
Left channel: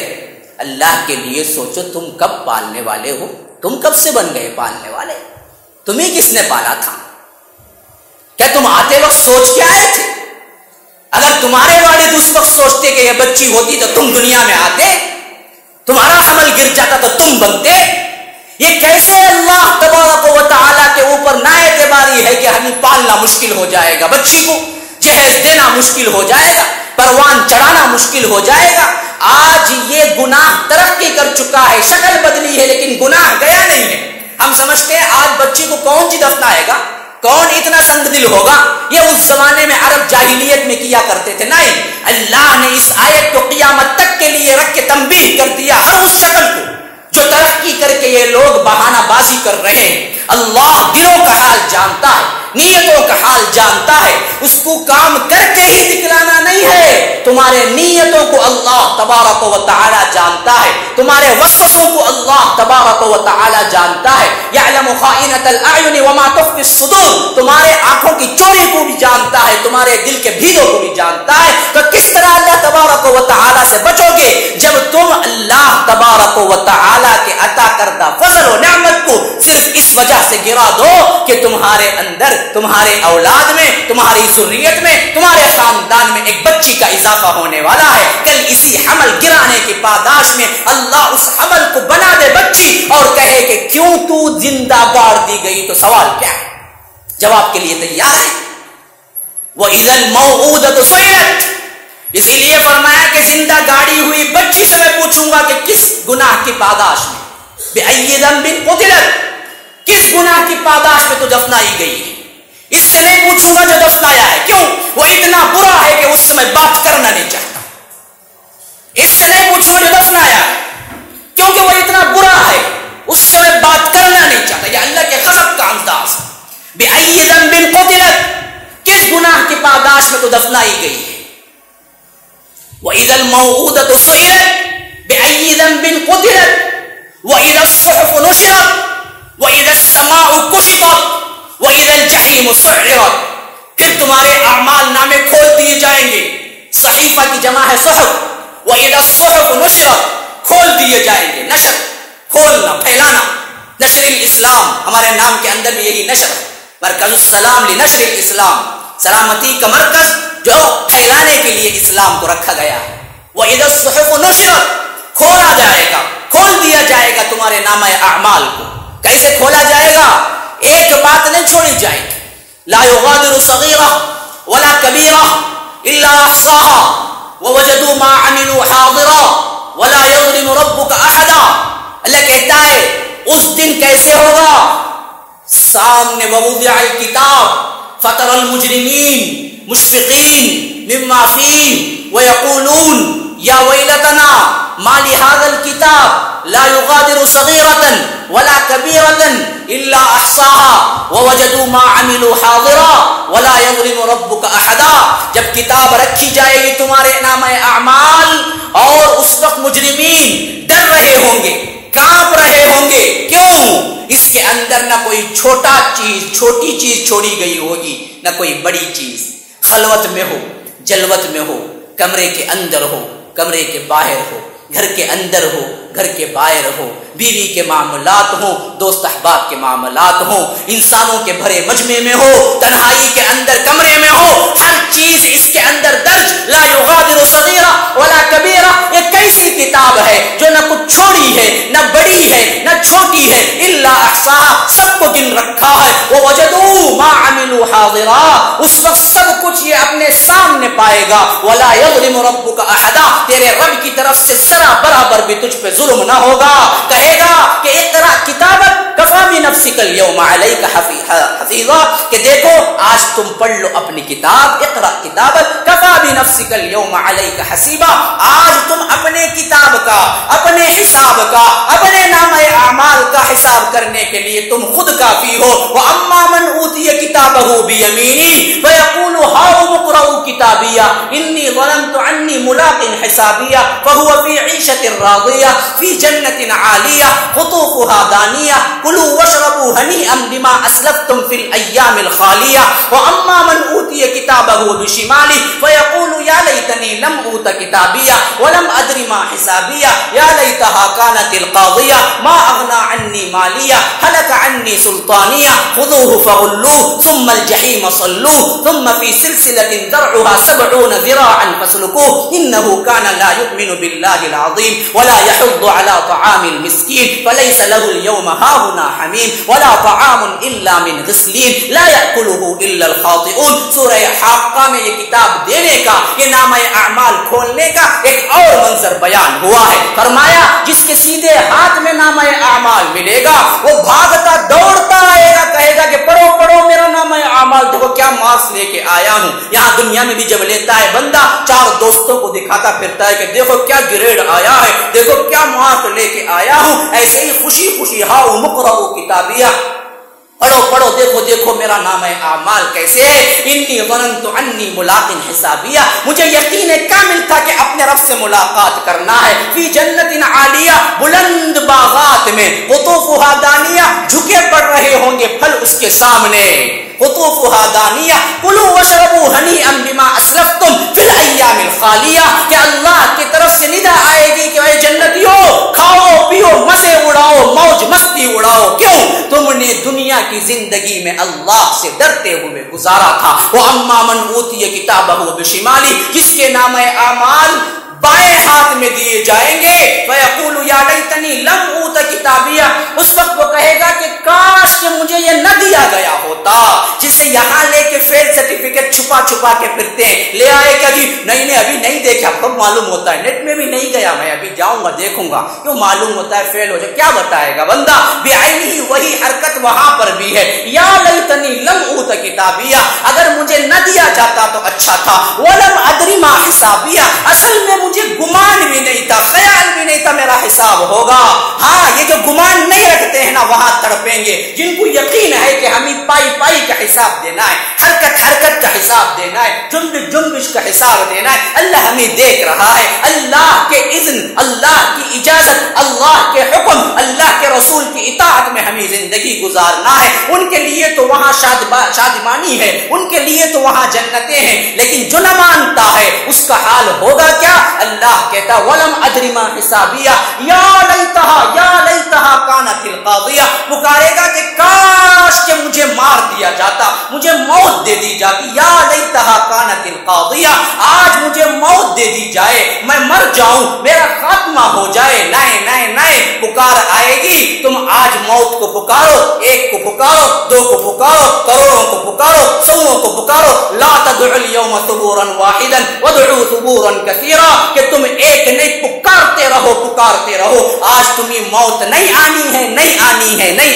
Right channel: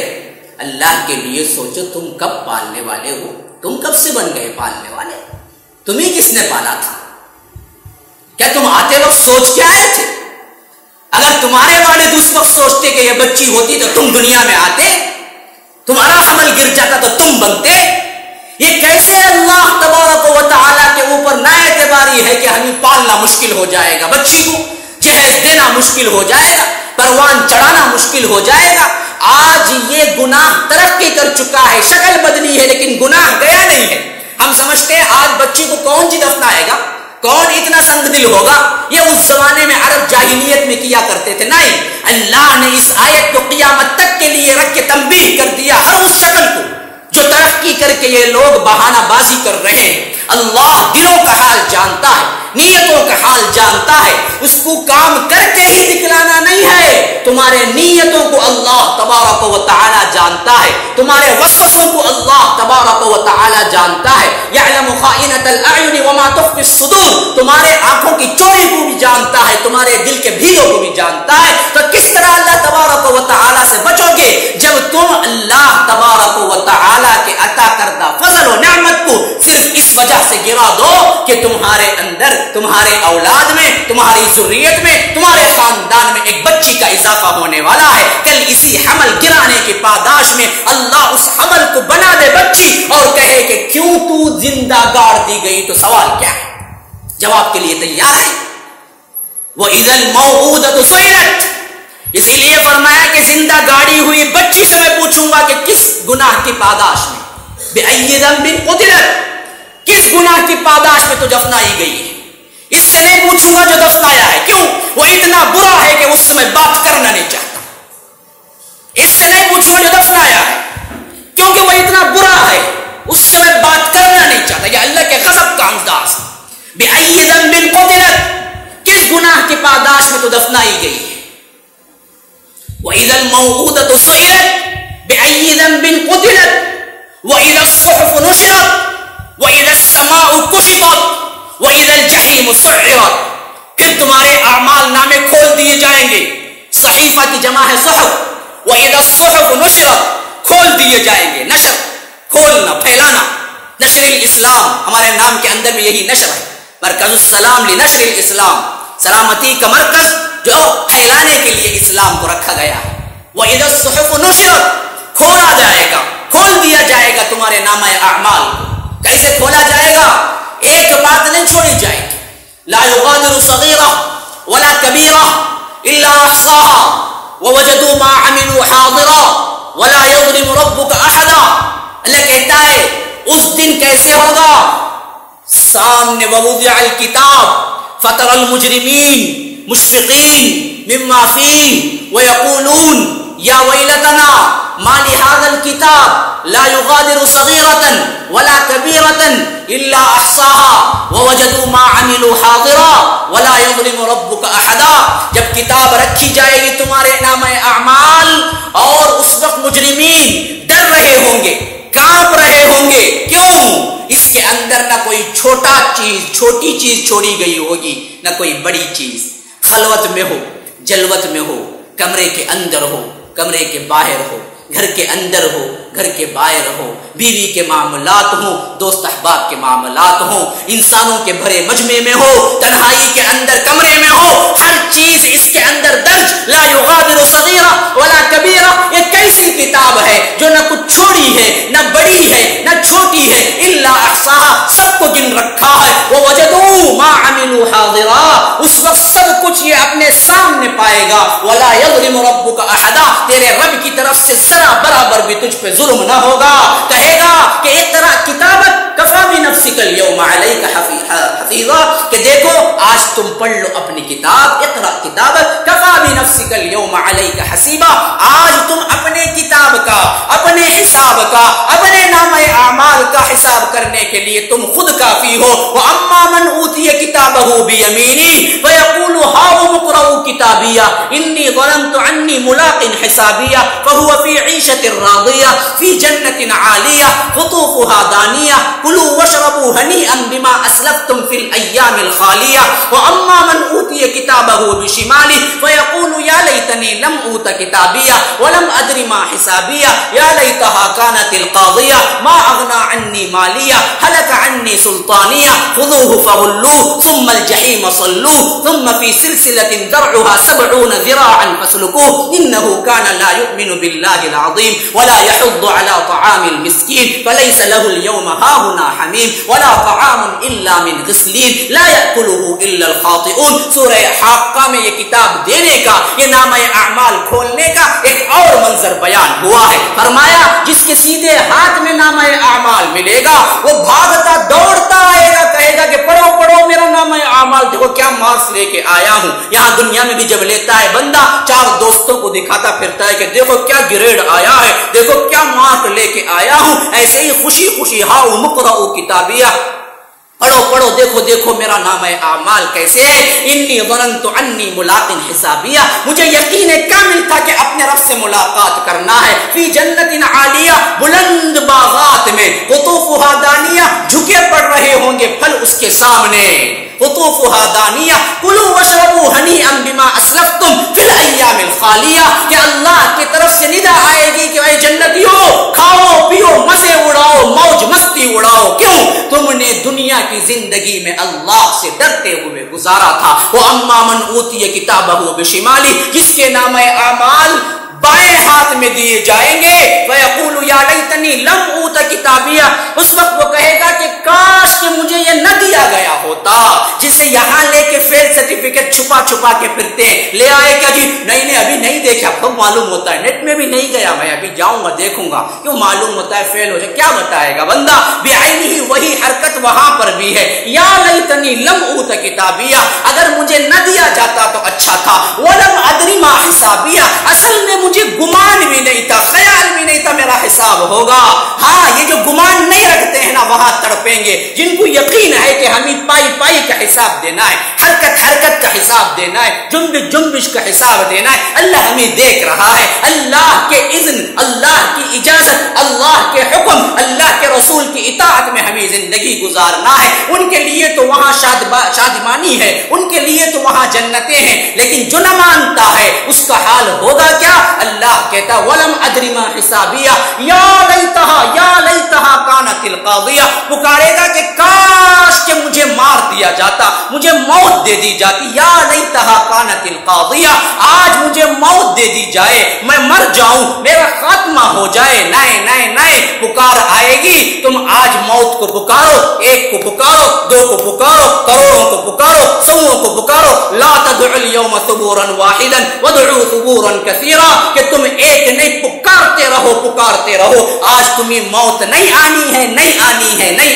اللہ کے لیے سوچو، تم کب پالنے والے ہو؟ تم کب سے بن گئے پالنے والے؟ تمہیں کس نے پالا تھا؟ کیا تم آتے وقت سوچ کے آئے تھے؟ اگر تمہارے والد اس وقت سوچتے کہ یہ بچی ہوتی تو تم دنیا میں آتے، تمہارا حمل گر جاتا تو تم بنتے؟ یہ کیسے اللہ تبارک و تعالیٰ کے اوپر نا اعتباری ہے کہ ہمیں پالنا مشکل ہو جائے گا، بچی کو جہیز دینا مشکل ہو جائے گا، پروان چڑھانا مشکل ہو جائے گا۔ آج یہ گناہ ترقی کر چکا ہے، شکل بدلی ہے لیکن گناہ گیا نہیں ہے۔ ہم سمجھتے ہیں آج بچی کو کون دفنائے گا، کون اتنا سنگ دل ہوگا، یہ اس زمانے میں عرب جاہلیت میں کیا کرتے تھے۔ نہیں، اللہ نے اس آیت کو قیامت تک کے لیے رکھ کے تنبیہ کر دیا ہر اس شکل کو جو ترقی کر کے یہ لوگ بہانہ بازی کر رہے ہیں۔ اللہ دلوں کا حال جانتا ہے، نیتوں کا حال جانتا ہے، اس کو کام کر کے ہی دکھلانا نہیں ہے۔ تمہارے نیتوں کو اللہ تبارک و تعالی جانتا ہے، تمہارے وسوسوں کو اللہ تبارک و تعالی جانتا ہے۔ یعلم خائنۃ الاعین وما تخفی الصدور، تمہارے آنکھوں کی چوری کو بھی جانتا ہے، تمہارے دل کے بھیدوں کو بھی جانتا ہے۔ تو کس طرح اللہ تبارک و تعالی سے بچو گے جب تم اللہ تبارک و تعالی کے عطا کردہ فضل و نعمت کو صرف اس وجہ سے گرا دو کہ تمہارے اندر، تمہارے اولاد میں، تمہاری ذریت میں، تمہارے خاندان میں ایک بچی کا اضافہ ہونے والا ہے۔ کل اسی حمل گرانے کی پاداش میں اللہ اس حمل کو بنا دے بچی اور کہے کہ کیوں تو زندہ گاڑ دی گئی، تو سوال کیا ہے؟ جواب کے لیے تیار ہے؟ وَإِذَا الْمَوْءُودَةُ سُئِلَتْ، اسی لیے فرمایا کہ زندہ گاڑی ہوئی بچی سے میں پوچھوں گا کہ کس گناہ کی پاداش میں، بِأَيِّ ذَنبٍ قُتِلَتْ، کس گناہ کی پاداش میں تو دفنائی گئی ہے۔ اس سے نہیں پوچھوں گا جو دفنایا ہے، کیوں؟ وہ اتنا برا ہے کہ اس سے میں بات کرنا نہیں چاہتا۔ اس سے نہیں پوچھوں گا جو دفنایا ہے، کیونکہ وہ اتنا برا ہے، اس سے میں بات کرنا نہیں چاہتا۔ یہ اللہ کے غضب کا انداز۔ بِأَيِّ ذَنبٍ قُتِلَتْ، کس گناہ کی پاداش میں تو دفنائی گئی ہے۔ وَإِذَا الْمَوْءُودَةُ سُئِلَتْ بِأَيِّ ذَنبٍ قُتِلَتْ وَإِذَا الصُّحُفُ نُشِرَتْ وَإِذَا السَّمَاءُ كُشِطَتْ وَإِذَا الْجَحِيمُ سُعِّرَتْ، پھر تمہارے اعمال نامے کھول دیے جائیں گے۔ صحیفہ کی جمع ہے صحف۔ وَإِذَا الصُّحُفُ نُشِرَتْ، کھول دیے جائیں گے۔ نشر، کھولنا، پھیلانا۔ نشر الاسلام، ہمارے نام کے اندر بھی یہی نشر ہے، مرکز السلام لنشر الاسلام، سلامتی کا مرکز جو پھیلانے کے لیے اسلام کو رکھا گیا ہے۔ وَإِذَا الصُّحُفُ نُشِرَتْ، کھولا جائے گا، کھول دیا جائے گا تمہارے نامہ اعمال کو۔ کیسے کھولا جائے گا؟ ایک بات نہیں چھوڑی جائے گی۔ لا يغادر صغيرة ولا كبيرة إلا أحصاها ووجدوا ما عملوا حاضرا ولا يظلم ربك أحدا۔ اللہ کہتا ہے اس دن کیسے ہوگا؟ سامنے ووضع الكتاب فترى المجرمين مشفقين مما فيه ويقولون يا ويلتنا ما لهذا الكتاب لا يغادر صغيرة ولا كبيرة إلا أحصاها ووجدوا ما عملوا حاضرا ولا يظلم ربك أحدا۔ جب کتاب رکھی جائے گی تمہارے نامہ اعمال، اور اس وقت مجرمین ڈر رہے ہوں گے، کانپ رہے ہوں گے۔ کیوں؟ اس کے اندر نہ کوئی چھوٹی چیز چھوڑی گئی ہوگی، نہ کوئی بڑی چیز۔ خلوت میں ہو، جلوت میں ہو، کمرے کے اندر ہو، کمرے کے باہر ہو، گھر کے اندر ہو، گھر کے باہر ہو، بیوی کے معاملات ہوں، دوست احباب کے معاملات ہوں، انسانوں کے بھرے مجمع میں ہو، تنہائی کے اندر کمرے میں ہو، ہر چیز اس کے اندر درج۔ لا یغادر صغیرہ ولا کبیرہ، یہ کیسی کتاب ہے جو نہ کچھ چھوڑی ہے، نہ بڑی ہے، نہ چھوٹی ہے، الا احصاها، سب کو گن رکھا ہے۔ ووجدوا ما عملوا حاضرا، اس وقت سب کچھ یہ اپنے سامنے پائے گا۔ ولا یظلم ربک احدا، تیرے رب کی طرف سے برابر بھی تجھ پہ ظلم نہ ہوگا۔ کہے گا کہ اقرا کتابک کفا بنفسک اليوم علیک حفیظا، کہ دیکھو آج تم پڑھ لو اپنی کتاب۔ اقرا کتابک کفا بنفسک اليوم علیک حسیبا، آج تم اپنے کتاب کا، اپنے حساب کا، اپنے نامہ اعمال کا حساب کرنے کے لیے تم خود کافی ہو۔ واما من اوتی کتابہ بیمینی فیقول ہاؤم اقرؤوا کتابیہ انی ظننت عنی ملاق حسابیہ فهو فی عیشۃ راضیہ فی جنۃ عالیہ قطوفها دانیہ کلوا واشربوا ہنیئا بما اسلفتم فی الایام الخالیہ۔ واما من اوتی کتابہ بشمالہ فیقول یا لیتنی لم اوت کتابیہ ولم ادر ما حسابیہ یا لیتها كانت القاضیہ ما اغنا عنی مالیہ ہلک عنی سلطانیہ خذوہ فغلوہ ثم الجحیم صلوہ ثم فی سلسلۃ ذرعها 70 ذراعا فاسلکوہ انہ کان لا یؤمن باللہ العظیم ولا يحض على طعام المسکین فلیس له اليوم ہاہنا حمیم ولا طعام الا من غسلین لا یأکلہ الا الخاطئون۔ سورہ حاقہ میں یہ کتاب دینے کا، یہ نامہ اعمال کھولنے کا ایک اور منظر بیان ہوا ہے۔ فرمایا جس کے سیدھے ہاتھ میں نامہ اعمال ملے گا وہ بھاگتا دوڑتا آئے گا، کہے گا کہ پڑھو پڑھو میرا نامہ اعمال، دیکھو کیا مارکس لے کے آیا ہوں۔ یہاں دنیا میں بھی جب لیتا ہے بندہ، چار دوستوں کو دکھاتا پھرتا ہے کہ دیکھو کیا گریڈ آیا ہے، دیکھو کیا مارک لے کے آیا ہوں۔ ایسے ہی خوشی خوشی ہاؤ مقرؤ کتابیہ، پڑھو پڑھو دیکھو دیکھو میرا نامہ اعمال کیسے ہے۔ انی ظننت انی ملاق حسابیہ، مجھے یقین کامل تھا کہ اپنے رب سے ملاقات کرنا ہے۔ فی جنت عالیہ، بلند باغات میں، قطوفها دانیہ، جھکے پڑ رہے ہوں گے پھل اس کے سامنے۔ قطوفها دانیہ کلوا واشربوا ہنیئا بما اسلفتم فی الایام الخالیہ، کہ اللہ کی طرف سے ندا آئے گی کہ اے جنتیوں کھاؤ پیو مزے اڑاؤ موج مستی اڑاؤ، کیوں؟ تم نے دنیا کی زندگی میں اللہ سے ڈرتے ہوئے گزارا تھا۔ وَأَمَّا مَنْ أُوتِيَ كِتَابَهُ بِشِمَالِهِ، جس کے نامہ اعمال بائیں ہاتھ میں دیے جائیں گے، فَيَقُولُ يَا لَيْتَنِي لَمْ أُوتَ كِتَابِيَهْ، اس وقت وہ کہے گا کہ کاش کہ مجھے یہ نہ دیا گیا ہوتا۔ جسے یہاں لے کے فیل سرٹیفکیٹ چھپا چھپا کے پھرتے ہیں، لے آئے کیا جی نہیں ابھی نہیں دیکھا، خود معلوم ہوتا ہے نیٹ میں بھی نہیں گیا، میں ابھی جاؤں گا دیکھوں گا، کیوں معلوم ہوتا ہے فیل ہو جائے، کیا بتائے گا بندہ؟ بعینہ وہی حرکت وہاں پر بھی ہے، یا لیتنی لم اوت کتابیہ، اگر مجھے نہ دیا جاتا تو اچھا تھا، ولم ادری ما حسابیہ، اصل میں مجھے گمان بھی نہیں تھا، خیال بھی نہیں تھا میرا حساب ہوگا۔ ہاں یہ جو گمان نہیں رکھتے ہیں نا وہاں تڑپیں گے، جن کو یقین ہے کہ ہمیں پائی پائی کا حساب دینا ہے، حرکت حرکت کا حساب دینا ہے، جنبش جنبش کا حساب دینا ہے، اللہ ہمیں دیکھ رہا ہے، اللہ کے اذن، اللہ کی اجازت، اللہ کے حکم، اللہ کے رسول کی اطاعت میں ہمیں زندگی گزارنا ہے۔ ان کے لیے تو وہاں شادمانی ہے، ان کے لیے تو وہاں جنتیں ہیں، لیکن جو نہ مانتا ہے اس کا حال ہوگا کیا؟ اللہ کہتا ولم ادری ما حسابیہ یا لیتہا کانت القاضیہ، پکارے گا کہ کاش کہ مجھے مار دیا جاتا، مجھے موت دے دی جاتی، یا لیتہا کانت القاضیہ، آج مجھے موت دے دی جائے، میں مر جاؤں، میرا خاتمہ ہو جائے۔ نئے پکار آئے گی، تم آج موت کو پکارو، ایک کو پکارو، دو کو پکارو، کروڑوں کو پکارو، سووں کو پکارو، لا تدعوا اليوم ثبورا واحدا وادعوا ثبورا كثيرا، کہ تم ایک نہیں پکارتے رہو، آج تمہیں موت نہیں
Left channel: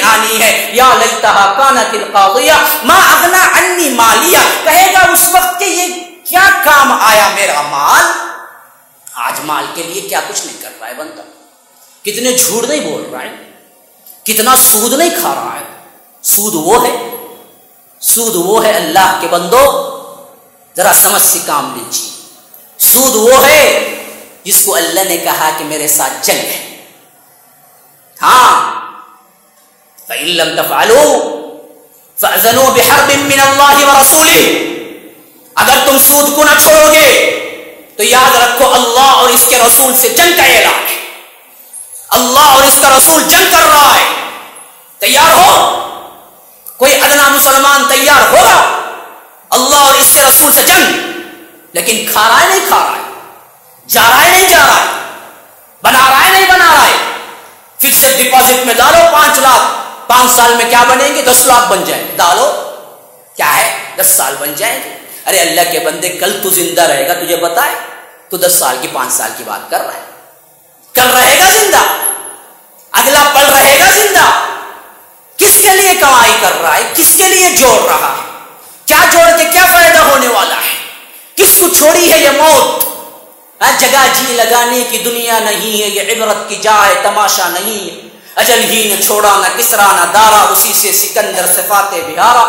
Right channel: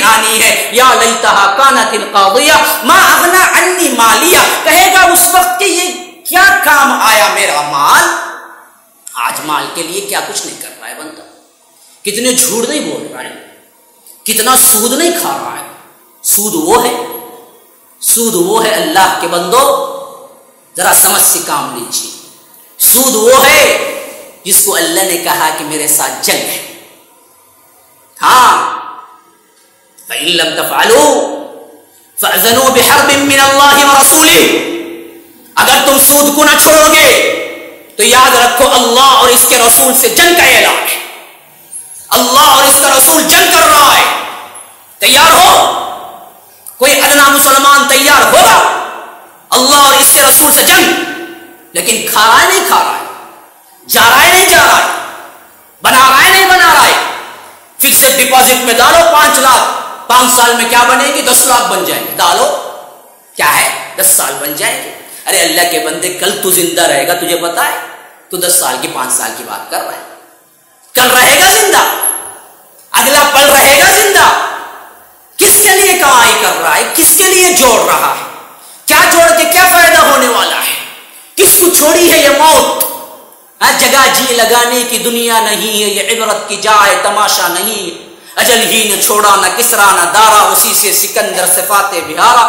آنی ہے۔ یا لیتہا کانت القاضیہ ما اغنا عنی مالیہ، کہے گا اس وقت کہ یہ کیا کام آیا میرا مال، آج مال کے لیے کیا کچھ نہیں کر رہا ہے بندہ، کتنے جھوٹ نہیں بول رہا ہے، کتنا سود نہیں کھا رہا ہے۔ سود وہ ہے اللہ کے بندو، ذرا سمجھ سے کام لیجیے، سود وہ ہے جس کو اللہ نے کہا کہ میرے ساتھ جنگ ہے۔ ہاں فَإِن لَمْ تَفْعَلُوا فَأْذَنُوا بِحَرْبٍ مِّنَ اللَّهِ وَرَسُولِهِ، اگر تم سود کو نہ چھوڑو گے تو یاد رکھو اللہ اور اس کے رسول سے جنگ کا اعلان ہے، اللہ اور اس کا رسول جنگ کر رہا ہے، تیار ہو؟ کوئی ادنا مسلمان تیار ہوگا اللہ اور اس کے رسول سے جنگ؟ لیکن کھا رہا ہے نہیں کھا رہا ہے، جا رہا ہے نہیں جا رہا ہے، بنا رہا ہے نہیں بنا رہا ہے۔ فکسڈ ڈپازٹ میں ڈالو 5 لاکھ، 5 سال میں کیا بنیں گے؟ 10 لاکھ بن جائیں گے، ڈالو کیا ہے 10 سال بن جائیں گے۔ ارے اللہ کے بندے کل تو زندہ رہے گا، تجھے پتا ہے؟ تو 10 سال کی 5 سال کی بات کر رہا ہے، کل رہے گا زندہ، اگلا پل رہے گا زندہ۔ کس کے لیے کمائی کر رہا ہے؟ کس کے لیے جوڑ رہا ہے؟ کیا جوڑ کے کیا فائدہ ہونے والا ہے؟ کس کو چھوڑی ہے یہ موت؟ جگہ جی لگانے کی دنیا نہیں ہے، یہ عبرت کی جا ہے، تماشا نہیں ہے۔ اجل ہی نے چھوڑا نہ کسرا نہ دارا، اسی سے سکندر صفات بہارا،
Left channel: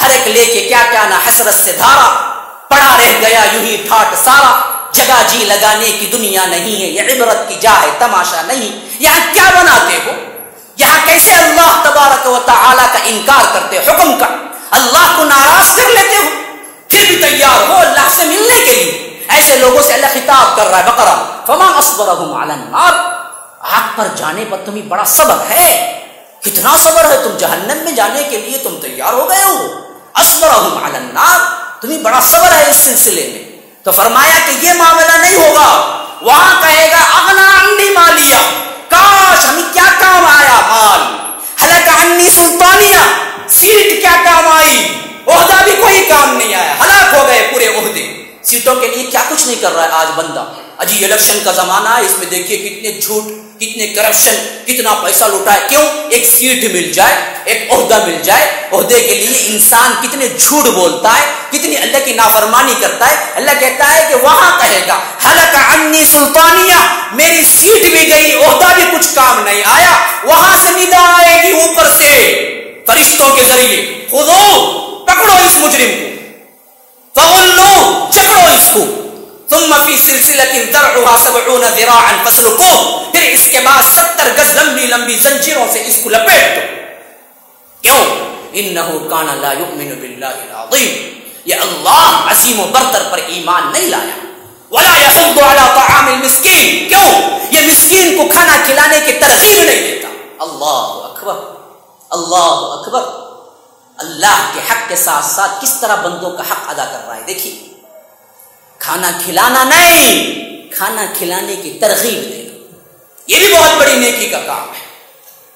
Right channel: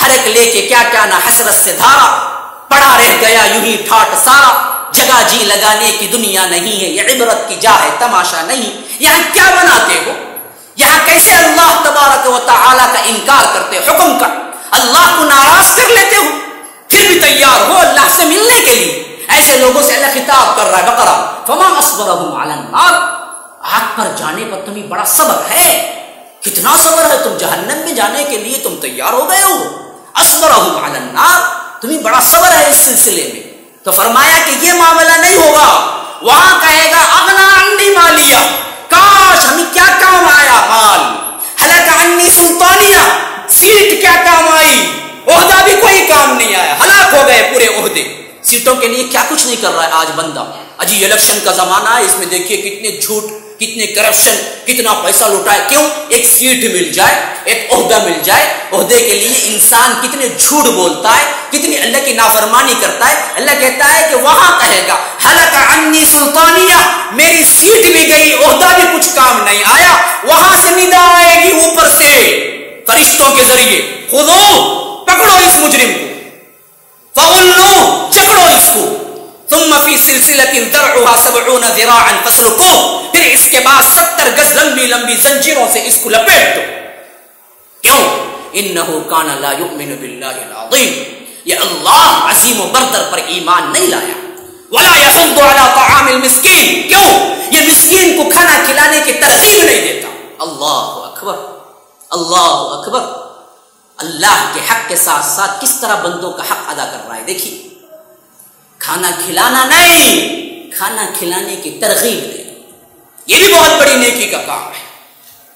ہر ایک لے کے کیا کیا نہ حسرت سے دھارا، پڑا رہ گیا یوں ہی ٹھاٹ سارا۔ جگہ جی لگانے کی دنیا نہیں ہے، یہ عبرت کی جا ہے، تماشا نہیں۔ یہاں کیا بناتے ہو؟ یہاں کیسے اللہ تبارک و تعالی کا انکار کرتے ہو، حکم کا اللہ کو ناراض کر لیتے ہو، پھر بھی تیار ہو اللہ سے ملنے کے لیے۔ ایسے لوگوں سے اللہ خطاب کر رہا ہے بقرہ، فما اصبرهم علی النار، آگ پر جانے پر تمہیں بڑا صبر ہے. کتنا صبر ہے؟ تم جہنم میں جانے کے لیے تم تیار ہو گئے ہو. اصبرہم علی النار، تمہیں بڑا صبر ہے اس سلسلے میں. تو فرمایا کہ یہ معاملہ نہیں ہوگا. وہاں کہے گا اغنا عنی مالیہ، کاش ہمیں کیا کام آیا مال. ہلک عنی سلطانیہ، سیٹ کیا کام آئی. عہدہ بھی کوئی کام نہیں آیا، ہلاک ہو گئے پورے عہدے. سیٹوں کے لیے کیا کچھ نہیں کر رہا ہے آج بندہ. اجی الیکشن کا زمانہ ہے، اس میں دیکھیے کتنے جھوٹ، کتنے کرپشن، کتنا پیسہ لوٹا ہے. کیوں؟ ایک سیٹ مل جائے، ایک عہدہ مل جائے. عہدے کے لیے انسان کتنے جھوٹ بولتا ہے، کتنی اللہ کی نافرمانی کرتا ہے. اللہ کہتا ہے کہ وہاں کہے گا ہلک عنی سلطانیہ، میری سیٹ بھی گئی، عہدہ بھی کچھ کام نہیں آیا. وہاں سے ندا آئے گی اوپر سے فرشتوں کے ذریعے، خذو، پکڑو اس مجرم کو، فغلو، جکڑو اس کو. ثم فی سلسلۃ ذرعها 70 ذراعا فاسلکوہ، پھر اس کے بعد 70 گز لمبی لمبی زنجیروں سے اس کو لپیٹ دو. کیوں؟ انہ کان لا یؤمن باللہ العظیم، یہ اللہ عظیم و برتر پر ایمان نہیں لایا. ولا یحض علی طعام المسکین، کیوں؟ یہ مسکین کو کھانا کھلانے کی ترغیب نہیں دیتا. اللہ اکبر، اللہ اکبر. اللہ کے حق کے ساتھ ساتھ کس طرح بندوں کا حق ادا کر رہا ہے. دیکھیے، کھانا کھلانا نہیں، کھانا کھلانے کی ترغیب دینا، یہ بھی بہت بڑی نیکی کا کام ہے.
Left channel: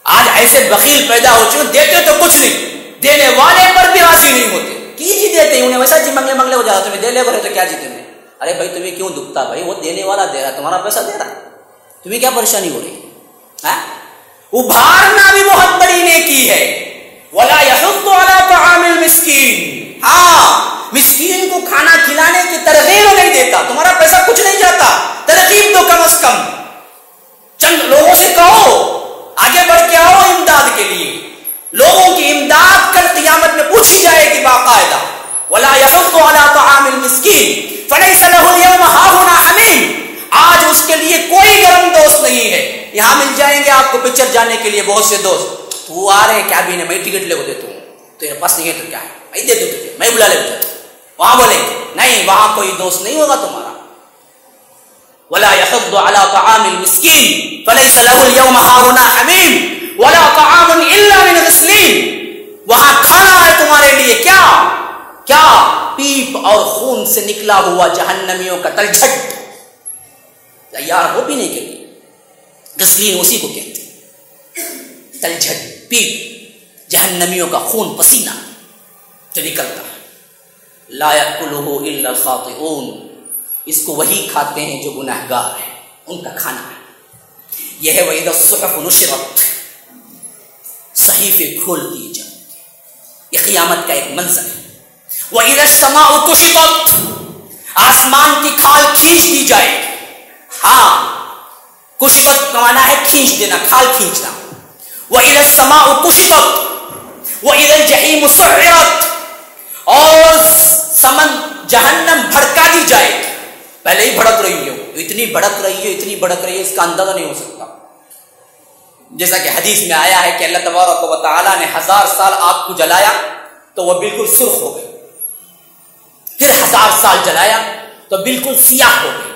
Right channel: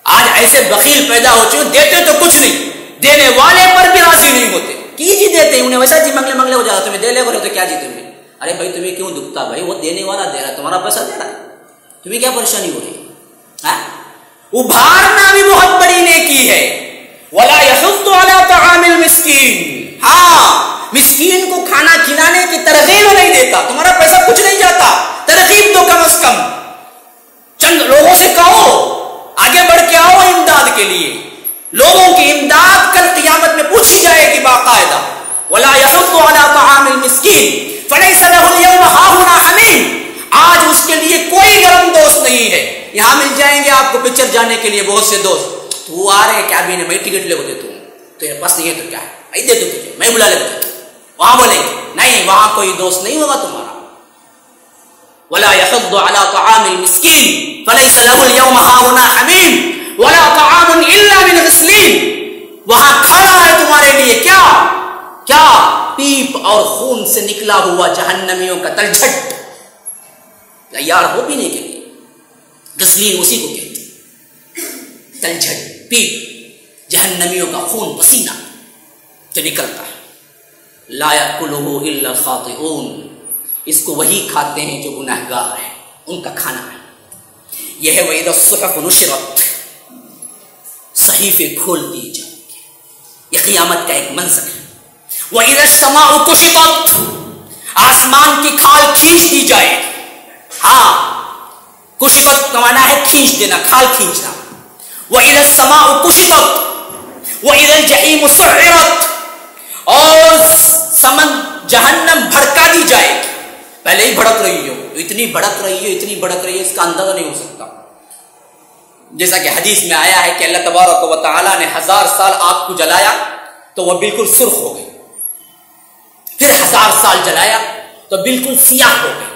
آج ایسے بخیل پیدا ہو چکے، دیتے تو کچھ نہیں، دینے والے پر بھی راضی نہیں ہوتے. کی جی دیتے انہیں ویسا جی منگلے منگلے ہو جاتا، تمہیں دے لے بولے تو کیا جی تمہیں. ارے بھائی تمہیں کیوں دکھتا بھائی، وہ دینے والا دے رہا ہے، تمہارا پیسہ دے رہا ہے، تمہیں کیا پریشانی ہو رہی ہے. ابھارنا بھی بہت بڑی نیکی ہے. ولا یحض علی طعام المسکین، ہاں مسکین کو کھانا کھلانے کی ترغیب نہیں دیتا. تمہارا پیسہ کچھ نہیں جاتا، ترغیب دو کم از کم. چند لوگوں سے کہو آگے بڑھ کے آؤ امداد کے لیے. لوگوں کی امداد کل قیامت میں پوچھی جائے گی باقاعدہ. ولا یحض علی طعام المسکین فلیس لہ اليوم ہاہنا حمیم، آج اس کے لیے کوئی گرم دوست نہیں ہے. یہاں مل جائیں گے آپ کو پکچر جانے کے لیے بہت سے دوست. تو آ رہے ہیں کیا بھی نہیں، میں ٹکٹ لے کو دیتا ہوں، تیرے پاس نہیں ہے تو کیا ہے، میں دے دوں تجھے، میں بلا لے تجھے. وہاں بولیں گے نہیں، وہاں کوئی دوست نہیں ہوگا تمہارا. ولا يحض على طعام المسكين فليس له اليوم هاهنا حميم ولا طعام الا من غسلين، وہاں کھانا ہے تمہارے لیے کیا کیا پیپ اور خون سے نکلا ہوا جہنمیوں کا تلجھٹ تیار ہو پینے کے لیے. غسلین اسی کو کہتے ہیں، تلجھٹ، پیپ، جہنمیوں کا خون پسینہ جو نکلتا ہے. لا یأکلہ الا الخاطئون، اس کو وہی کھاتے ہیں جو گناہگار ہیں، ان کا کھانا ہے. یہ ہے وَإِذَا الصُّحُفُ نُشِرَتْ، صحیفے کھول دیے جائیں گے. یہ قیامت کا ایک منظر ہے. وَإِذَا السَّمَاءُ كُشِطَتْ، آسمان کی کھال کھینچ دی جائے گی. ہاں، کشطت کا معنی ہے کھینچ دینا، کھال کھینچنا. وَإِذَا السَّمَاءُ كُشِطَتْ وَإِذَا الْجَحِيمُ سُعِّرَتْ، اور جہنم بھڑکا دی جائے گی. پہلے ہی بھڑک رہی ہے، اتنی بھڑک رہی ہے، اتنی بھڑک رہی ہے، اس کا اندازہ نہیں ہو سکتا. جیسا کہ حدیث میں آیا ہے کہ اللہ تبارک و تعالیٰ نے 1000 سال آگ کو جلایا تو وہ بالکل سرخ ہو گئی، پھر 1000 سال جلایا تو بالکل سیاہ ہو گئی،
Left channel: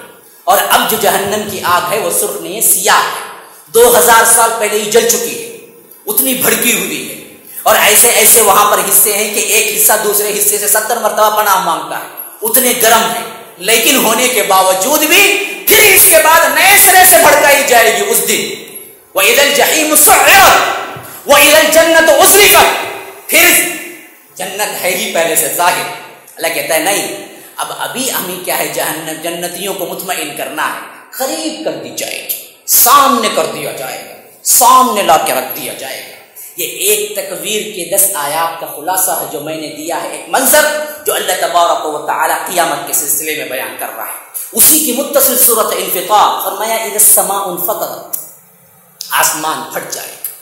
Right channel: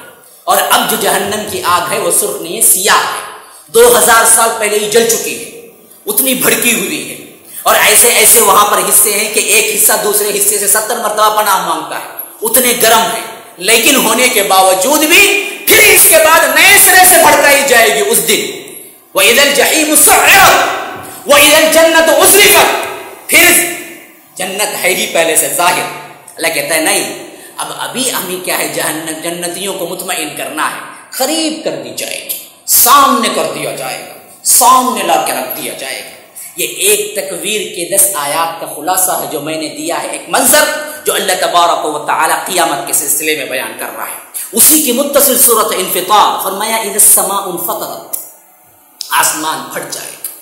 اور اب جو جہنم کی آگ ہے وہ سرخ نہیں ہے، سیاہ ہے. 2000 سال پہلے ہی جل چکی ہے، اتنی بھڑکی ہوئی ہے. اور ایسے ایسے وہاں پر حصے ہیں کہ ایک حصہ دوسرے حصے سے 70 مرتبہ پناہ مانگتا ہے، اتنے گرم ہے. لیکن ہونے کے باوجود بھی پھر اس کے بعد نئے سرے سے بھڑکائی جائے گی اس دن. وَإِذَا الْجَحِيمُ سُعِّرَتْ وَإِذَا الْجَنَّةُ أُزْلِفَتْ، پھر جنت ہے ہی پہلے سے ظاہر. اللہ کہتا ہے نہیں، ابھی ہمیں کیا ہے، جنتیوں کو مطمئن کرنا ہے. قریب کر دی جائے گی، سامنے کر دیا جائے گا، سامنے لا کے رکھ دیا جائے گا. یہ ایک تکویر کے 10 آیات کا خلاصہ ہے جو میں نے دیا ہے، ایک منظر جو اللہ تبارک و تعالی قیامت کے سلسلے میں بیان کر رہا ہے. اسی کی متصل صورت انفطار، فرمایا اذا السماء انفطرت، آسمان پھٹ جائے گا.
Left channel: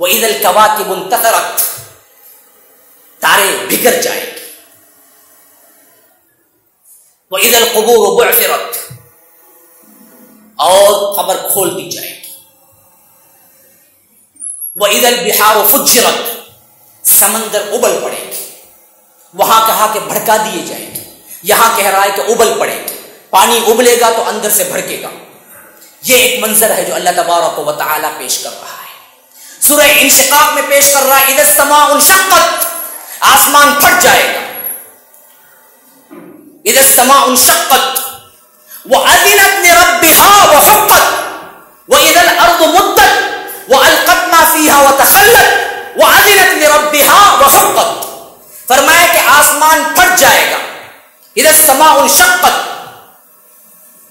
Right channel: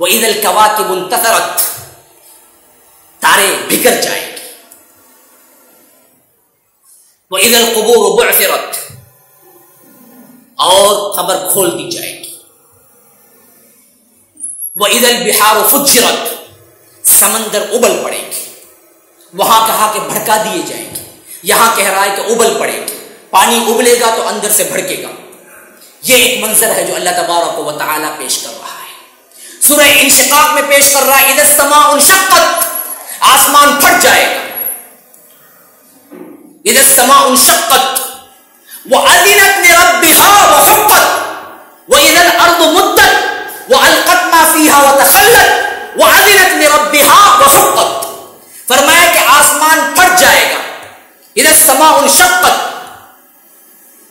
واذا الكواكب انتثرت، تارے بکھر جائے گی. واذا القبور بعثرت، اور قبر کھول دی جائے گی. وَإِذَا الْبِحَارُ فُجِّرَتْ، سمندر ابل پڑے گی. وہاں کہا کہ بھڑکا دیے جائیں گے، یہاں کہہ رہا ہے کہ ابل پڑے گی. پانی ابلے گا تو اندر سے بھڑکے گا. یہ ایک منظر ہے جو اللہ تبارک و تعالی پیش کر رہا ہے. سورہ انشقاق میں پیش کر رہا ہے اذا السماء انشقت، آسمان پھٹ جائے گا. اذا السماء انشقت وأذنت لربها وحقت وإذا الأرض مدت وألقت ما فيها وتخلت وأذنت لربها وحقت. فرمایا کہ آسمان پھٹ جائے گا. اذا السماء انشقت،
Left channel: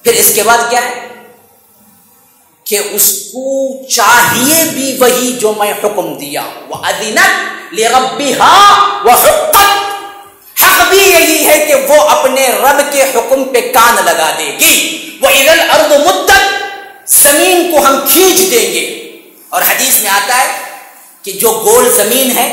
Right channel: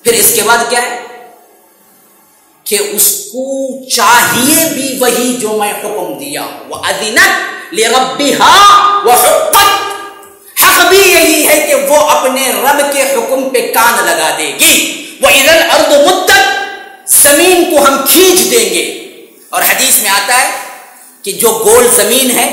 پھر اس کے بعد کیا ہے کہ اس کو چاہیے بھی وہی جو میں حکم دیا. وَأَذِنَتْ لِرَبِّهَا وَحُقَّتْ، حق بھی یہی ہے کہ وہ اپنے رب کے حکم پہ کان لگا دے گی. وَإِذَا الْأَرْضُ مُدَّتْ، زمین کو ہم کھینچ دیں گے. اور حدیث میں آتا ہے کہ جو گول زمین ہے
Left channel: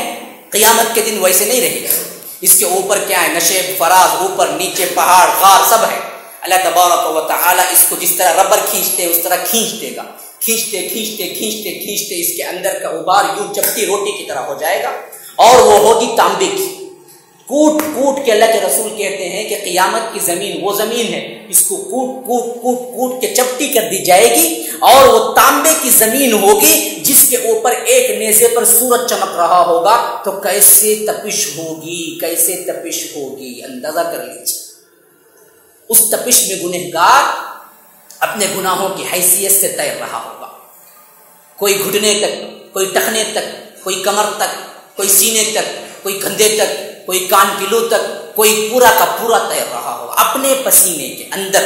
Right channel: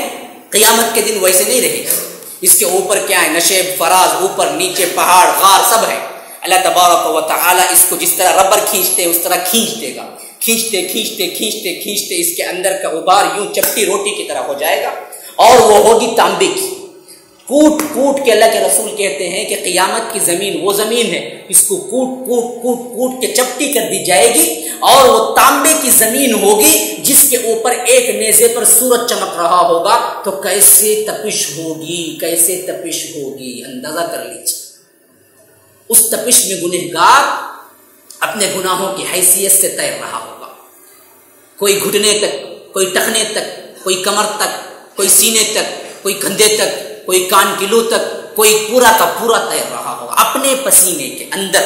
قیامت کے دن ویسے نہیں رہے گی. اس کے اوپر کیا ہے؟ نشیب فراز، اوپر نیچے پہاڑ غار سب ہے. اللہ تبارک و تعالی اس کو جس طرح ربر کھینچتے ہیں اس طرح کھینچ دے گا. کھینچتے کھینچتے کھینچتے کھینچتے اس کے اندر کا غبار یوں چپٹی روٹی کی طرح ہو جائے گا اور وہ ہوگی تانبے کی. کوٹ کوٹ کے اللہ کے رسول کہتے ہیں کہ قیامت کی زمین وہ زمین ہے، اس کو کوٹ کوٹ کوٹ کوٹ کے چپٹی کر دی جائے گی اور وہ تانبے کی زمین ہوگی جس کے اوپر ایک نیزے پر سورج چمک رہا ہوگا. تو کیسے تپش ہوگی، کیسے تپش ہوگی، اندازہ کر لیجیے. اس تپش میں گنہگار اپنے گناہوں کی حیثیت سے تیر رہا ہوگا. کوئی گھٹنے تک، کوئی ٹخنے تک، کوئی کمر تک، کوئی سینے تک، کوئی کندھے تک، کوئی کان کی لو تک، کوئی پورا کا پورا تیر رہا ہوگا اپنے پسینے کے اندر.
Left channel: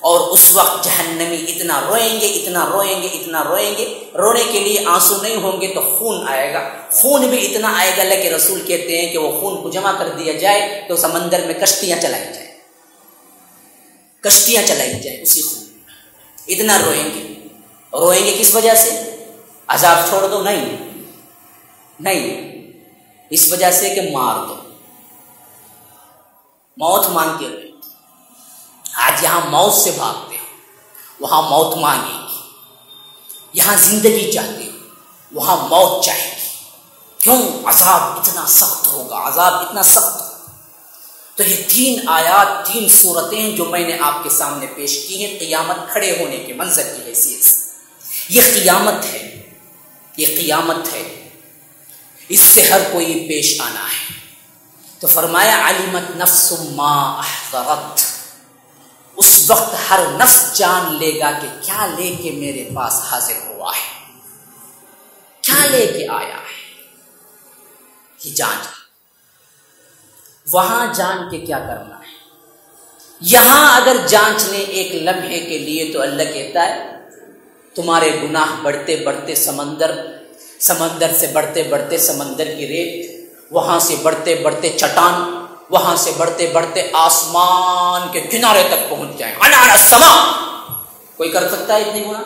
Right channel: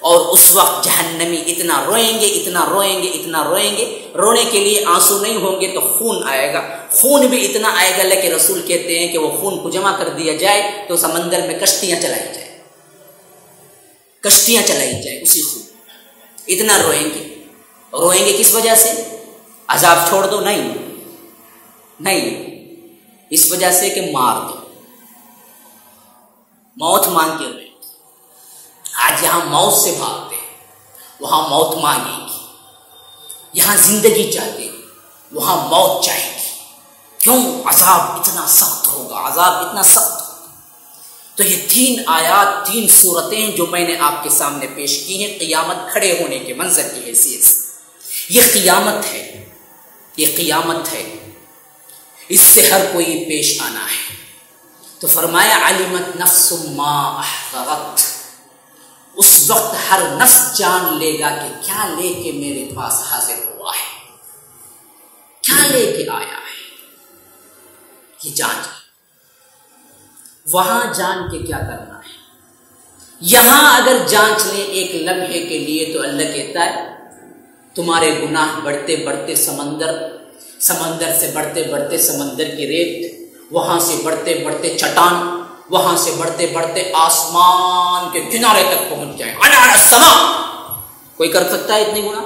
اور اس وقت جہنمی اتنا روئیں گے، اتنا روئیں گے، اتنا روئیں گے. رونے کے لیے آنسو نہیں ہوں گے تو خون آئے گا. خون بھی اتنا آئے گا، اللہ کے رسول کہتے ہیں کہ وہ خون کو جمع کر دیا جائے تو سمندر میں کشتیاں چلائی جائیں، کشتیاں چلائی جائیں اسی خون. اتنا روئیں گے. روئیں گے کس وجہ سے؟ عذاب چھوڑ دو؟ نہیں نہیں، اس وجہ سے کہ مار دو. موت مانگ کے روئیں. آج یہاں موت سے بھاگتے ہو، وہاں موت مانگے گی. یہاں زندگی چاہتے ہو، وہاں موت چاہے گی. کیوں؟ عذاب اتنا سخت ہوگا، عذاب اتنا سخت ہوگا. تو یہ 3 آیات، 3 صورتیں جو میں نے آپ کے سامنے پیش کی ہیں قیامت کھڑے ہونے کے منظر کی حیثیت سے. یہ قیامت ہے، یہ قیامت ہے، اس سے ہر کوئی پیش آنا ہے. تو فرمایا علمت نفس ما احضرت، اس وقت ہر نفس جان لے گا کہ کیا لے کے میرے پاس حاضر ہوا ہے، کیا لے کے آیا ہے. یہ جان لے. وہاں جان کے کیا کرنا ہے؟ یہاں اگر جانچ لیں ایک لمحے کے لیے تو اللہ کہتا ہے تمہارے گناہ بڑھتے بڑھتے سمندر، سمندر سے بڑھتے بڑھتے سمندر کی ریت، وہاں سے بڑھتے بڑھتے چٹان، وہاں سے بڑھتے بڑھتے آسمان کے کنارے تک پہنچ جائیں. انار السماء. کوئی کر سکتا ہے اتنے گناہ؟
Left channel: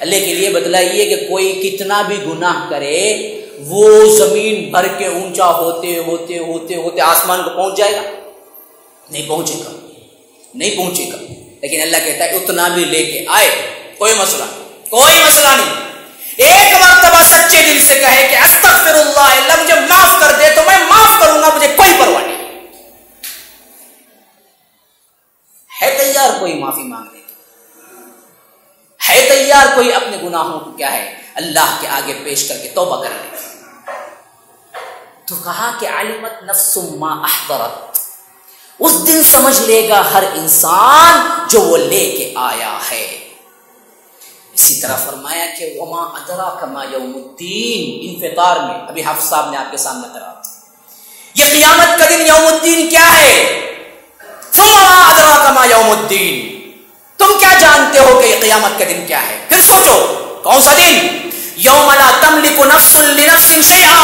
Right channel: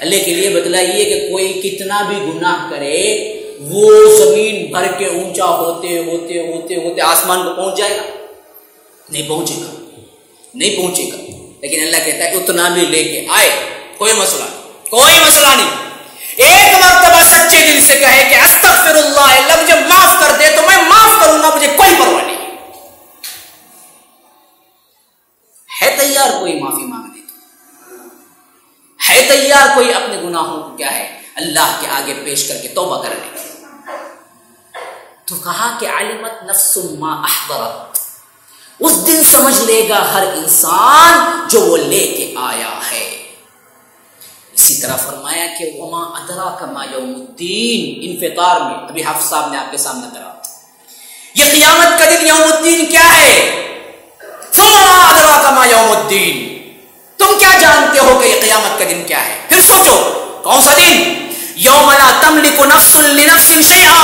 اللہ کے لیے بتلائیے کہ کوئی کتنا بھی گناہ کرے وہ زمین بھر کے اونچا ہوتے ہوتے ہوتے ہوتے آسمان کو پہنچ جائے گا؟ نہیں پہنچے گا، نہیں پہنچے گا. لیکن اللہ کہتا ہے اتنا بھی لے کے آئے، کوئی مسئلہ نہیں، کوئی مسئلہ نہیں. ایک مرتبہ سچے دل سے کہے کہ استغفر اللہ، اللہ مجھے معاف کر دے تو میں معاف کروں گا، مجھے کوئی پرواہ نہیں. ہے تیار کوئی معافی مانگنے کی؟ ہے تیار کوئی اپنے گناہوں کو کیا ہے اللہ کے آگے پیش کر کے توبہ کرنے کی؟ تو کہا کہ علمت نفس ما احضرت، اس دن سمجھ لے گا ہر انسان جو وہ لے کے آیا ہے. اسی طرح فرمایا کہ وما ادراک ما یوم الدین، انفطار میں ابھی حافظ صاحب نے آپ کے سامنے کرا. یہ قیامت کا دن یوم الدین کیا ہے؟ ثم ما ادراک ما یوم الدین، تم کیا جانتے ہو کہ یہ قیامت کا دن کیا ہے؟ پھر سوچو کون سا دن؟ یوم لا تملک نفس لنفس شیئا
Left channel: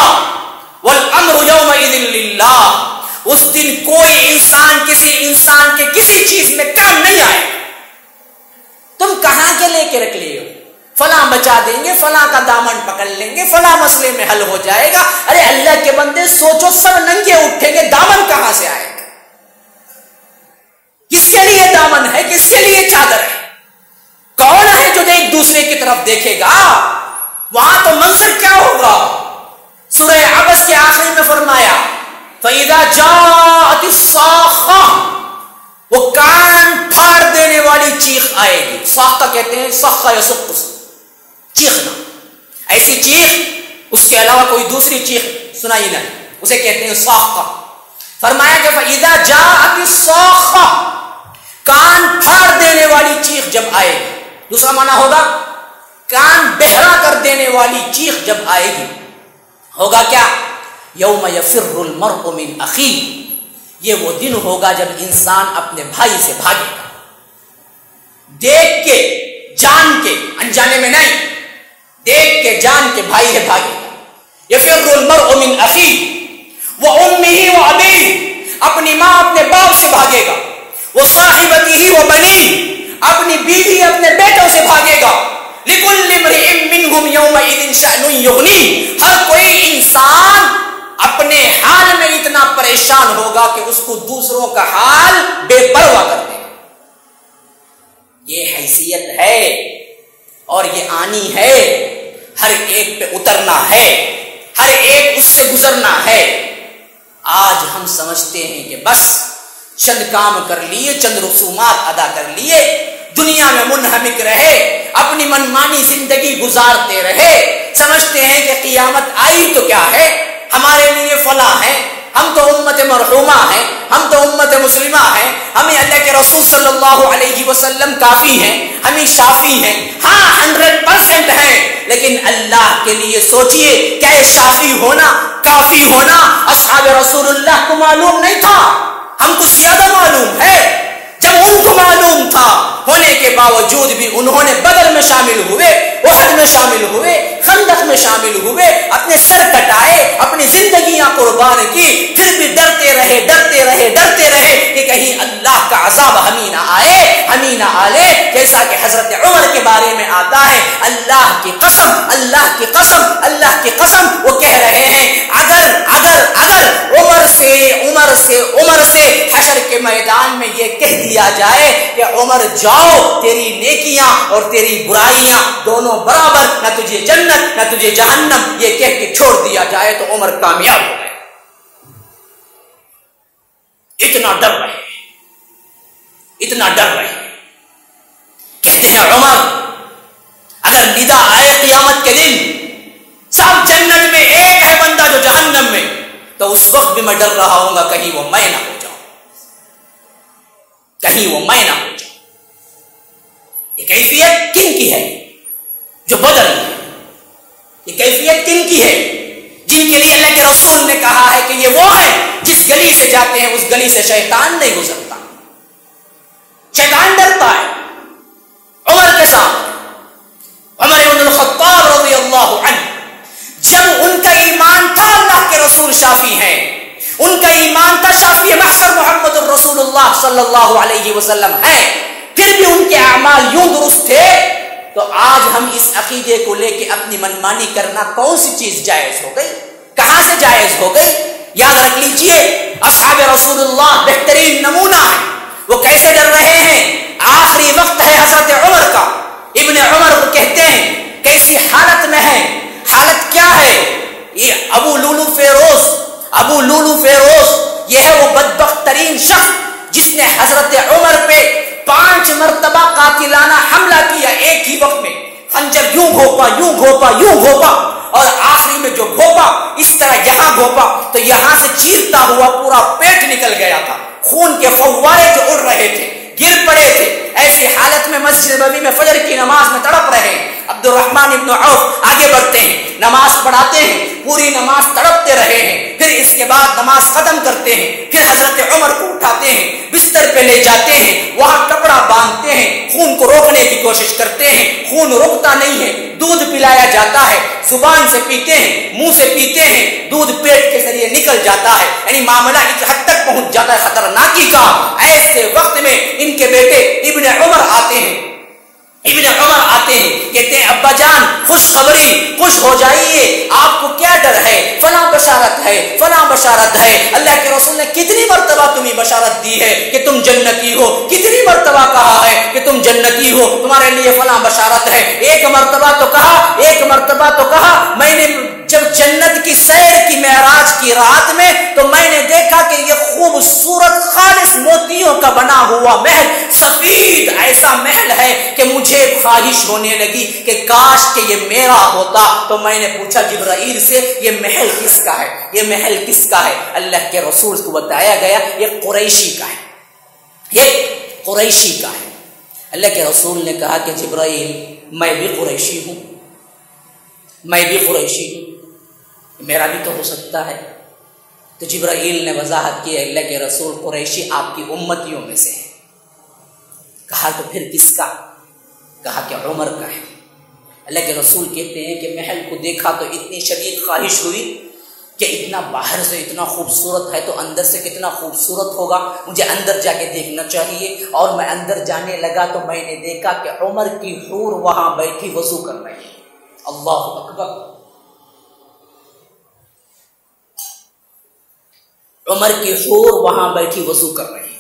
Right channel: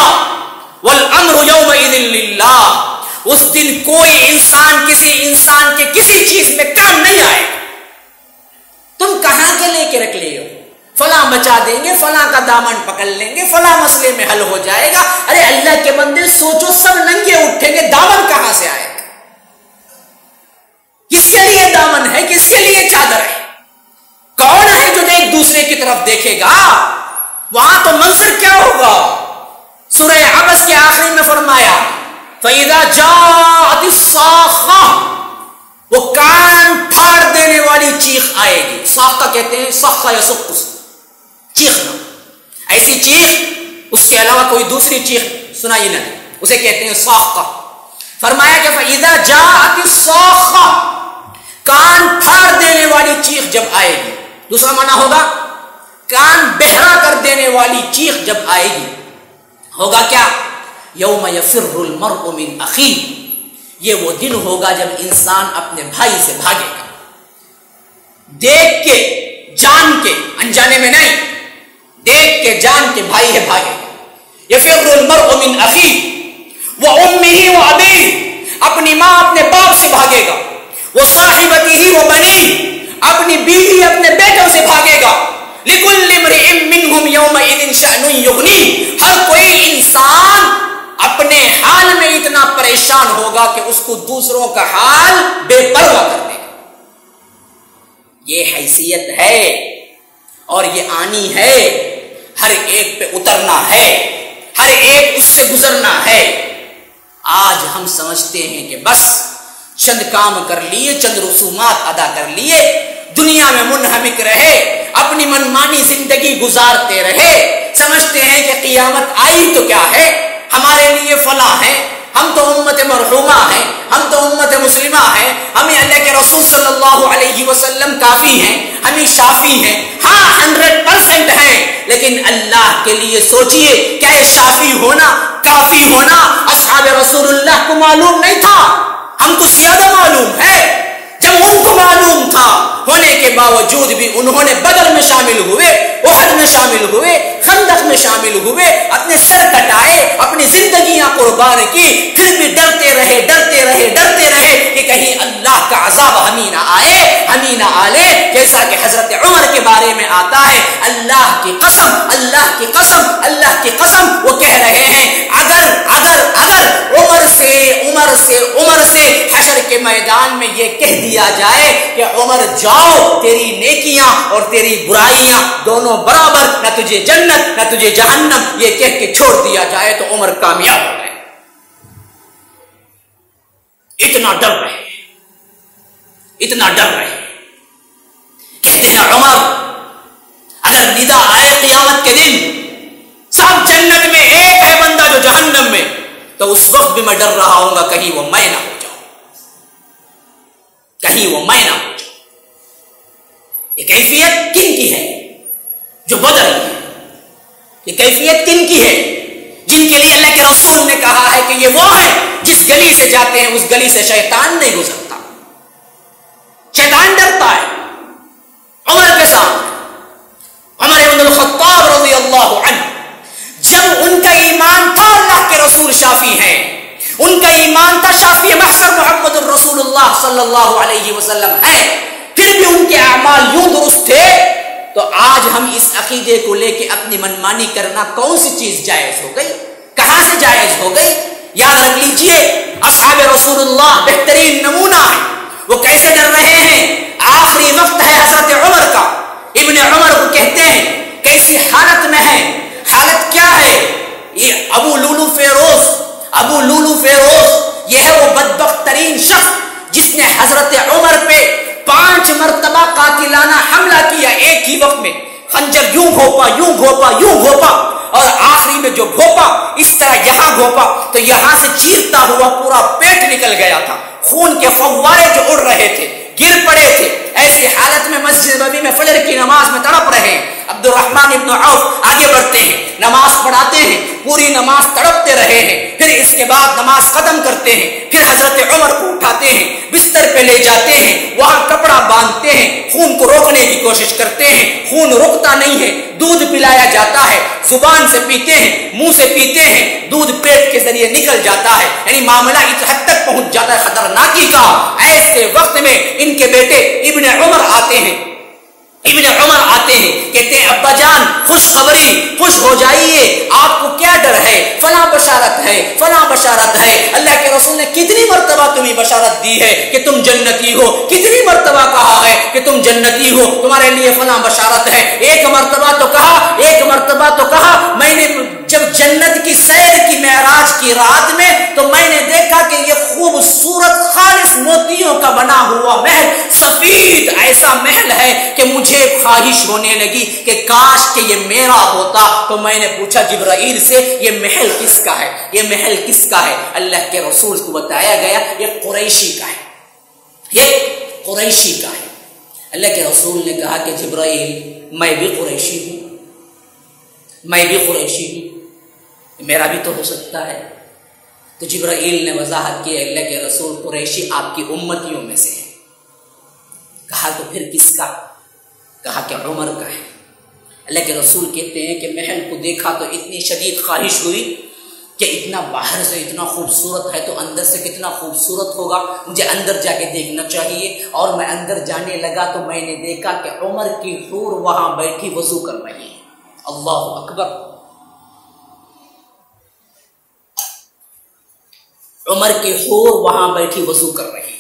والامر یومئذ للہ. اس دن کوئی انسان کسی انسان کے کسی چیز میں کام نہیں آئے. تم کہاں کے لے کے رکھ لے ہو؟ فلاں بچا دیں گے، فلاں کا دامن پکڑ لیں گے، فلاں مسئلے میں حل ہو جائے گا. ارے اللہ کے بندے سوچو، سب ننگے اٹھیں گے، دامن کہاں سے آئے گا؟ کس کے لیے دامن ہے؟ کس کے لیے چادر ہے؟ کون ہے جو ایک دوسرے کی طرف دیکھے گا؟ وہاں تو منظر کیا ہوگا؟ سورہ عبس کے آخری میں فرمایا فَإِذَا جَاءَتِ الصَّاخَّةُ، وہ کان پھاڑ دینے والی چیخ آئے گی. صاخہ کہتے ہیں، صخہ یصخ، چیخنا، ایسی چیخ اس کے علاوہ کوئی دوسری چیخ سنائی نہ دی، اسے کہتے ہیں صاخہ. فرمایا کہ فَإِذَا جَاءَتِ الصَّاخَّةُ، کان پھاڑ دینے والی چیخ جب آئے گی. دوسرا معنی ہوگا کان بہرا کر دینے والی چیخ جب آئے گی. ہوگا کیا؟ یوم یفر المرء من اخیہ، یہ وہ دن ہوگا جب انسان اپنے بھائی سے بھاگے گا. دیکھ کے جان کے، انجانے میں نہیں، دیکھ کے جان کے بھائی ہے بھاگے گا. یفر المرء من اخیہ وامہ وابیہ، اپنی ماں اپنے باپ سے بھاگے گا. وصاحبتہ وبنیہ، اپنی بیوی اپنے بیٹوں سے بھاگے گا. لکل امرئ منہم یومئذ شأن یغنیہ، ہر کوئی انسان اپنے حال میں اتنا پریشان ہوگا کہ اس کو دوسروں کا حال بے پرواہ کر دے گا. یہ حیثیت ہے اور یہ آنی ہے، ہر ایک پہ اترنا ہے، ہر ایک اس سے گزرنا ہے. آج ہم سمجھتے ہیں کہ بس چند کام کر لیے، چند رسومات ادا کر لیے، دنیا میں منہمک رہے، اپنی منمانی زندگی گزارتے رہے، سمجھتے ہیں کہ قیامت آئی تو کیا ہے، ہمارے لیے فلاں ہے، ہم تو امت مرحومہ ہیں، ہم تو امت مسلمہ ہیں، ہمیں اللہ کے رسول صلی اللہ علیہ وسلم کافی ہیں، ہمیں شافی ہیں. ہاں 100% ہیں، لیکن اللہ کے لیے سوچئے، کیا یہ شافی ہونا، کافی ہونا اصحاب رسول اللہ کو معلوم نہیں تھا؟ ہم کو زیادہ معلوم ہے. جب ان کو معلوم تھا، ہونے کے باوجود بھی انہوں نے بدر میں شامل ہوئے، احد میں شامل ہوئے، خندق میں شامل ہوئے، اپنے سر کٹائے، اپنی زندگیاں قربان کی، پھر بھی ڈرتے رہے ڈرتے رہے ڈرتے رہے کہ کہیں اللہ کا عذاب ہمیں نہ آئے، ہمیں نہ آلے. جیسا کہ حضرت عمر کے بارے میں آتا ہے، اللہ کی قسم، اللہ کی قسم، اللہ کی قسم، وہ کہہ رہے ہیں اگر عمر سے حشر کے میدان میں یہ کہہ دیا جائے کہ عمر جاؤ، تیری نیکیاں اور تیری برائیاں دونوں برابر، نہ تجھے جنت نہ تجھے جہنم، یہ کہہ کے چھوڑ دیا جائے تو عمر کامیاب ہو گئے. اتنا ڈر رہے، اتنا ڈر رہے. کہتے ہیں عمر اگر ندا آئے قیامت کے دن سب جنت میں، ایک ہے بندہ جو جہنم میں، تو اس وقت بھی میں ڈر رہا ہوں گا کہیں وہ میں نہ ہو جاؤں، کہیں وہ میں نہ ہو جاؤں. یہ کیفیت کن کی ہے؟ جو بدری ہے. یہ کیفیت کن کی ہے؟ جن کے لیے اللہ کے رسول نے کہا ہے کہ یہ وہ ہیں جس گلی سے جاتے ہیں اس گلی سے شیطان نہیں گزرتا، شیطان ڈرتا ہے. عمر کے سامنے عمر بن الخطاب رضی اللہ عنہ، جب ان کا ایمان تھا اللہ کے رسول شافی ہیں، ان کا ایمان تھا شافی محشر محمد الرسول اللہ صلی اللہ علیہ وسلم ہیں، پھر بھی ان کے اعمال یوں درست تھے، تو آج ہم اس عقیدے کو لے کے اپنی منمانی کرنا کون سی چیز جائز ہو گئی؟ کہاں سے جائز ہو گئی؟ یاد رکھ لیجئے، اصحاب رسول اللہ بہترین نمونہ ہے. وہ کیسے ڈر رہے ہیں؟ آخری وقت ہے حضرت عمر کا. ابن عمر کو کہتے ہیں کیسی حالت میں ہے. حالت کیا ہے؟ یہ ابو لولو فیروز یہ ہے وہ بدبخت ترین شخص جس نے حضرت عمر پہ 5 مرتبہ قاتلانہ حملہ کیا ایک ہی وقت میں. خنجر یوں گھوپا اور آخری میں جو گھوپا اس طرح یہاں گھوپا تو یہاں سے چیرتا ہوا پورا پیٹ نکل گیا تھا. خون کے فوارے جو اڑ رہے تھے، گر پڑے تھے. ایسی حالت میں مسجد نبوی میں فجر کی نماز میں تڑپ رہے ہیں. عبد الرحمن ابن عوف آگے بڑھتے ہیں، نماز پڑھاتے ہیں، پوری نماز تڑپتے رہے ہیں. پھر اس کے بعد نماز ختم کرتے ہیں، پھر حضرت عمر کو اٹھاتے ہیں، بستر پہ لے جاتے ہیں، وہاں کپڑا باندھتے ہیں، خون کو روکنے کی کوشش کرتے ہیں. خون رکتا نہیں ہے، دودھ پلایا جاتا ہے، زبان سے پیتے ہیں، منہ سے پیتے ہیں، دودھ پیٹ کے ذریعے نکل جاتا ہے. یعنی معاملہ اس حد تک پہنچ جاتا ہے خطرناکی کا. ایسے وقت میں ان کے بیٹے ابن عمر آتے ہیں کہتے ہیں ابا جان خوشخبری، خوش ہو جائیے، آپ کو کیا ڈر ہے؟ فلاں بشارت ہے. اللہ کے رسول نے کتنی مرتبہ تمہیں بشارت دی ہے کہ تم جنتی ہو، کتنی مرتبہ کہا ہے کہ تم جنتی ہو، تمہارے لیے فلاں بشارت ہے. ایک مرتبہ تو کہا میں نے جب جنت کی سیر کی معراج کی رات میں تو میں نے دیکھا کہ یہ خوبصورت خالص موتیوں کا بنا ہوا محل، سفید ایسا محل ہے کہ مجھے خواہش ہونے لگی کہ کاش کہ یہ میرا ہوتا۔ تو میں نے پوچھا جبرائیل سے یہ محل کس کا ہے، یہ محل کس کا ہے؟ اللہ کے رسول کو بتایا گیا یہ قریشی کا ہے، یہ قریشی کا ہے۔ اللہ کے رسول نے کہا کہ جبرائیل میں بھی قریشی ہوں، میں بھی قریشی ہوں، میرا بھی تو ہو سکتا ہے۔ تو جبرائیل نے وضاحت کی اللہ کے رسول قریشی آپ کی امتیوں میں سے ہے۔ کہا تو پھر کس کا؟ کہا کہ عمر کا ہے۔ اللہ کے رسول کہتے ہیں کہ محل کو دیکھا تو اتنی شدید خواہش ہوئی کہ اتنا باہر سے اتنا خوبصورت ہے تو اندر سے کتنا خوبصورت ہوگا، مجھے اندر جا کے دیکھنا چاہیے۔ اور میں اندر جانے لگا تو میں نے دیکھا کہ عمر کی حور وہاں بیٹھی وضو کر رہی ہے۔ اللہ اکبر! عمر کی حور وہاں بیٹھی وضو کر رہی ہے،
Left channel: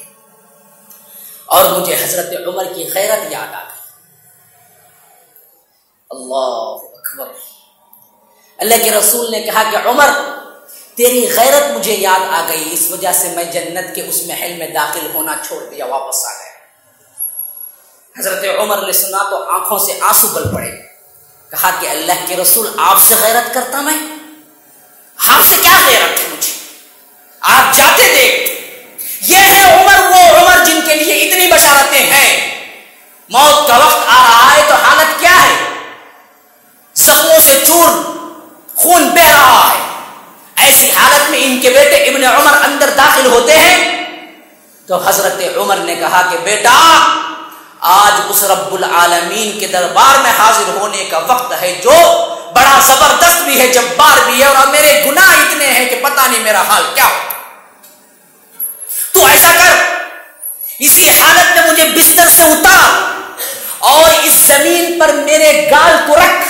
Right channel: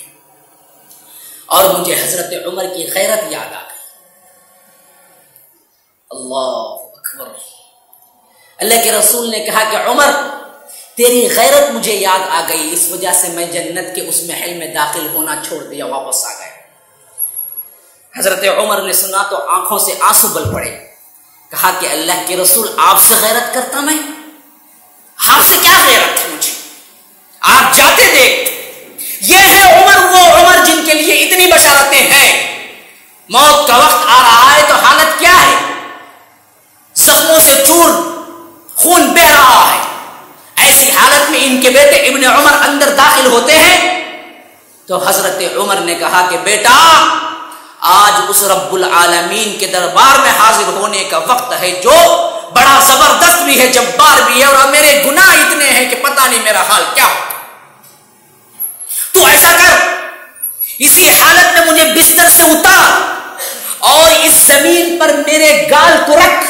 اور مجھے حضرت عمر کی غیرت یاد آ گئی۔ اللہ اکبر! اللہ کے رسول نے کہا کہ عمر تیری غیرت مجھے یاد آ گئی، اس وجہ سے میں جنت کے اس محل میں داخل ہونا چھوڑ دیا، واپس آ گیا۔ حضرت عمر نے سنا تو آنکھوں سے آنسو بل پڑے۔ کہا کہ اللہ کے رسول آپ سے غیرت کرتا میں؟ آپ سے کیا غیرت ہے مجھے؟ آپ جاتے دیکھ، یہ ہے عمر، وہ عمر جن کے لیے اتنی بشارتیں ہیں۔ موت کا وقت آ رہا ہے تو حالت کیا ہے؟ زخموں سے چور خون بہ رہا ہے۔ ایسی حالت میں ان کے بیٹے ابن عمر اندر داخل ہوتے ہیں تو حضرت عمر نے کہا کہ بیٹا آج اس رب العالمین کے دربار میں حاضر ہونے کا وقت ہے جو بڑا زبردست بھی ہے، جبار بھی ہے، اور میرے گناہ اتنے ہیں کہ پتہ نہیں میرا حال کیا ہو۔ تو ایسا کر، اسی حالت میں مجھے بستر سے اتار اور اس زمین پر میرے گال کو رکھ۔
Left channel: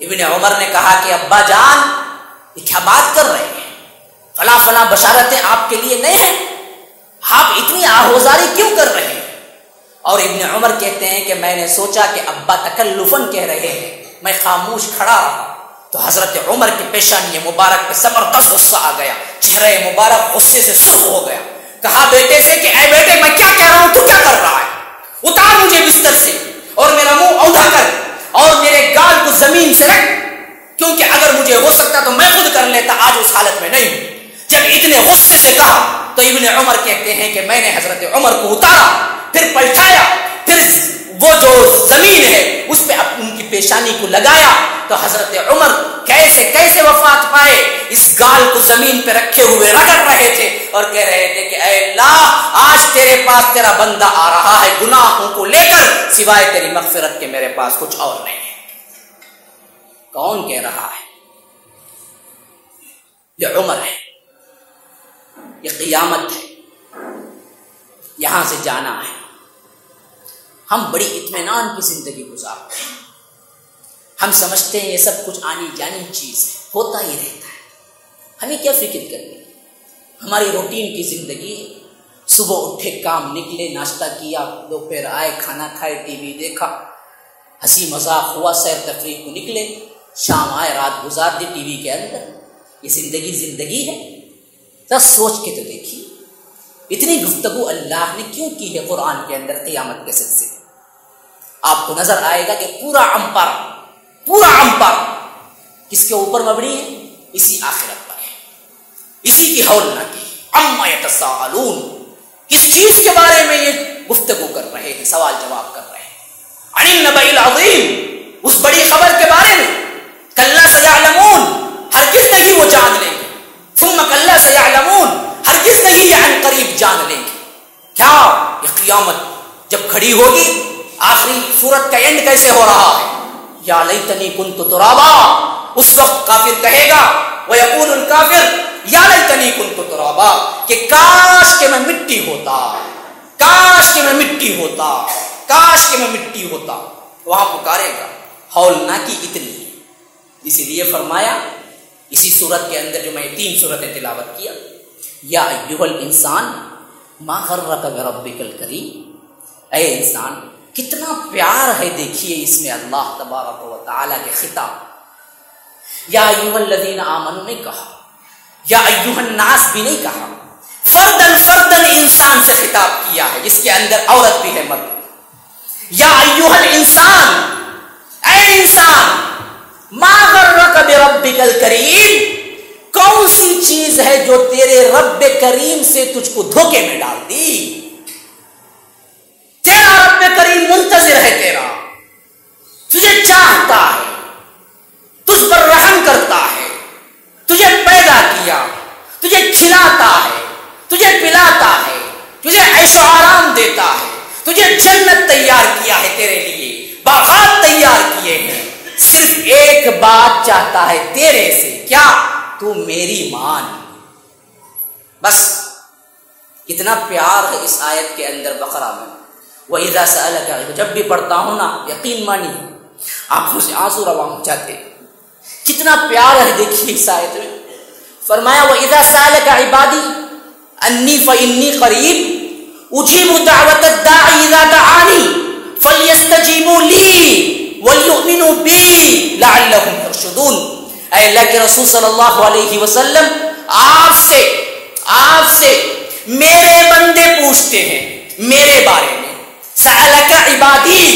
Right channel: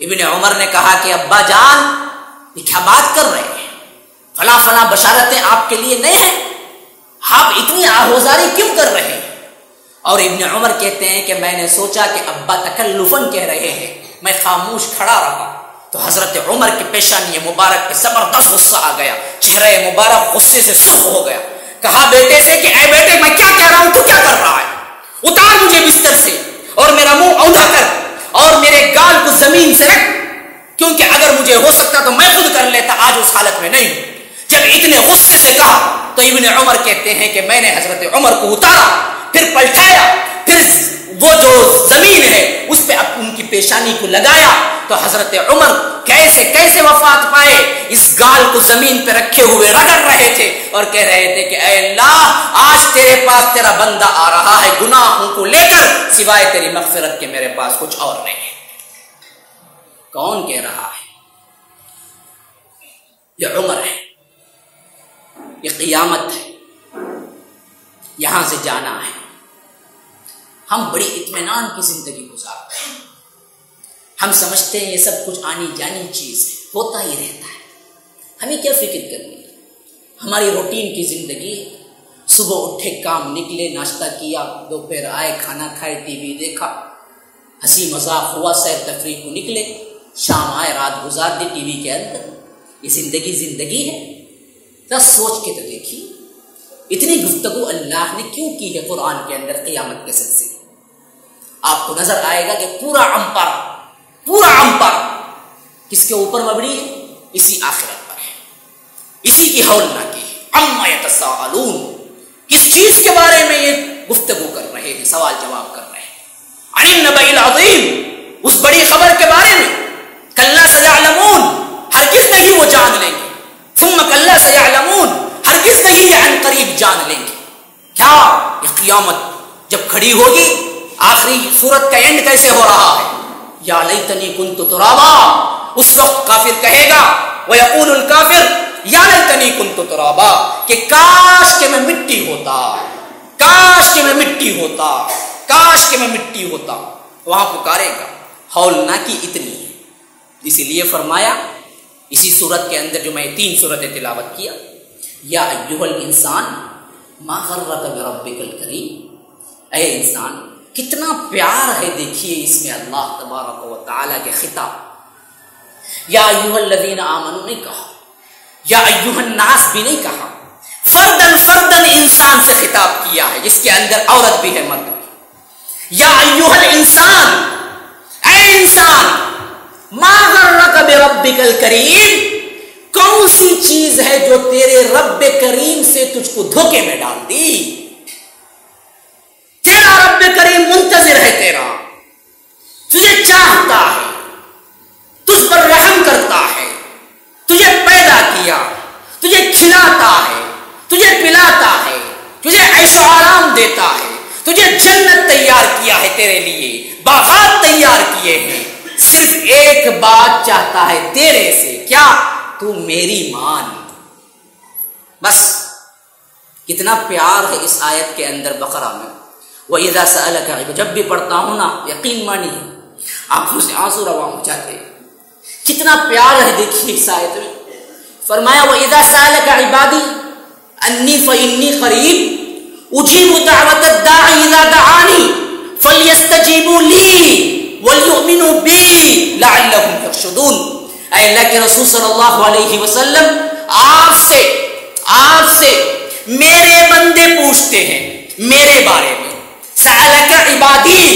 ابن عمر نے کہا کہ ابا جان یہ کیا بات کر رہے ہیں؟ فلاں فلاں بشارتیں آپ کے لیے نہیں ہیں، آپ اتنی آہوزاری کیوں کر رہے ہیں؟ اور ابن عمر کہتے ہیں کہ میں نے سوچا کہ ابا تکلفاً کہہ رہے ہیں، میں خاموش کھڑا رہا تو حضرت عمر کی پیشانی مبارک پہ زبردست غصہ آ گیا، چہرہ مبارک غصے سے سرخ ہو گیا۔ کہا بیٹے سے کہ اے بیٹے میں کیا کہہ رہا ہوں، تو کیا کر رہا ہے؟ اتار مجھے بستر سے اور میرا منہ اوندا کر اور میرے گال کو زمین سے رکھ، کیونکہ اگر مجھے ہو سکتا تو میں خود کر لیتا، آج اس حالت میں نہیں ہوں۔ جب اتنے غصے سے کہا تو ابن عمر کہتے ہیں کہ میں نے حضرت عمر کو اتارا، پھر پلٹایا، پھر وہ جو زمین ہے اس پہ ان کی پیشانی کو لگایا تو حضرت عمر کیسے کیسے وفات پائے، اس گال کو زمین پہ رکھے ہوئے رگڑ رہے تھے اور کہہ رہے تھے کہ اے اللہ آج تیرے پاس تیرا بندہ آ رہا ہے گناہوں کو لے کر، سوائے تیری مغفرت کے میرے پاس کچھ اور نہیں ہے۔ کون کہہ رہا ہے؟ یہ عمر ہے، یہ قیامت ہے، یہاں سے جانا ہے۔ ہم بڑی اطمینان کی زندگی گزارتے ہیں، ہم سمجھتے ہیں یہ سب کچھ آنی جانی چیز ہے، ہوتا ہی رہتا ہے، ہمیں کیا فکر کرنی؟ ہماری روٹین کی زندگی ہے، صبح اٹھے کام نکلے، ناشتہ کیا، دوپہر آئے کھانا کھائے، ٹی وی دیکھا، ہنسی مذاق ہوا، سیر تفریح کو نکلے، شام آئے رات گزار دی ٹی وی کے اندر۔ یہ زندگی ہے؟ ذرا سوچ کے تو دیکھیے، اتنی گفتگو اللہ نے کیوں کی ہے قرآن کے اندر قیامت کے سلسلے؟ آپ کو نظر آئے گا کہ پورا امپارا کس کے اوپر مبنی ہے؟ اسی آخرت پر ہے، اسی کی ہولناکی عما یتساءلون، کس چیز کے بارے میں یہ گفتگو کر رہے ہیں، سوال جواب کر رہے ہیں؟ عن النبأ العظیم، اس بڑی خبر کے بارے میں۔ کلا سیعلمون، ہرگز نہیں وہ جان لیں گے۔ ثم کلا سیعلمون، ہرگز نہیں یہ عن قریب جان لیں گے۔ کیا؟ یہ قیامت جب کھڑی ہوگی، آخری سورت کا اینڈ کیسے ہو رہا ہے؟ یا لیتنی کنت ترابا، اس وقت کافر کہے گا، ویقول الکافر یا لیتنی کنت ترابا، کہ کاش کہ میں مٹی ہوتا، کاش کہ میں مٹی ہوتا، کاش کہ میں مٹی ہوتا۔ وہاں پکارے گا، ہولناکی اتنی ہے۔ اسی لیے فرمایا اسی سورت کے اندر جو میں 3 سورتیں تلاوت کیا، یا ایھا الانسان ما غرک بربک الکریم، اے انسان کتنا پیار ہے، دیکھیے اس میں اللہ تبارک و تعالی کے خطاب۔ یا ایھا الذین آمنوا نہیں کہا، یا ایھا الناس بھی نہیں کہا، فردن فردن انسان سے خطاب کیا ہے، جس کے اندر عورت بھی ہے مرد بھی۔ یا ایھا الانسان، اے انسان، ما غرک بربک الکریم، کون سی چیز ہے جو تیرے رب کریم سے تجھ کو دھوکے میں ڈال دی؟ تیرا رب کریم منتظر ہے تیرا، تجھے چاہتا ہے، تجھ پر رحم کرتا ہے، تجھے پیدا کیا، تجھے کھلاتا ہے، تجھے پلاتا ہے، تجھے عیش و آرام دیتا ہے، تجھے جنت تیار کیا ہے، تیرے لیے باغات تیار کیے ہیں، صرف ایک بات چاہتا ہے تیرے سے، کیا؟ تو میری مان۔ بس کتنا پیار ہے اس آیت کے اندر بقرہ میں۔ وَإِذَا سَأَلَكَ عِبَادِي، جب بھی پڑھتا ہوں نا یقین مانی آنکھوں سے آنسو رواں ہو جاتے، کتنا پیار ہے دیکھیے اس آیت میں۔ فرمایا وَإِذَا سَأَلَكَ عِبَادِي أَنِّي فَإِنِّي قَرِيبٌ أُجِيبُ دَعْوَةَ الدَّاعِ إِذَا دَعَانِي فَلْيَسْتَجِيبُوا لِي وَلْيُؤْمِنُوا بِي لَعَلَّهُمْ يَرْشُدُونَ۔ اے اللہ کے رسول صلی اللہ علیہ وسلم، آپ سے میرے بندے پوچھتے ہیں میرے بارے میں۔ سألک عبادی،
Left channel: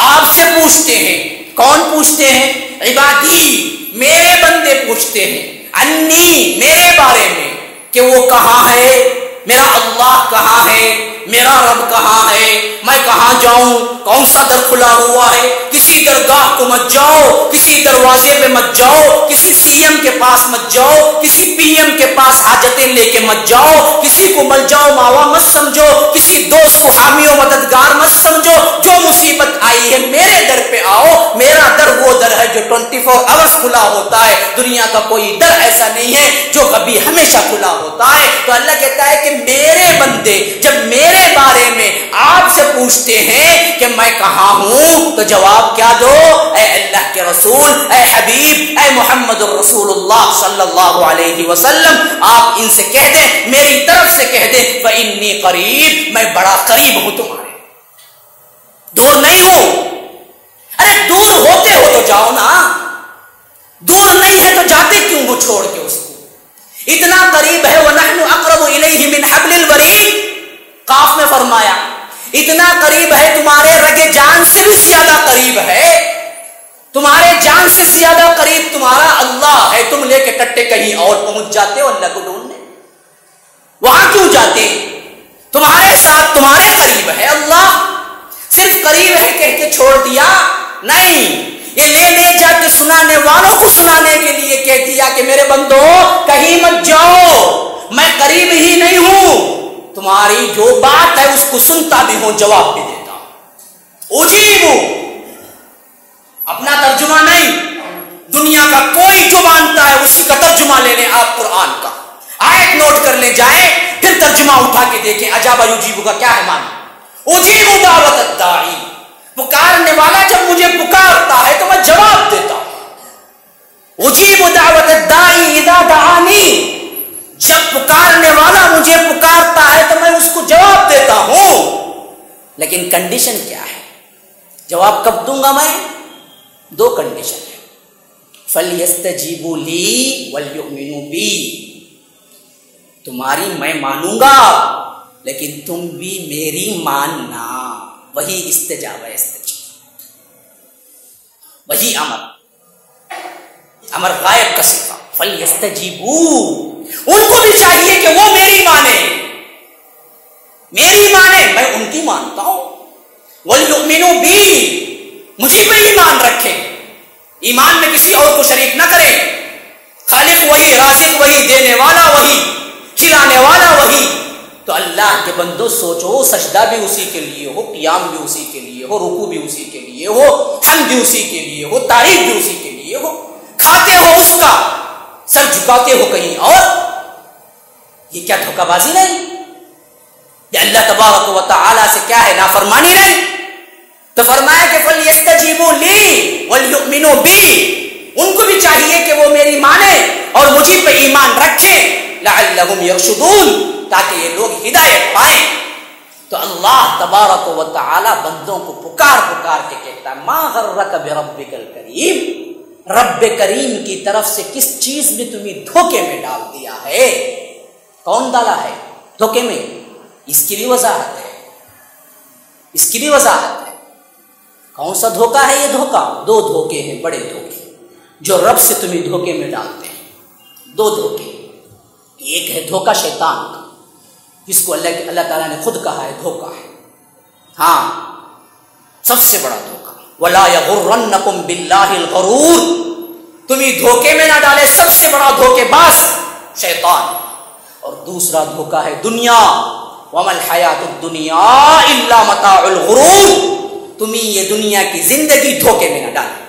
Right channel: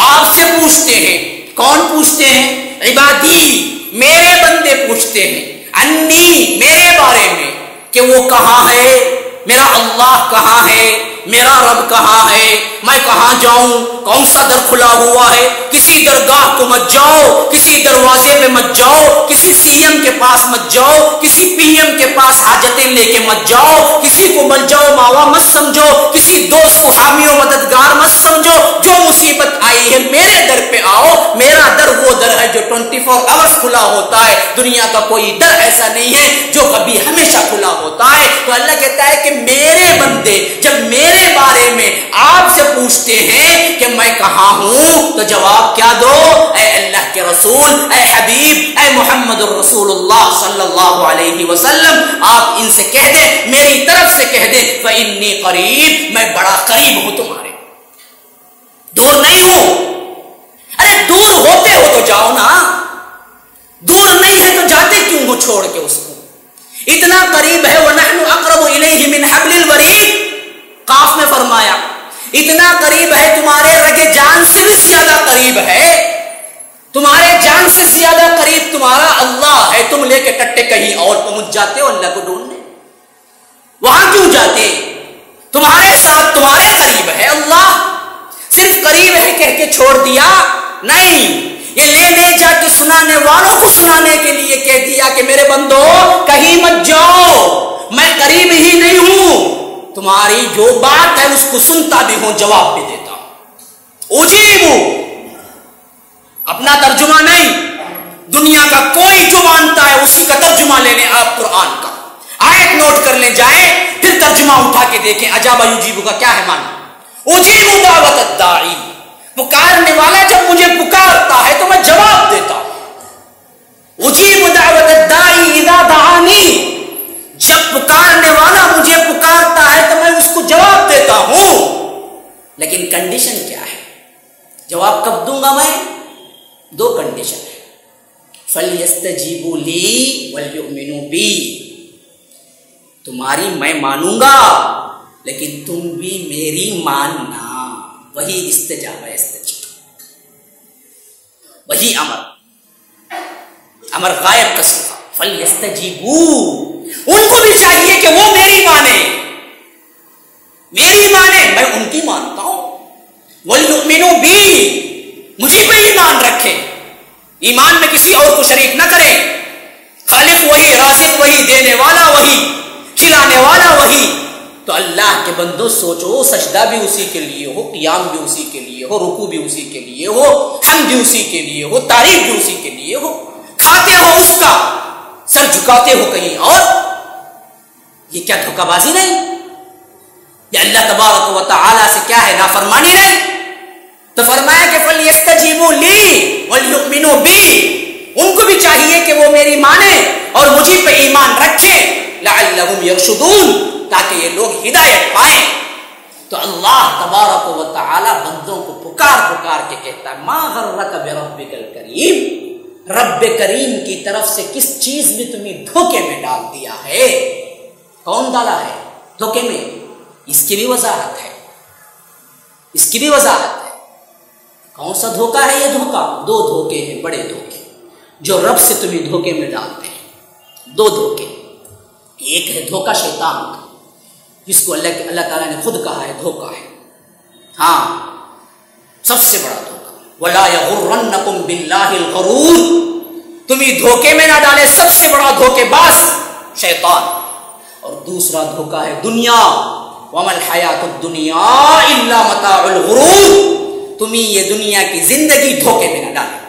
آپ سے پوچھتے ہیں، کون پوچھتے ہیں؟ عبادی، میرے بندے پوچھتے ہیں، انی، میرے بارے میں، کہ وہ کہاں ہے، میرا اللہ کہاں ہے، میرا رب کہاں ہے، میں کہاں جاؤں، کون سا در کھلا ہوا ہے، کسی درگاہ کو مت جاؤ، کسی دروازے پہ مت جاؤ، کسی سی ایم کے پاس مت جاؤ، کسی پی ایم کے پاس حاجتیں لے کے مت جاؤ، کسی کو مل جاؤ ماوا مت سمجھو، کسی دوست کو حامی و مددگار مت سمجھو، جو مصیبت آئی ہے میرے در پہ آؤ، میرا در وہ در ہے جو 24 آورز کھلا ہوتا ہے، دنیا کا کوئی در ایسا نہیں ہے جو کبھی ہمیشہ کھلا ہوتا ہے۔ تو اللہ کہتا ہے کہ میرے بندے جب میرے بارے میں آپ سے پوچھتے ہیں کہ میں کہاں ہوں، تو جواب کیا دو؟ اے اللہ کے رسول، اے حبیب، اے محمد الرسول اللہ صلی اللہ علیہ وسلم، آپ ان سے کہہ دیں، میری طرف سے کہہ دیں، فإنی قریب، میں بڑا قریب ہوں تمہارے، دور نہیں ہوں۔ ارے دور ہوتے ہو تو جاؤ نا، دور نہیں ہے تو جاتے کیوں ہو چھوڑ کے اس کو؟ اتنا قریب ہے، وَنَحْنُ أَقْرَبُ إِلَيْهِ مِنْ حَبْلِ الْوَرِيدِ، قاف میں فرمایا اتنا قریب ہے، تمہارے رگ جان سے بھی زیادہ قریب ہے، تمہارے جان سے زیادہ قریب تمہارا اللہ ہے۔ تم لے کے ٹٹے کہیں اور پہنچ جاتے ہو اللہ کو ڈھونڈنے، وہاں کیوں جاتے؟ تمہارے ساتھ تمہارے قریب ہے اللہ، صرف قریب ہے کہہ کے چھوڑ دیا نہیں، یہ لے جا کے سنانے والوں کو سنانے کے لیے کہہ دیا کہ میرے بندو کہیں مت جاؤ، میں قریب ہی نہیں ہوں، تمہاری جو بات ہے اس کو سنتا بھی ہوں، جواب بھی دیتا ہوں۔ اجیبو، اپنا ترجمہ نہیں، دنیا کا کوئی جو مانتا ہے اسی کا ترجمہ لے لیں، آپ قرآن کا آیت نوٹ کر لیں، جائیں پھر ترجمہ اٹھا کے دیکھیں، اجابہ یجیبو کا کیا ہے معنی؟ اجیبو دعوت الداعی، پکارنے والا جب مجھے پکارتا ہے تو میں جواب دیتا ہوں۔ اجیب دعوت الداعی اذا دعانی، جب پکارنے والا مجھے پکارتا ہے تو میں اس کو جواب دیتا ہوں، لیکن کنڈیشن کیا ہے؟ جواب کب دوں گا میں؟ دو کنڈیشن ہے، فَلْيَسْتَجِيبُوا لِي وَلْيُؤْمِنُوا بِي، تمہاری میں مانوں گا لیکن تم بھی میری ماننا، وہی استجابہ استجابہ، وہی امر غائب کا صیغہ، فَلْيَسْتَجِيبُوا، ان کو بھی چاہیے کہ وہ میری مانے، میں ان کی مانتا ہوں، وَلْيُؤْمِنُوا بِي، مجھے پہ ایمان رکھیں، ایمان میں کسی اور کو شریک نہ کریں، خالق وہی، رازق وہی، دینے والا وہی، کھلانے والا وہی۔ تو اللہ کے بندو سوچو، سجدہ بھی اسی کے لیے ہو، قیام بھی اسی کے لیے ہو، رکوع بھی اسی کے لیے ہو، حمد بھی اسی کے لیے ہو، تعریف بھی اسی کے لیے ہو، کھاتے ہو اس کا، سر جھکاتے ہو کہیں اور، یہ کیا دھوکہ بازی نہیں؟ یہ اللہ تبارک و تعالی سے کیا ہے؟ نافرمانی نہیں؟ تو فرمایا کہ فَلْيَسْتَجِيبُوا لِي وَلْيُؤْمِنُوا بِي، ان کو بھی چاہیے کہ وہ میری مانے اور مجھے پہ ایمان رکھیں، لَعَلَّهُمْ يَرْشُدُونَ، تاکہ یہ لوگ ہدایت پائیں۔ تو اللہ تبارک و تعالی بندوں کو پکار کے کہتا ہے، مَا غَرَّكَ بِرَبِّكَ الْكَرِيمِ، رب کریم کی طرف سے کس چیز نے تمہیں دھوکے میں ڈال دیا ہے؟ کون ڈالا ہے دھوکے میں؟ اس کی بھی وضاحت ہے، اس کی بھی وضاحت ہے۔ کون سا دھوکا ہے یہ دھوکا؟ دو دھوکے ہیں، بڑے دھوکے جو رب سے تمہیں دھوکے میں ڈالتے ہیں۔ دو دھوکے، ایک ہے دھوکا شیطان کا، جس کو اللہ تعالیٰ نے خود کہا ہے دھوکا ہے، ہاں سب سے بڑا دھوکا۔ وَلَا يَغُرَّنَّكُمْ بِاللَّهِ الْغَرُورُ، تمہیں دھوکے میں نہ ڈالے سب سے بڑا دھوکے باز شیطان۔ اور دوسرا دھوکا ہے دنیا، وَمَا الْحَيَاةُ الدُّنْيَا إِلَّا مَتَاعُ الْغُرُورِ، تمہیں یہ دنیا کی زندگی دھوکے میں نہ ڈالے۔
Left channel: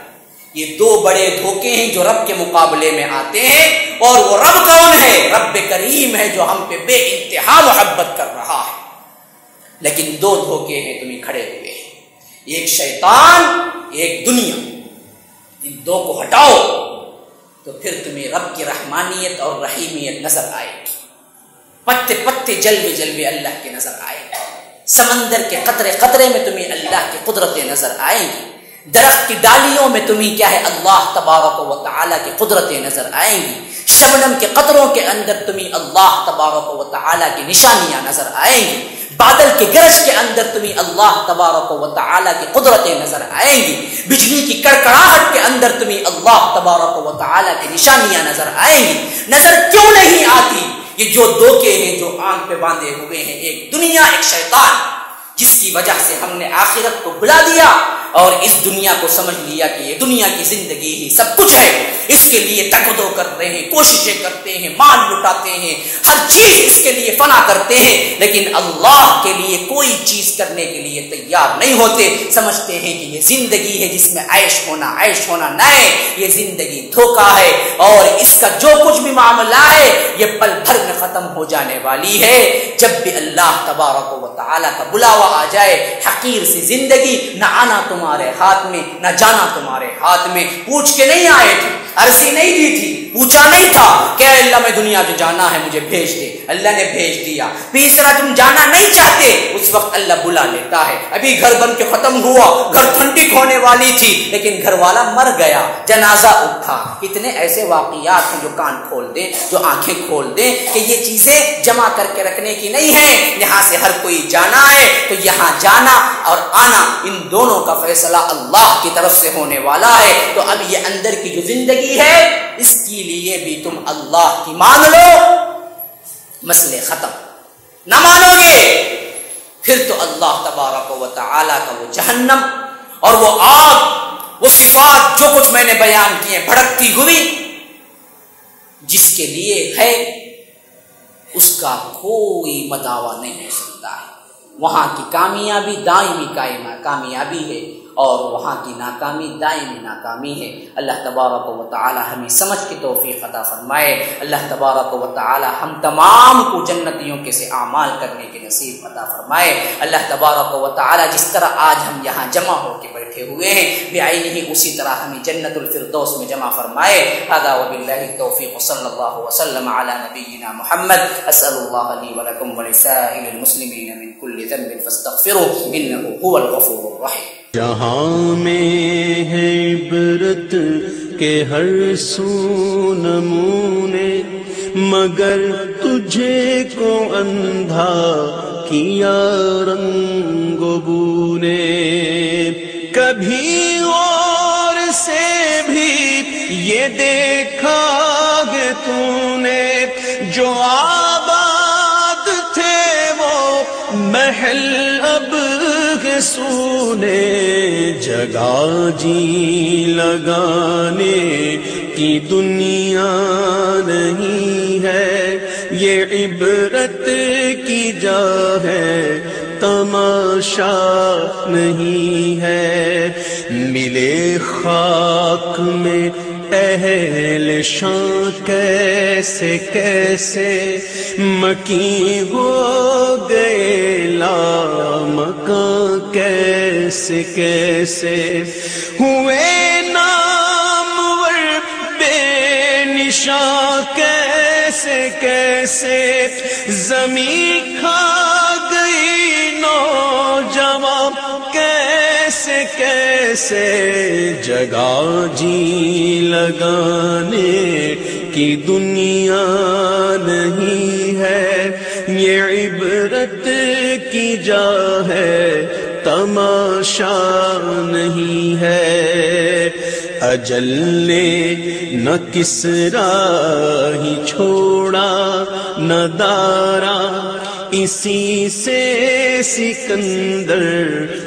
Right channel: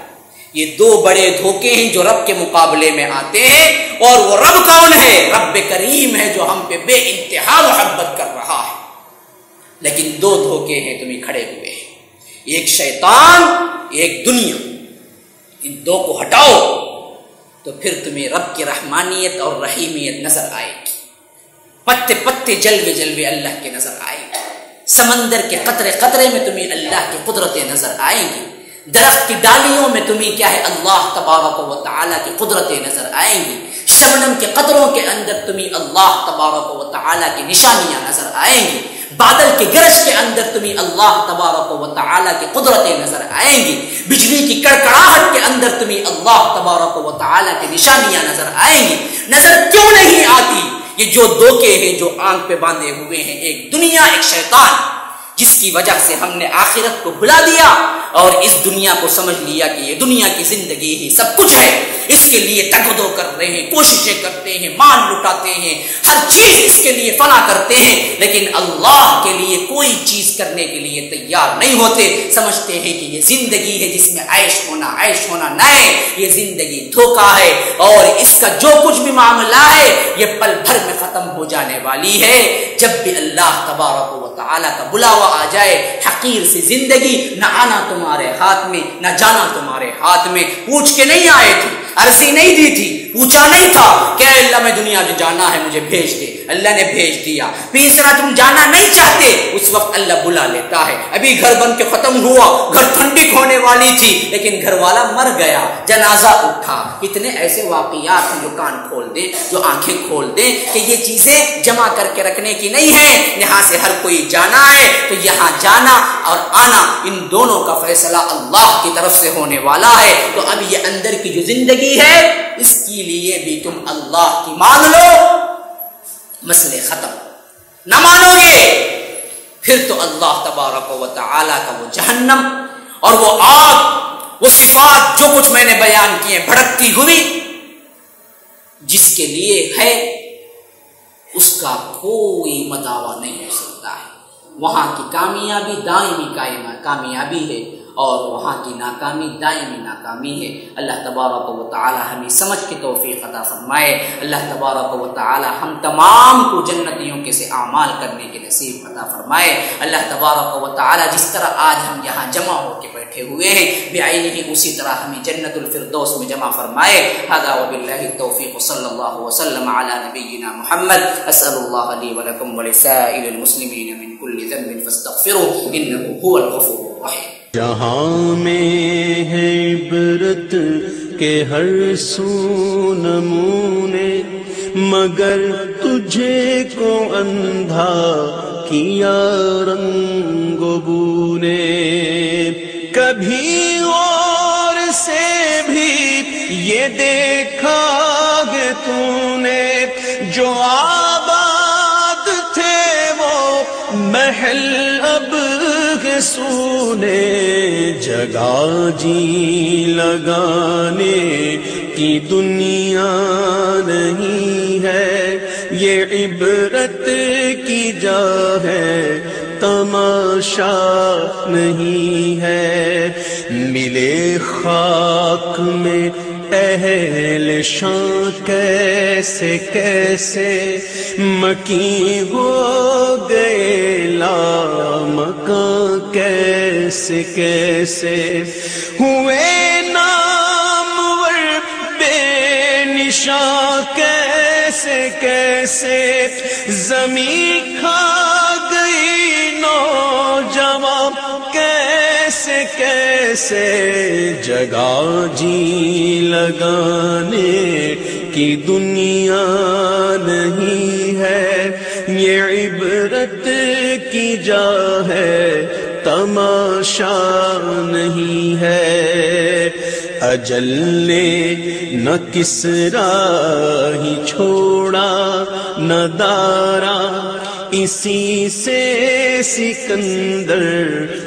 یہ دو بڑے دھوکے ہیں جو رب کے مقابلے میں آتے ہیں، اور وہ رب کون ہے؟ رب کریم ہے جو ہم پہ بے انتہا محبت کر رہا ہے۔ لیکن دو دھوکے ہیں تمہیں کھڑے ہوئے ہیں، ایک شیطان ایک دنیا۔ ان دو کو ہٹاؤ تو پھر تمہیں رب کی رحمانیت اور رحیمیت نظر آئے گی، پتے پتے جلوے جلوے اللہ کے نظر آئے گی، سمندر کے قطرے قطرے میں تمہیں اللہ کی قدرتیں نظر آئیں گی، درخت کی ڈالیوں میں تمہیں کیا ہے اللہ تبارک و تعالیٰ کی قدرتیں نظر آئیں گی، شبنم کے قطروں کے اندر تمہیں اللہ تبارک و تعالیٰ کی نشانیاں نظر آئیں گی، بادل کے گرج کے اندر تمہیں اللہ تبارک و تعالیٰ کی قدرتیں نظر آئیں گی، بجلی کی کڑکڑاہٹ کے اندر تمہیں اللہ تبارک و تعالیٰ کی نشانیاں نظر آئیں گی۔ نظر کیوں نہیں آتی؟ یہ جو دھوکے ہیں جو آنکھ پہ باندھے ہوئے ہیں، ایک دنیا ایک شیطان، جس کی وجہ سے ہم نے آخرت کو بھلا دیا اور اس دنیا کو سمجھ لیا کہ یہ دنیا کی زندگی ہی سب کچھ ہے، اس کے لیے تگ و دو کر رہے ہیں، کوششیں کرتے ہیں، مال لٹاتے ہیں، ہر چیز اس کے لیے فنا کرتے ہیں، لیکن اللہ کے لیے کوئی چیز کرنے کے لیے تیار نہیں ہوتے۔ سمجھتے ہیں کہ یہ زندگی ہے جس میں عیش ہونا نئے، یہ زندگی دھوکا ہے، اور اس کا جو کچھ بھی معاملہ ہے یہ پل بھر میں ختم ہو جانے والی ہے۔ جب بھی اللہ تبارک و تعالیٰ کا بلاوا آ جائے، حقیر سی زندگی، نہ آنا تمہارے ہاتھ میں نہ جانا تمہارے ہاتھ میں۔ پوچھ کے نہیں آئے تھے، عرضی نہیں دی تھی، پوچھا نہیں تھا کہ اللہ میں دنیا جو جانا ہے مجھے بھیج دے، اللہ نے بھیج دیا۔ تیسرا تم جانا نہیں چاہتے، اس وقت اللہ بلا لیتا ہے۔ ابھی گھر بن کے ختم ہوا، گھر ٹھنڈک ہونے والی تھی، لیکن گھر والا مر گیا، جنازہ اٹھا۔ اتنے ایسے واقعات ہیں جو کان کھول دیں، جو آنکھیں کھول دیں کہ یہ چیزیں جمع کر کے رکھنے کی نہیں ہیں۔ یہاں سے ہر کوئی جانا ہے تو یہاں جانا اور آنا ان دونوں کا فیصلہ اللہ کی طرف سے ہونے والا ہے۔ تو اب یہ اندر کی جو زندگی ہے اس کے لیے بھی تم اللہ کی مان لو، مسئلے ختم۔ نہ مانو گے پھر تو اللہ تبارک و تعالیٰ کا وہ جہنم اور وہ آگ، وہ صفات جو کچھ میں نے بیان کیے بھڑکتی ہوئی، جس کے لیے ہے اس کا کوئی مداوا نہیں ہو سکتا ہے۔ وہاں کی کامیابی دائمی کامیابی ہے اور وہاں کی ناکامی دائمی ناکامی ہے۔ اللہ تبارک و تعالی ہمیں سمجھ کی توفیق عطا فرمائے۔ اللہ تبارک و تعالی ہم تمام کو جنتیوں کے سے اعمال کرنے کے نصیب عطا فرمائے۔ اللہ تبارک و تعالی جس طرح آج ہم یہاں جمع ہو کے بیٹھے ہوئے ہیں بعینہ اسی طرح ہمیں جنت الفردوس میں جمع فرمائے۔ ھذا وباللہ التوفیق، صلی اللہ وسلم علی نبینا محمد۔ اسأل اللہ لی ولکم ولسائر المسلمین من کل ذنب فاستغفروه انه هو الغفور الرحیم۔ جہاں میں ہے عبرت کے ہر سو نمونے، مگر تجھے کو اندھا کیا رنگ و بو نے۔ کبھی اور سے بھی یہ دیکھا کہ تو نے جو آباد تھے وہ محل اب سونے، جگہ جی لگانے کی دنیا نہیں ہے، یہ عبرت کی جا ہے تماشا نہیں ہے۔ ملے خاک میں اہل شان کیسے کیسے مکین ہو گئے لامکاں کیسے کیسے ہوئے نامور بے نشاں کیسے کیسے زمین کھا گئی نوجوان کیسے کیسے جگہ جی لگانے کی دنیا نہیں ہے، یہ عبرت کی جا ہے تماشا نہیں ہے۔ اجل نے نہ کسرا ہی چھوڑا نہ دارا، اسی سے سکندر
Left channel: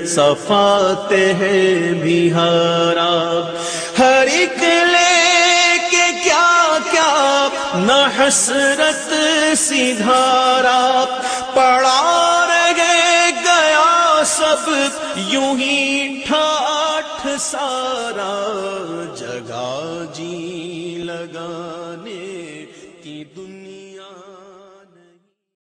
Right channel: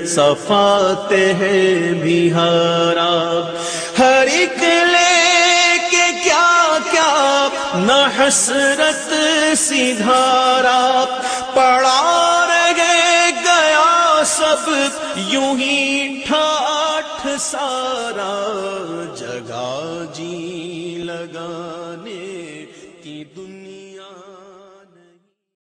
صفات ہے بہارا۔ ہر ایک لے کے کیا کیا نہ حسرت سی دھارا، پڑا رہ گیا سب یوں ہی ٹھاٹھ سارا، جگہ جی لگانے